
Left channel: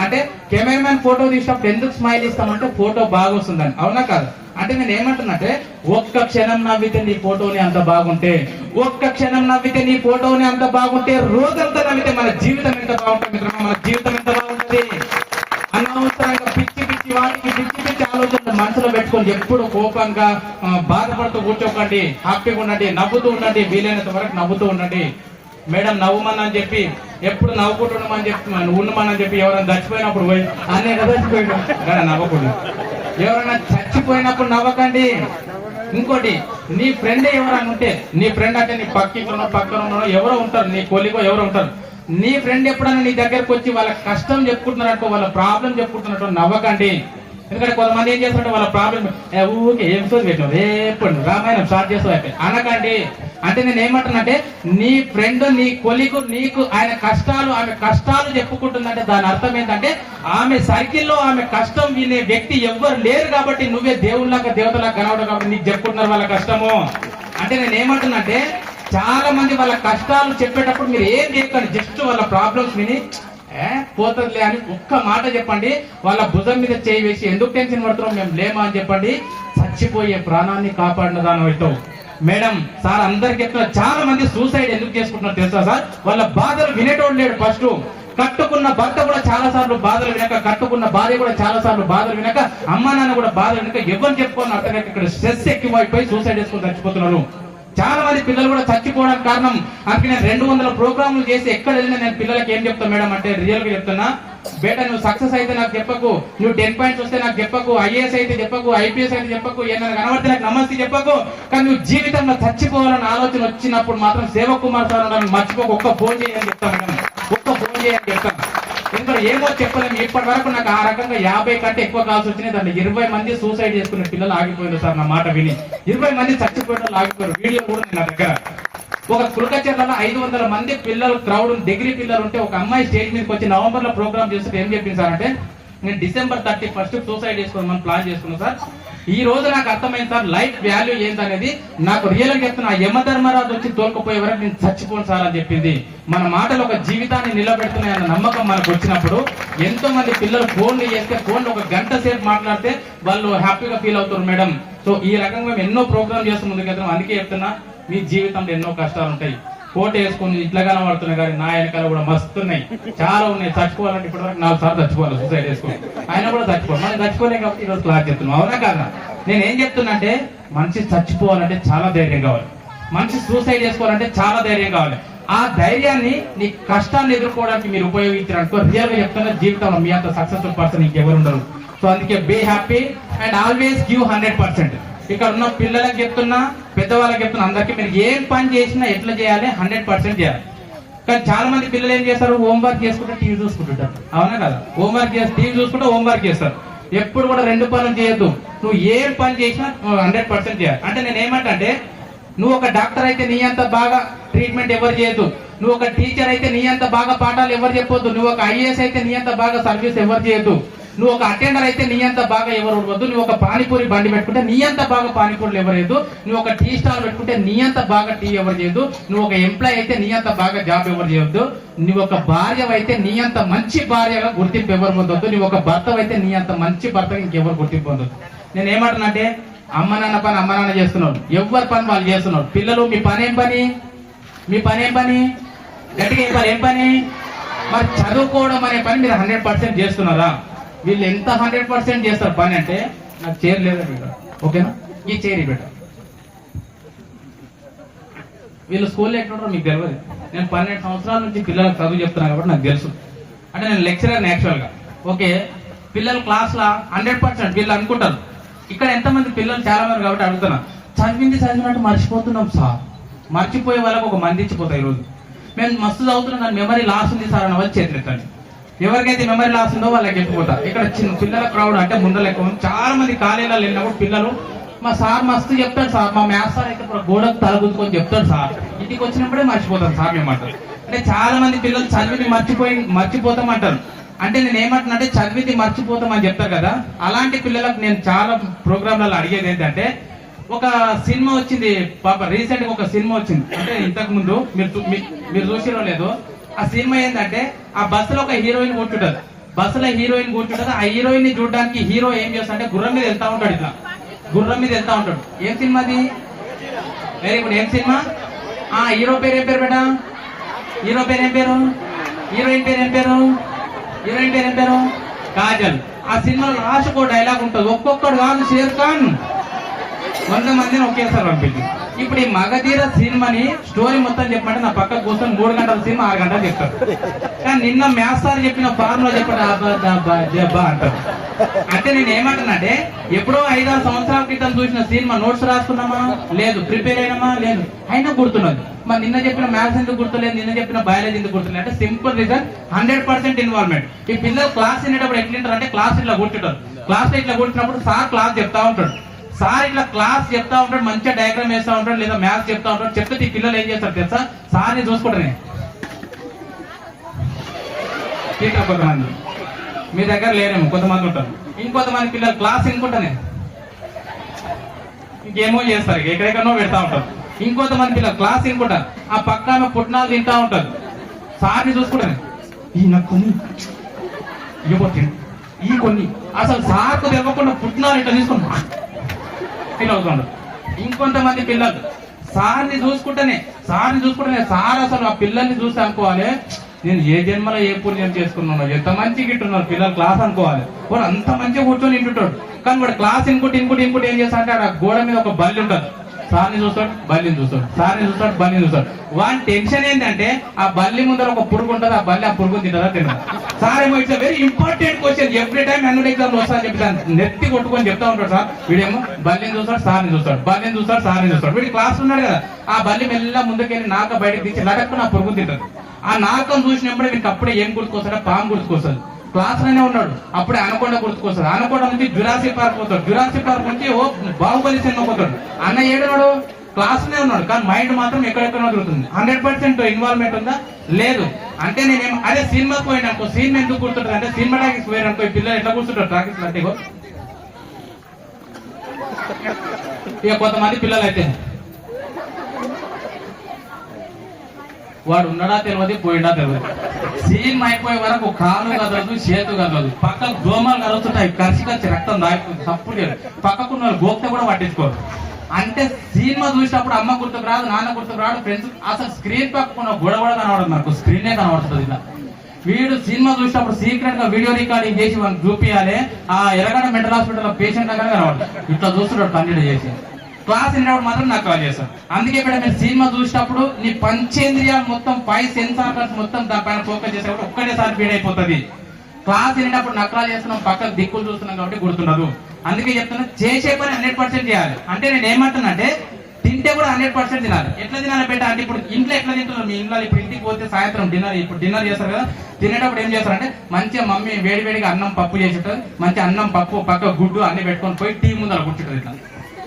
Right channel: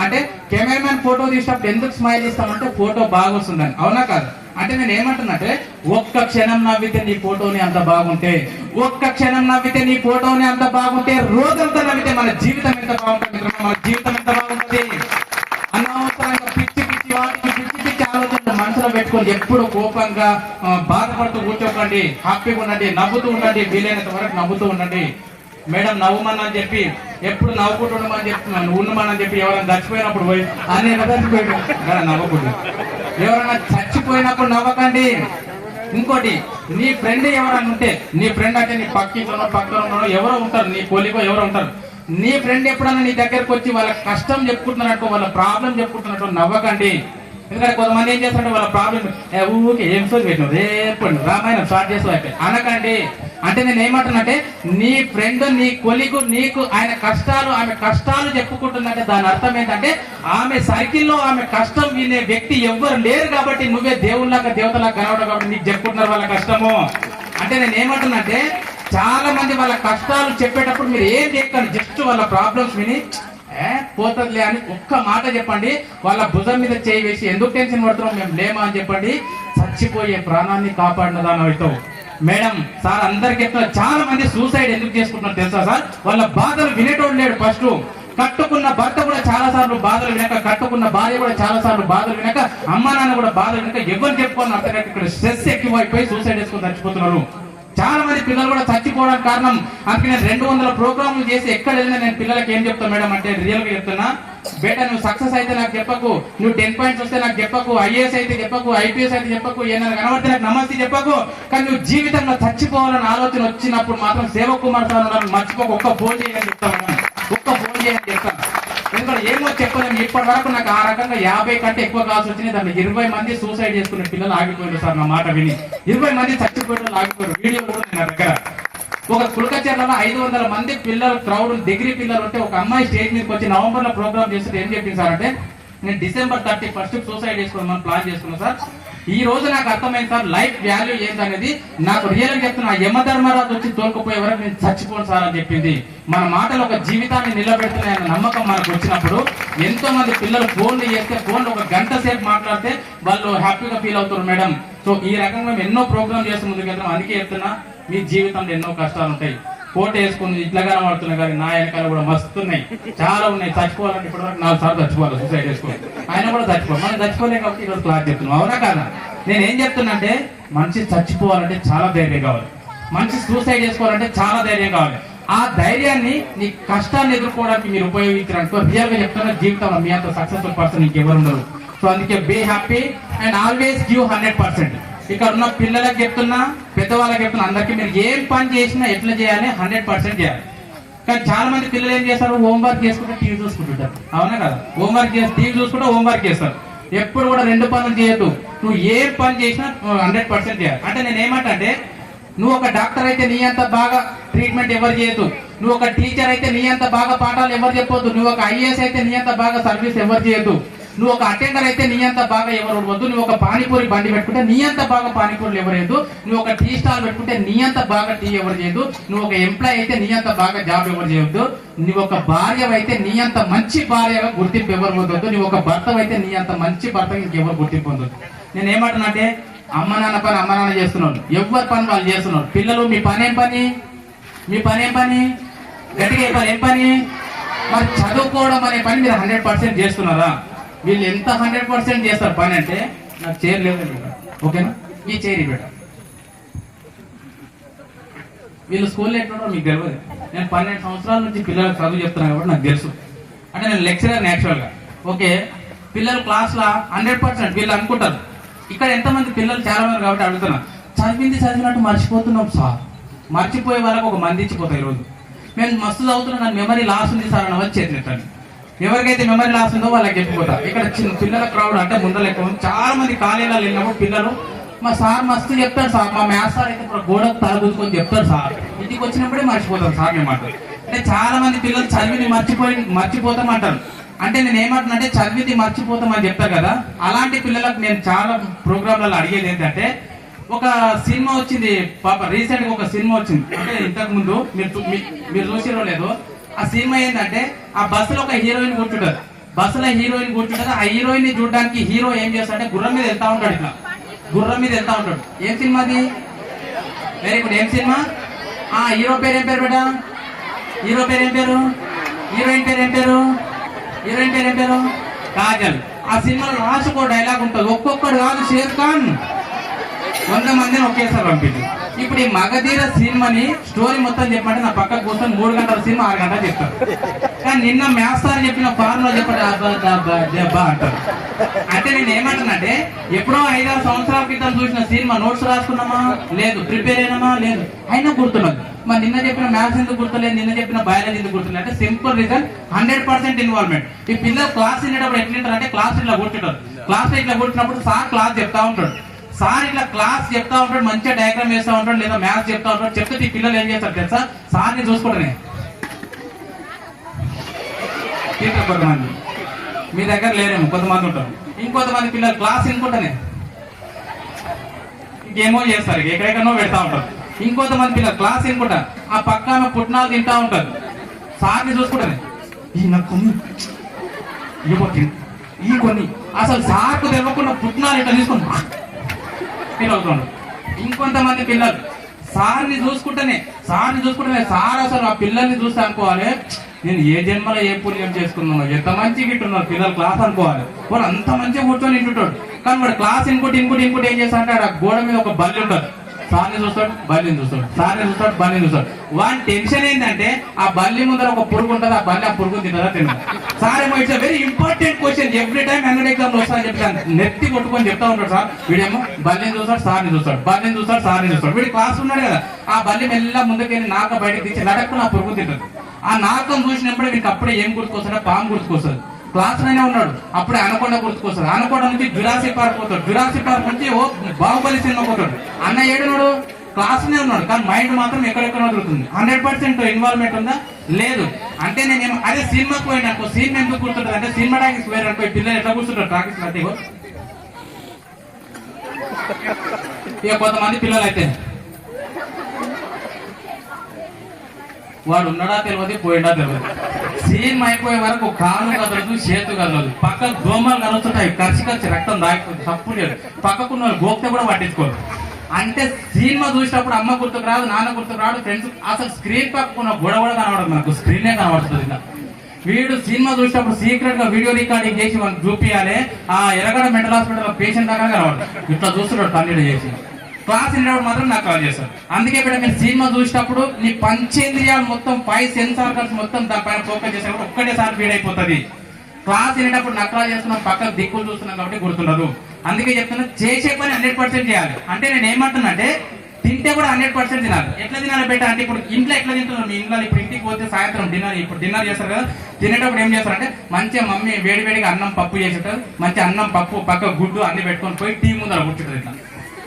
అంటే కెమెరామెన్ ఫోటో తీసినప్పుడు ఎందుకు స్మైల్ ఇస్తామంటే ఫోటో బాగా వస్తుందని, అవునా కాదు? అంటే నేను ఏమంటున్నట్టే ఒక్క క్షణం నవ్వితే నీ ఫోటోని అంత బాగుంటే, ఒక్క క్షణం నవ్వితే నీ ఫోటోని అంత బాగుంటే రోజంతా నవ్వితే మన జీవితం ఎంత బాగుంటుంది, మన జీవితం ఎంత బాగుంటుంది. అనవసరంగా పిచ్చి ఆలోచనలు మనసులో పెట్టుకొని ఎప్పుడు కోపంగా బాధపడుతూ కూర్చోకండి, హ్యాపీగా ఉండండి, నవ్వుతూ ఉండండి, వీలైనంత వరకు నవ్వుతూ ఉండండి. మేడం నవ్వమని చెప్పి ఎప్పుడు నవ్వుకుంటూ ఉండమని చెప్తున్నాను, ఉండమని చెప్పి ఎవరైనా చచ్చిపోయినప్పుడు పోయి అనేక చచ్చిపోయినా నవ్వకూడదు, ఎవరైనా చచ్చిపోయినప్పుడు నవ్వకండి. ఇంకోటి, నీ ఫ్రెండ్ ఎవరైనా ఉంటే, నీ ఫ్రెండ్ అంటే నీ పక్కన ఎవరో ఉంటారు, నీ కొలిగో ఎవరో ఉంటారు, నీ ఫ్రెండ్ ఎప్పుడైనా నీ దగ్గరకు వచ్చి వాళ్ళ కష్టం చెప్పుకుంటున్నట్టు, వాళ్ళ ప్రాబ్లం చెప్పుకుంటున్నట్టు నవ్వకండి. ఎందుకంటే కొంతమంది ఏం చేస్తారంటే వాళ్ళ ప్రాబ్లం ఊకే ఏం సోది పెట్టినావు, రేపు రామాయణం స్టార్ట్ చేస్తావు అనకండి. అంటే నేను ఏమంటున్నానంటే నీ ఫ్రెండ్, నీ కొలిగు నీకు ఆయన కష్టాలు, ఆమె కష్టాలు చెప్పుకుంటుందంటే దాని అర్థం ఏంటంటే ఆమె సర్కిల్లో ఆమె కష్టం వినే వ్యక్తి ఎవ్వరు లేరు కాబట్టి నువ్వే దేవుళ్ళగా దేవతలాగా కనవడం కాబట్టి నీకు చెప్పుకుంటున్నారు వాళ్ళ కష్టము. అంటే నేను ఏమంటున్నానంటే చాలా మంది వాళ్ళ కష్టాలు చెప్పేటప్పుడు మీరు ఏం చేయకండి, జస్ట్ వాళ్ళ ప్రాబ్లమ్స్ విని పోతుందిలే అని ఒక్క మాట చెప్పండి. వాళ్ళ భుజం మీద చేయి వేసి ఎందుకు టెన్షన్ పడుతున్నాం మేము లేమో అని చెప్పండి. చచ్చిపోయే ప్రాణాన్ని కాపాడినదాని అవుతావు. మేడం సార్ అందరికి చెప్తున్నా, చాలా మంది సూసైడ్ ఎందుకు చేసుకుంటున్నారు తెలుసా సార్? వాళ్ళ బాధలు వినేటోడు లేడు. ఫస్ట్ కట్టుకున్న భర్త కూడా చాలా సార్లు బాధలు వినక, కట్టుకున్న భార్య కూడా చాలా సార్లు బాధలు వినక, అమ్మ నాన్న కూడా బాధలు వినక, ఎవరు చెప్పుకోని అర్థం ఇక్కడ స్ట్రెస్ ఎక్కువైపోయి సూసైడ్ చేసుకుని చచ్చిపోతున్నారు. చాలా మంది పిల్లలు కూడా చచ్చిపోవడానికి కారణం. అందుకే నేను 200 ప్రోగ్రాములు చేసి ఎక్కడ వెళ్ళినా నేను పిల్లలకి ఏం చెప్తా మేడం అంటే రియల్ గా చెప్తున్నా, బేటా నువ్వు సక్సెస్ అయితే నాకు చెప్పకు, నువ్వు 10 పాయింట్స్ వస్తే నాకు చెప్పకు, ఐఏఎస్ అయితే చెప్పకు, ఐపీఎస్ అయితే చెప్పకు, ఏమైనా కనబడితే నాకు నమస్తే చెప్పకు, కానీ నువ్వు జీవితంలో చచ్చిపోవాలని ఆలోచన వచ్చినప్పుడు మాత్రం సేవకుమార్ సార్ మర్చిపోక ఒక్క ఫోన్ చేయని చెప్తాను, ఒక్క ఫోన్ చేయని చెప్తాను. ఎందుకంటే ఏమో చెప్పలేము, ఇప్పటి వరకు నాకు ఆ రకంగా 50 కంటే ఎక్కువ కాల్సి వచ్చినాయి. దాంట్లో 20 మంది సూసైడ్ చేసుకునే పిల్లలు ఆగిపోయారు సార్. నా మాట విని 20 మంది చచ్చిపోవడం ఆగిపోయారు. వీడియో కూడా నా దగ్గర. ఒక కులకచర్లలో 500 మంది పిల్లలు క్రౌడ్, డిగ్రీ పిల్లలు ఉంటే ఒక అమ్మాయి స్టేజ్ మీదకి వచ్చి నవంబర్ లో ప్రోగ్రామ్ చేస్తుంటే ఏం చెప్పింది సార్ అంటే, నేను December 31 సూసైడ్ చేసుకోమని ప్లాన్ చేసుకున్నాను సార్. ఈ రోజు నాకు అర్థమైంది సార్ లైఫ్ వాల్యూ ఏంటనేది. నాకు రియల్ గా చెప్తున్నా, యమధర్మరాజు వచ్చి తోలుకుపోయే వరకు నేను చచ్చిపోను సార్ అని చెప్పింది. మన మాటలు ఒక జీవితాన్ని నిలబెడుతున్నాయన్న నమ్మకం మనకు వచ్చినప్పుడు, ఎంతో మంది పిల్లలు ఫోన్లు చేస్తే ఫోన్లు ఒక గంట సేపు మాట్లాడితే వాళ్ళు హ్యాపీగా ఫీల్ అవుతారు మేడం. సో ఈ రకంగా ఎన్నో ప్రోగ్రామ్ చేస్తూ ముందుకు వెళ్తున్నాం. అందుకే చెప్తున్నా, మీ జీవితంలో ఎన్నో కష్టాలు ఉంటాయి. కోట వేసుకుని ఇట్లాగానే పడుతున్నాయి, కానీ నా వెనకాల కూడా మస్తున్నాయి, చాలా ఉన్నాయి. చచ్చిపోవాలంటే ఇప్పుడు వరకు 4 సార్లు చచ్చిపోవాలి సూసైడ్ చేసుకుని, ఆయన కూడా చచ్చిపోవాలి. మనం చచ్చిపోలేం కాబట్టి ఈరోజు క్లాస్ చెప్తున్నాం, అవునా కాదా? నేను ఏం చెప్తున్నా అంటే, మనిషి చచ్చిపోవాలంటే చాలా ధైర్యం కావాలి, మనిషి సూసైడ్ చేసుకోవాలంటే చాలా ధైర్యం కావాలి. ఆ ధైర్యాన్ని నీ కష్టాన్ని ఎదుర్కోవడానికి మీరు ఉపయోగించారనుకో, రియల్ గా చెప్తున్నా జీవితంలో మీ అంత సక్సెస్ఫుల్ పర్సన్ ఇంకెవరు ఉండరు. సో అందుకే be happy and always give 100%. ఇక్కడ ఉన్న పిల్లలకు చెప్తున్నా, పెద్దవాళ్ళకి చెప్తున్నా, అందరికీ మీరు ఏం పని చేసినా ఎట్లా చేయాలి, 100% చేయాలి. కానీ చాలా మంది పిల్లలు ఏం చేస్తారు, హోంవర్క్ చేసుకుంటే టీవీ చూసుకుంటుంటారు, అవునా కదా? హోంవర్క్ చేసి టీవీ చూసుకుంటే హోంవర్క్ చేస్తారు. ఎప్పుడు కూడా 2 పనులు చేయొద్దు. నువ్వు ఏ పని చేసినా 100% చేయాలి. అంటే నేను ఏమంటే, నువ్వు ఒక డాక్టర్ అయితే నీ అంత బాగా ట్రీట్మెంట్ ఎవరు చేయొద్దు, నువ్వు ఒక టీచర్ అయితే నీ అంత బాగా పాఠాలు ఎవరు చెప్పొద్దు, నువ్వు ఒక ఐఏఎస్ అయితే నీ అంత బాగా సర్వీస్ ఎవరు చేయొద్దు, నువ్వు ఒక అటెండర్ అయితే నీ అంత బాగా ఎవరు వద్దు, నువ్వు ఒక పానీపూరి బండి పెట్టుకుంటే నీ అంత బాగా పానీపూరులు ఎవరు చేయొద్దు, నువ్వు ఒక టీ స్టాల్ పెట్టుకుంటే నీ అంత బాగా టీ ఎవరు చేయొద్దు, నువ్వు ఒక ఎంప్లాయ్ అయితే నీ అంత బాగా జాబ్ ఎవరు చేయొద్దు, నువ్వు ఒక భార్య అయితే నీ అంత మంచి భార్యగా గుర్తింపు ఎవరు పొందొద్దు, నువ్వు ఒక భర్త అయితే నీ అంత మంచి భర్తగా ఇంకెవరు గుర్తింపు పొందొద్దు. నేను ఏమంటున్నానంటే, అమ్మ నాన్న పని అమ్మ నాన్న చేస్తున్నాడు, ఎవరి పని వాళ్ళు చేస్తున్నారు. పిల్లలు మీ పని ఏం పని, మీ పని ఏం పని, గట్టిగా చెప్పాలి ఏం పని, మరి చదువుకోవడం అనే పని మీరు 100% చేస్తున్నారా? వీళ్ళు ఎంత 100% చేస్తారు పని అంటే, నాకు చైర్ లేదండి ఇక, ఓకేనా, ఈ చైర్ పెట్ట. వీళ్ళు స్కూల్లో ఎట్లుంటారో మీకు తెలియదు. నేను 12 సంవత్సరాల నుంచి పిల్లలకు చదువు చెప్తున్నాను కాబట్టి నాకు తెలుసు. అంటే నేను లెక్చరర్ యాక్చువల్గా. ఓకే, పిల్లలు క్లాస్ లో 100% వీళ్ళు అనుకుంటారు. ఇక్కడ ఎంతమంది పిల్లలు చాలా మంది కాబట్టి అడుగుతున్నా, చదివింది చదివినట్టు మర్చిపోతున్నాం సార్. మర్చిపోయే వాళ్ళకి ఒక మంది ఇచ్చిపోతాయి ఈరోజు. మేము మస్తు చదువుతున్నాం కానీ మెమరీ లాస్ ఉంది సార్ అని వాళ్ళు చేతులెత్తండి. ఎవరికైతే మెమరీ లాస్ ఉందో వాళ్ళకి చెప్పిపోతా. ఇక్కడ చిన్న పిల్లల క్రౌడ్ అంటే ముందర ఎక్కువ చాలా మంది కాలేజీలో వెళ్ళినప్పుడు పిల్లలు మా సార్ మస్తు చెప్తాడు సార్, మా మ్యాథ్స్ సార్ అయితే ఇప్పుడు గోడకు తలదూసుకొని చెప్తాడు సార్, ఇంటికి వచ్చినప్పుడే మర్చిపోతాం సార్ మేము అంటారు. అంటే చాలా మంది పిల్లలు చదివిని మర్చిపోతాం అంటారు. అంటే నేను ఏమంటున్నా చదివింది మర్చిపోతాం అని చెప్తారు కదా, అలాంటి పిల్లలకు నేను చాలా ప్రోగ్రాంలలో అడిగేది ఏంటంటే, ఒక సినిమా వచ్చింది పాప రీసెంట్ గా ఒక సినిమా వచ్చింది, అంటే ఇంతకు ముందు మీరు చూసిరో లేదో. ఆ సినిమా ఏంటంటే ఆ బస్సులో ఒక హీరోయిన్ కూర్చుంటారు, బస్సులో హీరోయిన్ కూర్చుంటారు. ఆ హీరోయిన్ ని చూడడానికి హీరో ఏం చేస్తాడంటే గుర్రం మీద వెళ్తా ఉంటాడు, ఇట్లా గుర్రం మీద వెళ్తా ఉంటాడు. ఏం సినిమా అది? Very good. ఏం సినిమా? హీరో పేరు ఏం పేరు బేటా? హీరో పేరు ఏం పేరు? హీరోయిన్ పేరు ఏం పేరు? హీరోయిన్ పేరు ఏం పేరు? కాజల్. ఆ సినిమాలో లాస్ట్ ఒక డైలాగ్ ఉంటుంది, ఒక్కొక్కడు కాదు షేర్ ఖాన్ 100 మందిని ఒకేసారి పంపించు. ఇప్పుడు ఈ మగధీర సినిమాని స్టోరీ మొత్తం చెప్పంటే నా పక్కకు కోసం 3 గంటల సినిమా 6 గంటలు చెప్తారు. కానీ నిన్న మ్యాథ్స్ సార్ చెప్పిన ఫార్ములా చెప్పండి అంటారు. అంటే నేను ఏమంటానంటే, ఎప్పుడో 5-6 సంవత్సరాల క్రితం చూసిన సినిమా నోట్స్ రాసుకున్నామా లేదు, ప్రిపేర్ అయినామా లేదు, అయినా గుర్తున్నది. మరి నిన్న చెప్పిన మ్యాథ్స్ ఎందుకు గుర్తులేదు, నిన్న చెప్పిన బయాలజీ ఎందుకు గుర్తులేదు అంటే సింపుల్ రీజన్, 100% ఇన్వాల్వ్మెంట్. ఈ పిల్లలు క్లాస్ వినేటప్పుడు ఎట్లుంటారు అంటే, క్లాస్ ఇట్లా కూర్చుంటారు. క్లాస్ లో ఇట్లా కూర్చున్నప్పుడు సార్ క్లాస్ చెప్తా ఉంటాడు, సార్ ఇట్లా క్లాస్ చెప్తా ఉంటాడు, మంచిగా డయాగ్రామ్ వేస్తా ఉంటాడు, లేదా మ్యాథ్స్ చెప్తా ఉంటాడు. చెప్తే ఈ పిల్లలు ఏం చేస్తారు తెలుసా, సార్ని చూసుకోవడమే. కొంతమంది మీ దగ్గర లేరేమో, కొంతమంది ఉంటారు. ఇంకొంతమంది పిల్లలు క్లాస్ వినుకుంటానే ఇంకేమో చేస్తారు, ఎక్కడెక్కడో పెడతా ఉంటారు. ఇంకొంతమంది పిల్లలు క్లాస్ వినుకుంటా ఆ పక్కన పుట్నాలు తింటా ఉంటారు. సార్ని చూసుకోవడమే, ఈ నాకు కొన్ని ఈ కొన్ని అసలు సార్కు తెలియకుండా పుట్నాలు ఇట్లా తీసుకుంటా ఫీల్ అవుతాడు. ఇంకొంతమంది పిల్లలు సార్ని చూసుకుంటేనే సార్ అసలు ఆ పిల్లల్ని చూస్తే అనుకోవాలి, నేను ఏ జన్మలో ఏ పుణ్యం చేసుకున్నాను, ఎంత మంచి గిట్టున్నారు పిల్లలు క్లాస్ అనుకోవాలి. వాడు అంత మంచిగా కూర్చొని ఇంటుంటాడు. కానీ వాడు క్లాస్ ఇంకోటి ఏం చేస్తాడంటే, ఆ గోడ మీద ఒక బల్లి ఉంటుంది, సార్ని చూస్తాడు బల్లిని చూస్తాడు, సార్ని చూస్తాడు బల్లిని చూస్తాడు. వాని టెన్షన్ ఏంటంటే, ఆ బల్లి ముందర ఒక పురుగు ఉంటుంది, ఆ బల్లి ఆ పురుగు తింటారా తిన్నాడు. సార్ ఏమో it's very important question, every time అన్ని ఎగ్జామ్ వస్తా అని చెప్పి నెత్తి కొట్టుకొని చెప్తా ఉంటాడు సార్. వీడేమో బల్లిని చూస్తాడు, సార్ని చూస్తాడు, బల్లిని చూస్తాడు, సార్ని చూస్తాడు. వీడి క్లాస్ ఉన్నాడు కదా, ఆ బల్లి మెల్ల ముందుకెళ్ళి నాక బయటకు తీసి నడక్కుని ఆ పురుగు తింటాడు. ఆ నాకం చూసినప్పుడే వీడికి అప్పుడే ఏం గుర్తుకొస్తాడో, పాము గుర్తుకొస్తాడు. క్లాస్ లోనే ఉన్నాడు, అప్పుడే అనకొండ గుర్తుకొస్తాడు. అనకొండ నుంచి జురాసిక్ పార్క్ పోతాడు, జురాసిక్ పార్క్ నుంచి బాహుబలి సినిమా పోతాడు. అన్న ఏడున్నాడు, క్లాస్ లోనే ఉన్నాడు, కానీ మైండ్ మాత్రం ఎక్కడెక్కడ తిరుగుతుంది. 100% ఇన్వాల్వ్మెంట్ ఉందా? లేదు. అంటే నేను అదే సినిమాకి పోయినా అనుకో, సినిమా ఎందుకు గుర్తుంటుంది అంటే, సినిమా టాకీస్ పోయిన అనుకో, పిల్లలు ఎట్లా కూర్చుంటారు టాకీస్ అంటే, ఇక కొంతమంది పిల్లలు అయితే వాడు ఉన్నాడా తెలియదు, పోయిందా తెలియదు. సినిమా అయిపోయే వరకు కాళ్ళు కదలదు, చేతు కదలదు, పక్కన దోమలు కలుగుతుంటాయి, కరిచి రక్తం దాగిపోతుంది, తప్పుడు లేదు. పక్కకున్న గోప్తే కూడా పట్టించుకోరు. అంటే సినిమా చూసినప్పుడు అమ్మ గుర్తుకు రాదు, నాన్న గుర్తుకు రాదు, ఫ్రెండ్స్ అసలు స్క్రీన్ పక్కకున్న గొడవ కూడా కనబడదు, నాకు స్క్రీనే కనబడుతుంది. ఇలా వీడు సినిమా చూసినప్పుడు సీక్రెట్ గా వీడియో రికార్డింగ్ చేసి మనకు చూపించాలి. ఆ ఎరగడ మెంటల్ హాస్పిటల్ పేషెంట్ దగ్గర కనబడదు, ఇట్లా చూస్తున్నాడు కన్నీళ్ళు చేసి. క్లాస్ వినేటప్పుడు మాత్రం నాకు కాల్ చేస్తాం. అందుకే ఇక్కడ మీరు సినిమా చూసినప్పుడు నీ పంచేంద్రియాలు మొత్తం 5 సెన్సార్స్ మొత్తం దానిపైన ఫోకస్ చేసేటప్పుడు ఒక్కటేసారి ఫీడ్ అయిపోతుంది. క్లాస్ వినేటప్పుడు నక్లా చేస్తున్నాం, పక్కన దిక్కులు చూస్తున్నాం కాబట్టి గుర్తుండదు. అందుకే చెప్తున్నా, చేసే పని 100% చేయాలి. అంటే నేను ఏమంటున్నా అంటే, తింటే కూడా 100% తినాలి. ఎట్లా తినాలి బయట అంటే, ఇప్పుడు ఇంట్లో ఎట్లా తింటున్నారు మీ ఇంట్లో? ఇప్పుడు ఇంటికి పోతే సాయంత్రం డిన్నర్ చేస్తారు కదా, తినేటప్పుడు ఏం చేస్తారంటే, మంచిగా మమ్మీ వేడివేడిగా అన్నం పప్పు చేసి ఉంటారు, మంచి అన్నం పప్పు పక్క గుడ్డు అన్ని పెట్టుకొని పోయి టీవీ ముందర కూర్చుంటారు. ఇట్లా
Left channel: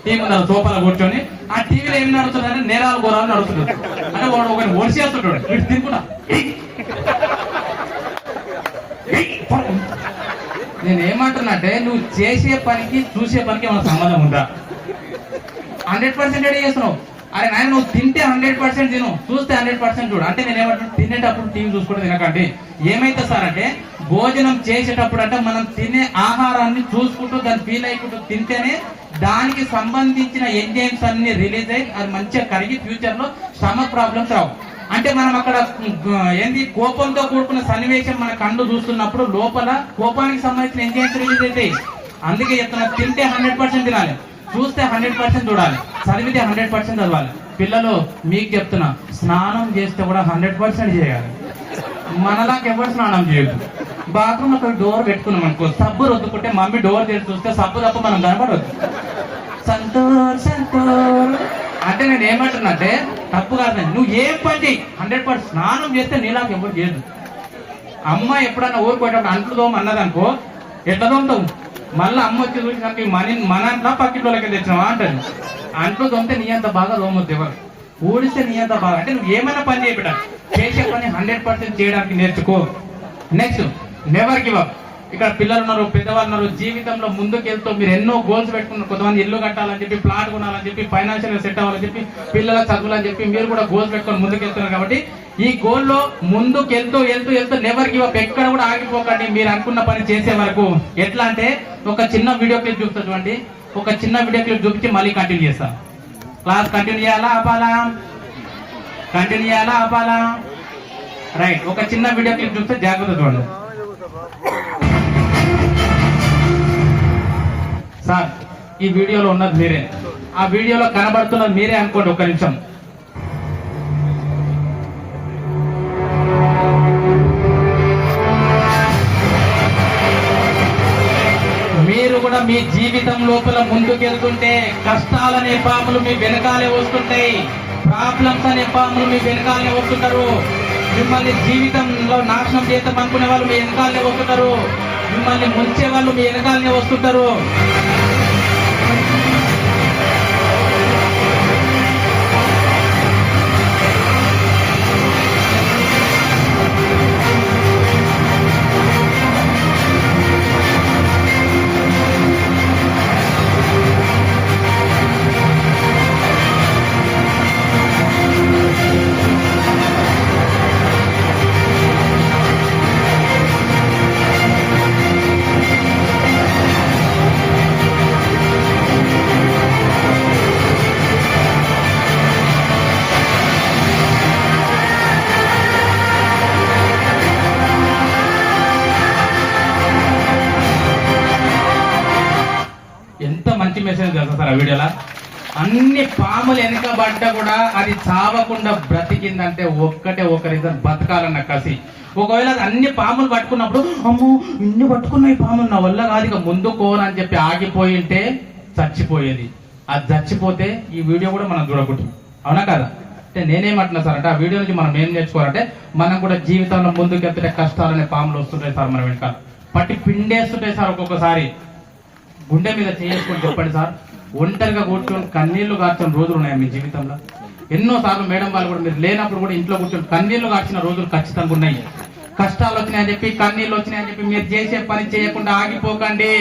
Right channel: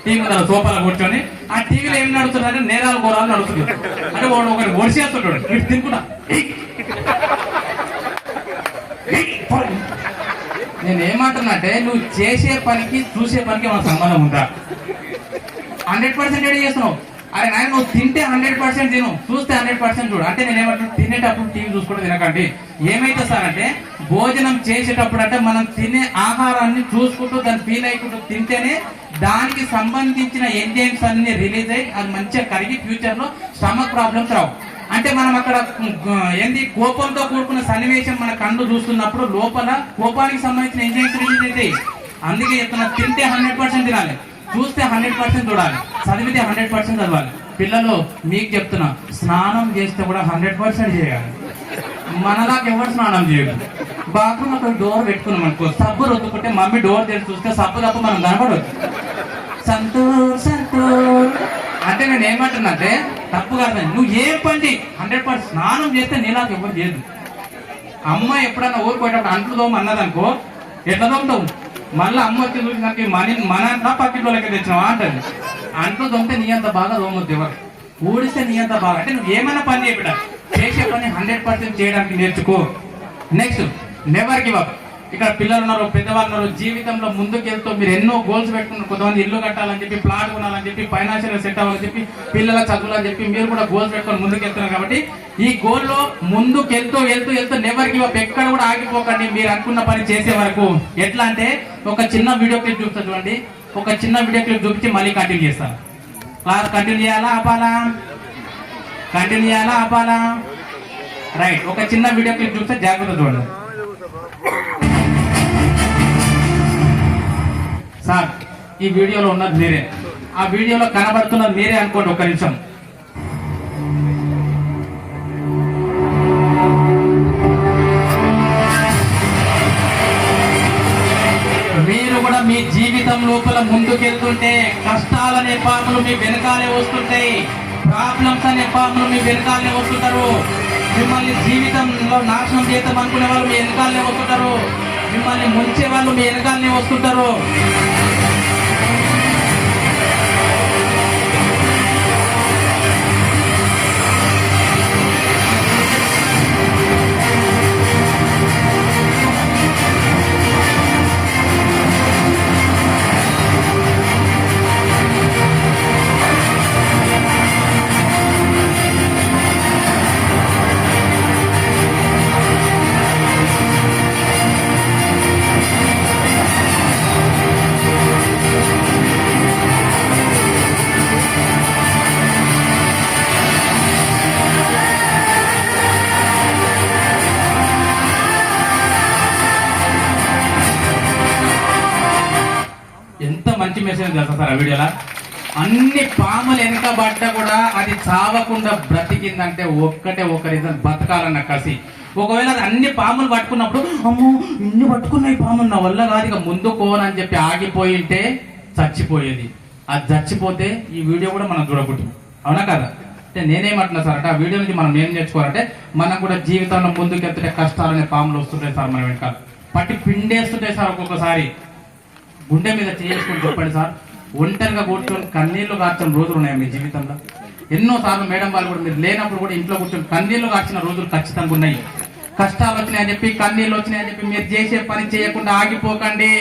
టీవీ ముందర సోఫాలో కూర్చొని ఆ టీవీలో ఏం నడుస్తుందంటే నేరాలు ఘోరాలు నడుస్తుంటారు. అంటే వాడు ఒకటి ఒడిసేస్తుంటాడు, ఇటు తింటున్నా. నేను ఏమంటున్నా అంటే, నువ్వు చేసే పనికి చూసే పనికి మనకు సంబంధం ఉందా? 100% రెడీ చేస్తున్నావు. అరే నాయన, నువ్వు తింటే 100% తిను, చూస్తే 100% చూడు. అంటే నేను ఏమంటున్నా, తినేటప్పుడు టీవీ చూసుకుంటూ తినకండి. ఏమైతే సార్ అంటే, భోజనం చేసేటప్పుడు అంటే మనం తినే ఆహారాన్ని చూసుకుంటూ దాన్ని ఫీల్ అయికుంటూ తింటేనే దానికి సంబంధించిన ఎంజైమ్స్ అన్ని రిలీజ్ అయ్యి అది మంచిగా కరిగి ఫ్యూచర్ లో స్టమక్ ప్రాబ్లమ్స్ రావు. అంటే మనం అక్కడ ఏంది కోపంతో కూడుకున్న సన్నివేశం మన కళ్ళు చూస్తున్నప్పుడు లోపల కోపానికి సంబంధించిన ఎంజైమ్స్ రిలీజ్ అవుతాయి. అందుకే చెప్తున్నా, తింటే 100% తినాలి, చూస్తే 100% చూడాలి, చదివితే 100% చదవాలి. పిల్లలు మీకు చెప్తున్నా, స్నానం చేస్తే కూడా 100% చేయాలి. మనలాగా ఎవరు స్నానం చేయదు. బాత్రూమ్ అక్కడ డోర్ పెట్టుకున్నాం అనుకో, సబ్బు రుద్దుకుంటే మమ్మీ డోర్ తెరిచి చూస్తే సబ్బు తప్ప మనం కనపడదు. సంతూర్ సంతూర్ అంటే నేను ఏమంటున్నా అంటే తప్పు కాదు, నువ్వు ఏ పని 100% స్నానం చేస్తే నీలాగా ఎవరు చేయదు. అమ్మ ఎప్పుడన్నా ఊరుకోవటప్పుడు అంట్లు దోమ అన్నదనుకో ఎట్లా దోమతావు, మళ్ళీ అమ్మ వచ్చి చూసినాక మన అంతా పక్కింట్లోకి తెచ్చినావా అంటారు. అంట్లు దోమితే నీ అంత బాగా దోమొద్దు ఎవరు, ఊడిస్తే నీ అంత బాగా. అంటే నువ్వు ఏమైనా పని చేయబిడ్డ, చేసే పని 100% చేయడానికి నేర్చుకో. Next never give up. ఇక్కడ పిల్లలు ఉన్నారు, పెద్దవాళ్ళు ఉన్నారు, జీవితంలో ముందుకెళ్తూ మీరు ఎన్నో గోల్స్ పెట్టుకున్నారు. కొంతమంది ఇల్లు కట్టాలని చెప్పి, ప్లాట్ కొనాలని చెప్పి, ఫైనాన్షియల్ సెట్ అవ్వాలని చెప్పి, పిల్లల చదువులు అని చెప్పి మీరు కూడా గోల్స్ పెట్టుకొని ముందుకెళ్తున్నారు. కాబట్టి ఈ గోల్ లో ముందుకెళ్తూ వెళ్తూ వెళ్తూ నెవర్ గివ్ అప్, ఎక్కడ కూడా ఆగిపోకండి మీరు అనుకున్న పని చేసే వరకు. ఎట్లా అంటే ఒక చిన్న వీడియో క్లిప్ చూస్తా చూడండి, ఒక చిన్న వీడియో క్లిప్ చూపించి మళ్ళీ కంటిన్యూ చేస్తా. క్లాస్ కంటిన్యూ చేయాలా ఆపాలా, కంటిన్యూ చేయాలా ఆపాలా? రైట్, ఒక చిన్న వీడియో క్లిప్ చూస్తే జాగ్రత్త చూడండి. సార్ ఈ వీడియోలో ఉన్నది మీరే, ఆ వీడియోలో కనబడుతున్నది మీరే అనుకోండి. ఒక్క నిమిషం. మీరు కూడా మీ జీవితం లోపల ముందుకెళ్తుంటే కష్టాలనే పాములు మీ వెనకాలే వస్తుంటాయి, ప్రాబ్లమ్స్ అనే పాములు మీ వెనకాలనే వస్తుంటారు. మిమ్మల్ని జీవితంలో నాశనం చేద్దాం అనుకునే వాళ్ళు మీ వెనకాలనే వస్తుంటారు, మిమ్మల్ని ముంచే వాళ్ళు మీ వెనకాలనే వస్తుంటారు. ఎంత మంచి మెసేజ్ తెలుసా సార్ ఆ వీడియోలో. అన్ని పాములు వెనకబడ్డా కూడా అది చావకుండా బ్రతికిందంటే ఒక్కటే ఒక రీజన్, బతకాలన్న కసి. ఒకవేళ అది అన్ని పాములు పట్టుకున్నప్పుడు అమ్మో ఇన్ని పట్టుకున్నాయి పాములు నా వల్ల కాదు ఇక ముందుకోనని చెప్పి ఆగిపోయింటే చచ్చిపోయేది. అది చచ్చిపోతే ఈ వీడియో కూడా మనం చూడకూడదు, అవునా కదా? అంటే నేనేమంటున్నా సార్ అంటే ఆ వీడియో నుంచి మనం ఏం నేర్చుకోవాలంటే మనం కూడా జీవితంలో ముందుకెళ్తుంటే కష్టాలనే పాములు వస్తుంటాయి సార్, మన వెనక పట్టి పిండేస్తుంటాయి సార్. ఒక్కొక్కసారి గుండె మీద చేసుకుని చెప్పండి సార్, ఒంటరిగా కూర్చొని కన్నీళ్లు కార్చిన రోజులు ఉన్నాయా మీ జీవితంలో? ఎన్నో సార్లు మేడం వాళ్ళు కూడా మీరు లేనప్పుడు కూడా ఇంట్లో కూర్చొని కన్నీళ్లు కార్చిన రోజులు ఖచ్చితంగా ఉన్నాయి. కష్టాలు వచ్చినాయని చెప్పి, కన్నీళ్లు వచ్చినాయని చెప్పి మీరు చేసే పని చేయకుండా ఆగిపోకండి.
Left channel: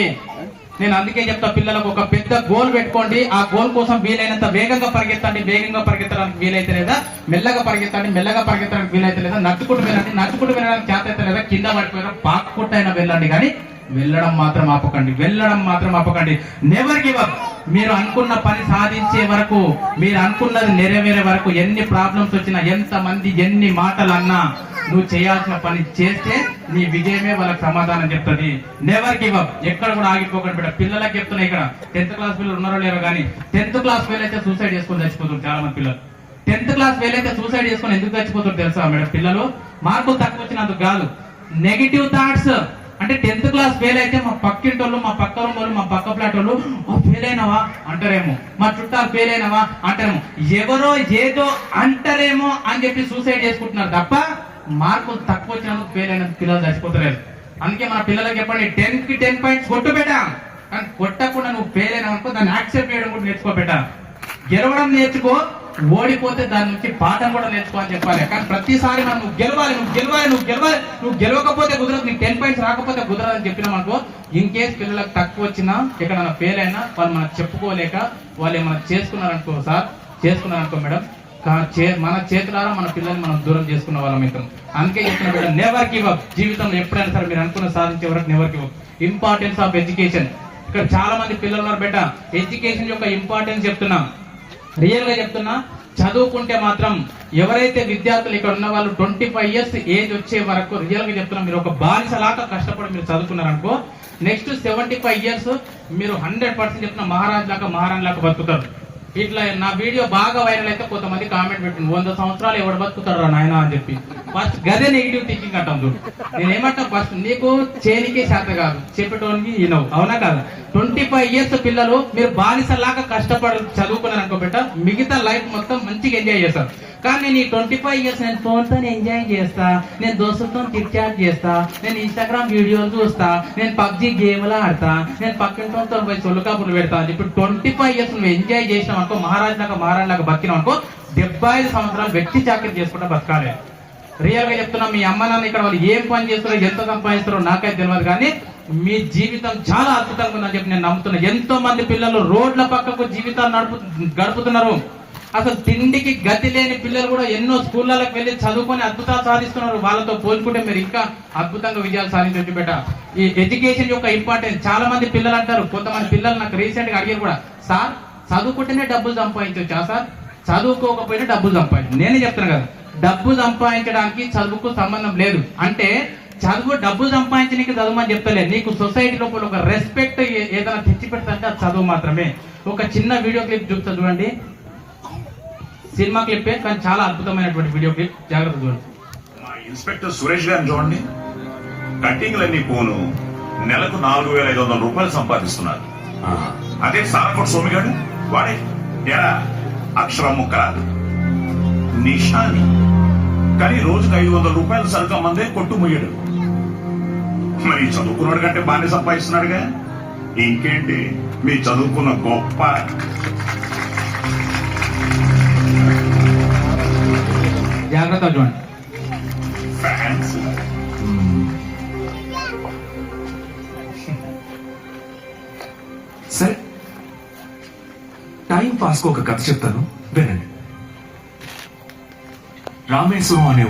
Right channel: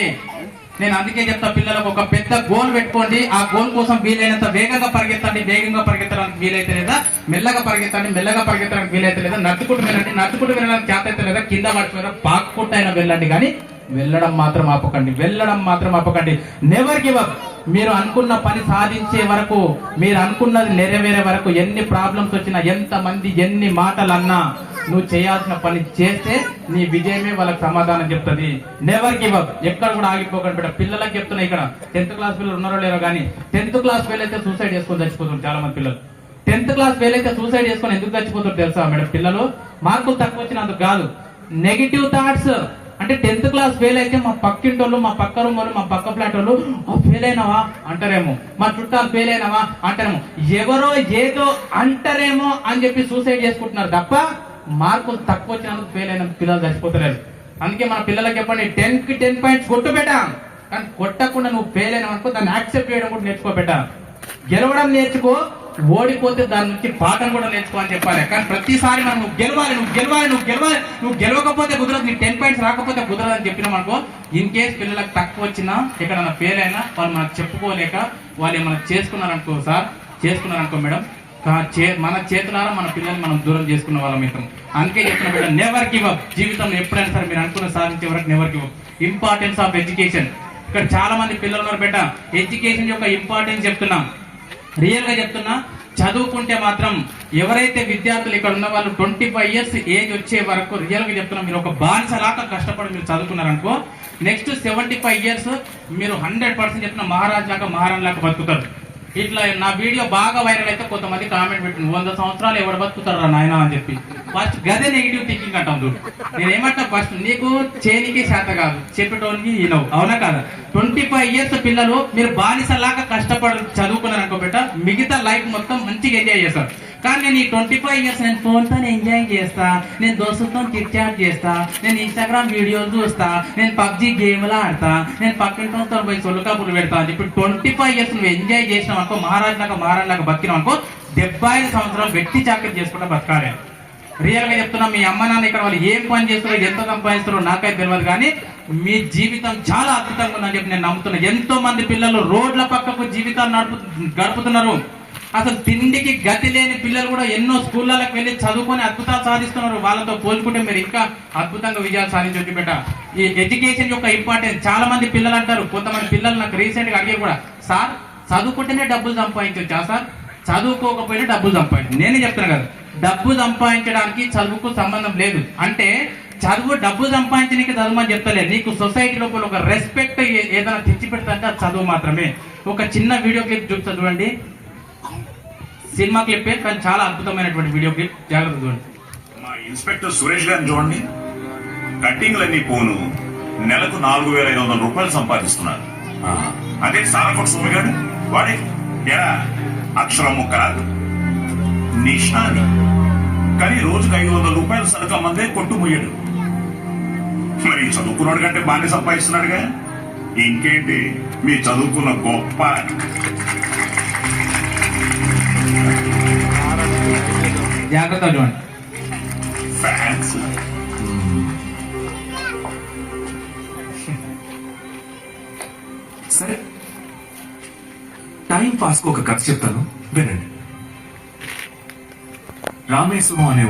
నేను అందుకే చెప్తా పిల్లలకు, ఒక పెద్ద గోల్ పెట్టుకోండి, ఆ గోల్ కోసం వీలైనంత వేగంగా పరిగెత్తండి. వేగంగా పరిగెత్తడానికి వీలైతే లేదా, మెల్లగా పరిగెత్తండి. మెల్లగా పరిగెత్తడానికి వీలైతే లేదా, నడుచుకుంటూ వెళ్ళండి. నడుచుకుంటూ వెళ్ళడానికి చేత అయితే లేదా, కింద పడిపోయారో పాక్కుంటూ అయినా వెళ్ళండి, కానీ వెళ్ళడం మాత్రం ఆపకండి, వెళ్ళడం మాత్రం ఆపకండి. Never give up. మీరు అనుకున్న పని సాధించే వరకు, మీరు అనుకున్నది నెరవేరే వరకు, ఎన్ని ప్రాబ్లమ్స్ వచ్చినా, ఎంత మంది ఎన్ని మాటలు అన్నా, నువ్వు చేయాల్సిన పని చేస్తే నీ విజయమే వాళ్ళకి సమాధానం చెప్తుంది. Never give up. ఎక్కడ కూడా ఆగిపోకండి బిడ్డ. పిల్లలకి చెప్తున్నా, ఇక్కడ 10th క్లాస్ పిల్లలు ఉన్నారో లేరో కానీ 10th క్లాస్ ఫెయిల్ అయితే సూసైడ్ చేసుకొని చచ్చిపోతారు చాలా మంది పిల్లలు. 10th క్లాస్ ఫెయిల్ అయితే సూసైడ్ చేసుకొని ఎందుకు చచ్చిపోతారు తెలుసా మేడం? పిల్లలు మార్కులు తక్కువ వచ్చినందుకు కాదు, నెగిటివ్ థాట్స్. అంటే 10th క్లాస్ ఫెయిల్ అయితే మా పక్కింటోళ్ళు, మా పక్క వాళ్ళు, మా పక్క ఫ్లాట్ వాళ్ళు ఫెయిల్ అయినావా అంటారేమో, మా చుట్టాలు ఫెయిల్ అయినావా అంటారేమో, ఎవరో ఏదో అంటారేమో అని చెప్పి సూసైడ్ చేసుకుంటున్నారు తప్ప మార్కులు తక్కువ వచ్చినందుకు ఫెయిల్ అయిన పిల్లలు చచ్చిపోతలేరు. అందుకే మన పిల్లలకి చెప్పండి, 10కి 10 పాయింట్స్ కొట్టు పెట్టా, కానీ కొట్టకుండా నువ్వు ఫెయిల్ అయినా అనుకో దాన్ని యాక్సెప్ట్ చేయడం కూడా నేర్చుకో పెట్టా. గెలవడం నేర్చుకో, ఓడిపోతే దాని నుంచి పాఠం కూడా నేర్చుకో అని చెప్పాలి. కానీ ప్రతిసారి మనం నువ్వు గెలవాలి, నువ్వు గెలవాలి, నువ్వు గెలవాలి, నువ్వు గెలవకపోతే కుదరదు, నీకు 10 పాయింట్స్ రాకపోతే కుదరదు అని చెప్పినాం అనుకో, ఇన్ కేస్ పిల్లలకు తక్కువ వచ్చినా, ఇక్కడ ఫెయిల్ అయినా వాళ్ళు మనం చెప్పుకోలేక వాళ్ళు ఏమైనా చేసుకున్నారనుకో సార్, చేసుకున్నారనుకో మేడం, మన చేతులారా మన పిల్లల్ని మనం దూరం చేసుకున్న వాళ్ళం అవుతాం. అందుకే చెప్పిన బిడ్డ, నెవర్ గివ్ అప్. జీవితంలో ఎప్పుడైనా సరే మీరు అనుకున్న సాధించే వరకు never give up. Importance of education. ఇక్కడ చాలా మంది పిల్లలు ఉన్నారు బిడ్డ, ఎడ్యుకేషన్ యొక్క ఇంపార్టెన్స్ చెప్తున్నా, రియల్ గా చెప్తున్నా. చదువుకుంటే మాత్రం ఎవరైతే విద్యార్థులు ఇక్కడ ఉన్న వాళ్ళు 25 years ఏజ్ వచ్చే వరకు రియల్ గా చెప్తున్నా, మీరు ఒక బానిసలాగా కష్టపడి మీరు చదువుకున్నారనుకో, నెక్స్ట్ 75 years మీరు 100% చెప్తున్నా మహారాజ్ లాగా బతుకుతారు. ఇట్లా నా వీడియో బాగా వైరల్ అయితే కొంతమంది కామెంట్ పెట్టింది 100 సంవత్సరాలు ఎవరు బతుకుతారా నాయన అని చెప్పి. ఫస్ట్ గదే నెగిటివ్ థింకింగ్ అంటాం చూడు. నేను ఏమంటా ఫస్ట్ నీకు చేనికే శాత కాదు, చెప్పేటోనికి ఈనవు, అవునా కాదా? 25 ఇయర్స్ పిల్లలు మీరు బానిసలాగా కష్టపడి చదువుకున్నారు అనుకో బిడ్డ, మిగతా లైఫ్ మొత్తం మంచిగా ఎంజాయ్ చేస్తారు. కానీ నేను ఈ 25 ఇయర్స్ నేను ఫోన్తో ఎంజాయ్ చేస్తా, నేను దోస్తులతో టిక్ చాట్ చేస్తా, నేను ఇన్స్టాగ్రామ్ వీడియోలు చూస్తా, నేను పబ్జి గేమ్లు ఆడతా, నేను పక్కింటితో పోయి సొల్లుకాపులు పెడతా. ఇప్పుడు 25 ఇయర్స్ నువ్వు ఎంజాయ్ చేసినావు అనుకో, మహారాజులాగా బతికినావు అనుకో, 75 సంవత్సరాలు వెట్టి చాకరీ చేసుకుంటా బతకాలి. రియల్ గా చెప్తున్నా, మీ అమ్మ నాన్న ఇక్కడ వాళ్ళు ఏం పని చేస్తారో ఎంత సంపాదిస్తారో నాకైతే తెలియదు, కానీ మీ జీవితం చాలా అద్భుతంగా ఉందని చెప్పి నేను నమ్ముతున్నా. ఎంతో మంది పిల్లలు రోడ్ల పక్కకు జీవితాలు గడుపుతున్నారు. అసలు తిండికి గతి లేని పిల్లలు కూడా ఎన్నో స్కూళ్ళకి వెళ్ళి చదువుకొని అద్భుతాలు సాధిస్తున్నారు. వాళ్ళతో పోల్చుకుంటే మీరు ఇంకా అద్భుతంగా విజయాలు సాధించవచ్చు బిడ్డ. ఈ ఎడ్యుకేషన్ యొక్క ఇంపార్టెన్స్ చాలా మంది పిల్లలు అంటారు. కొంతమంది పిల్లలు నాకు రీసెంట్ గా అడిగారు కూడా, సార్ చదువుకుంటేనే డబ్బులు సంపాదించవచ్చా సార్, చదువుకోకపోయినా డబ్బులు సంపాదించు. నేనే చెప్తున్నా కదా, డబ్బు సంపాదించడానికి చదువుకు సంబంధం లేదు. అంటే చదువు డబ్బు సంపాదించడానికి చదువుమని చెప్తలేదు. నీకు సొసైటీ లోపల ఒక రెస్పెక్ట్ ఏదైనా తెచ్చి పెడతా చదువు మాత్రమే. ఒక చిన్న వీడియో క్లిప్ చూస్తా చూడండి. సినిమా క్లిప్ కానీ చాలా అద్భుతమైనటువంటి వీడియో క్లిప్, జాగ్రత్త చూడండి. మా ఇన్స్పెక్టర్ సురేష్ గారిని చూడండి. కట్టింగ్లన్నీ పోను నెలకు 4,500 రూపాయలు సంపాదిస్తున్నారు. అదే సారకోట సోమిగాడు వాడే ఎరా అక్షరం ముక్కరాదు నిషాని, కానీ రోజుకు 500 రూపాయలు సరుకు మందే కొట్టు ముయ్యడు. మరి చదువుకున్నాడు కంటే బాగానే సంపాదిస్తున్నాడుగా. ఇంకేంటి మీ చదువుకున్న గొప్ప. జాగ్రత్త చూడండి. ఫ్యాన్స్ సరే, టైం పాస్ కు ఒక కథ చెప్తాను, వినండి. రామేశ్వరం అనే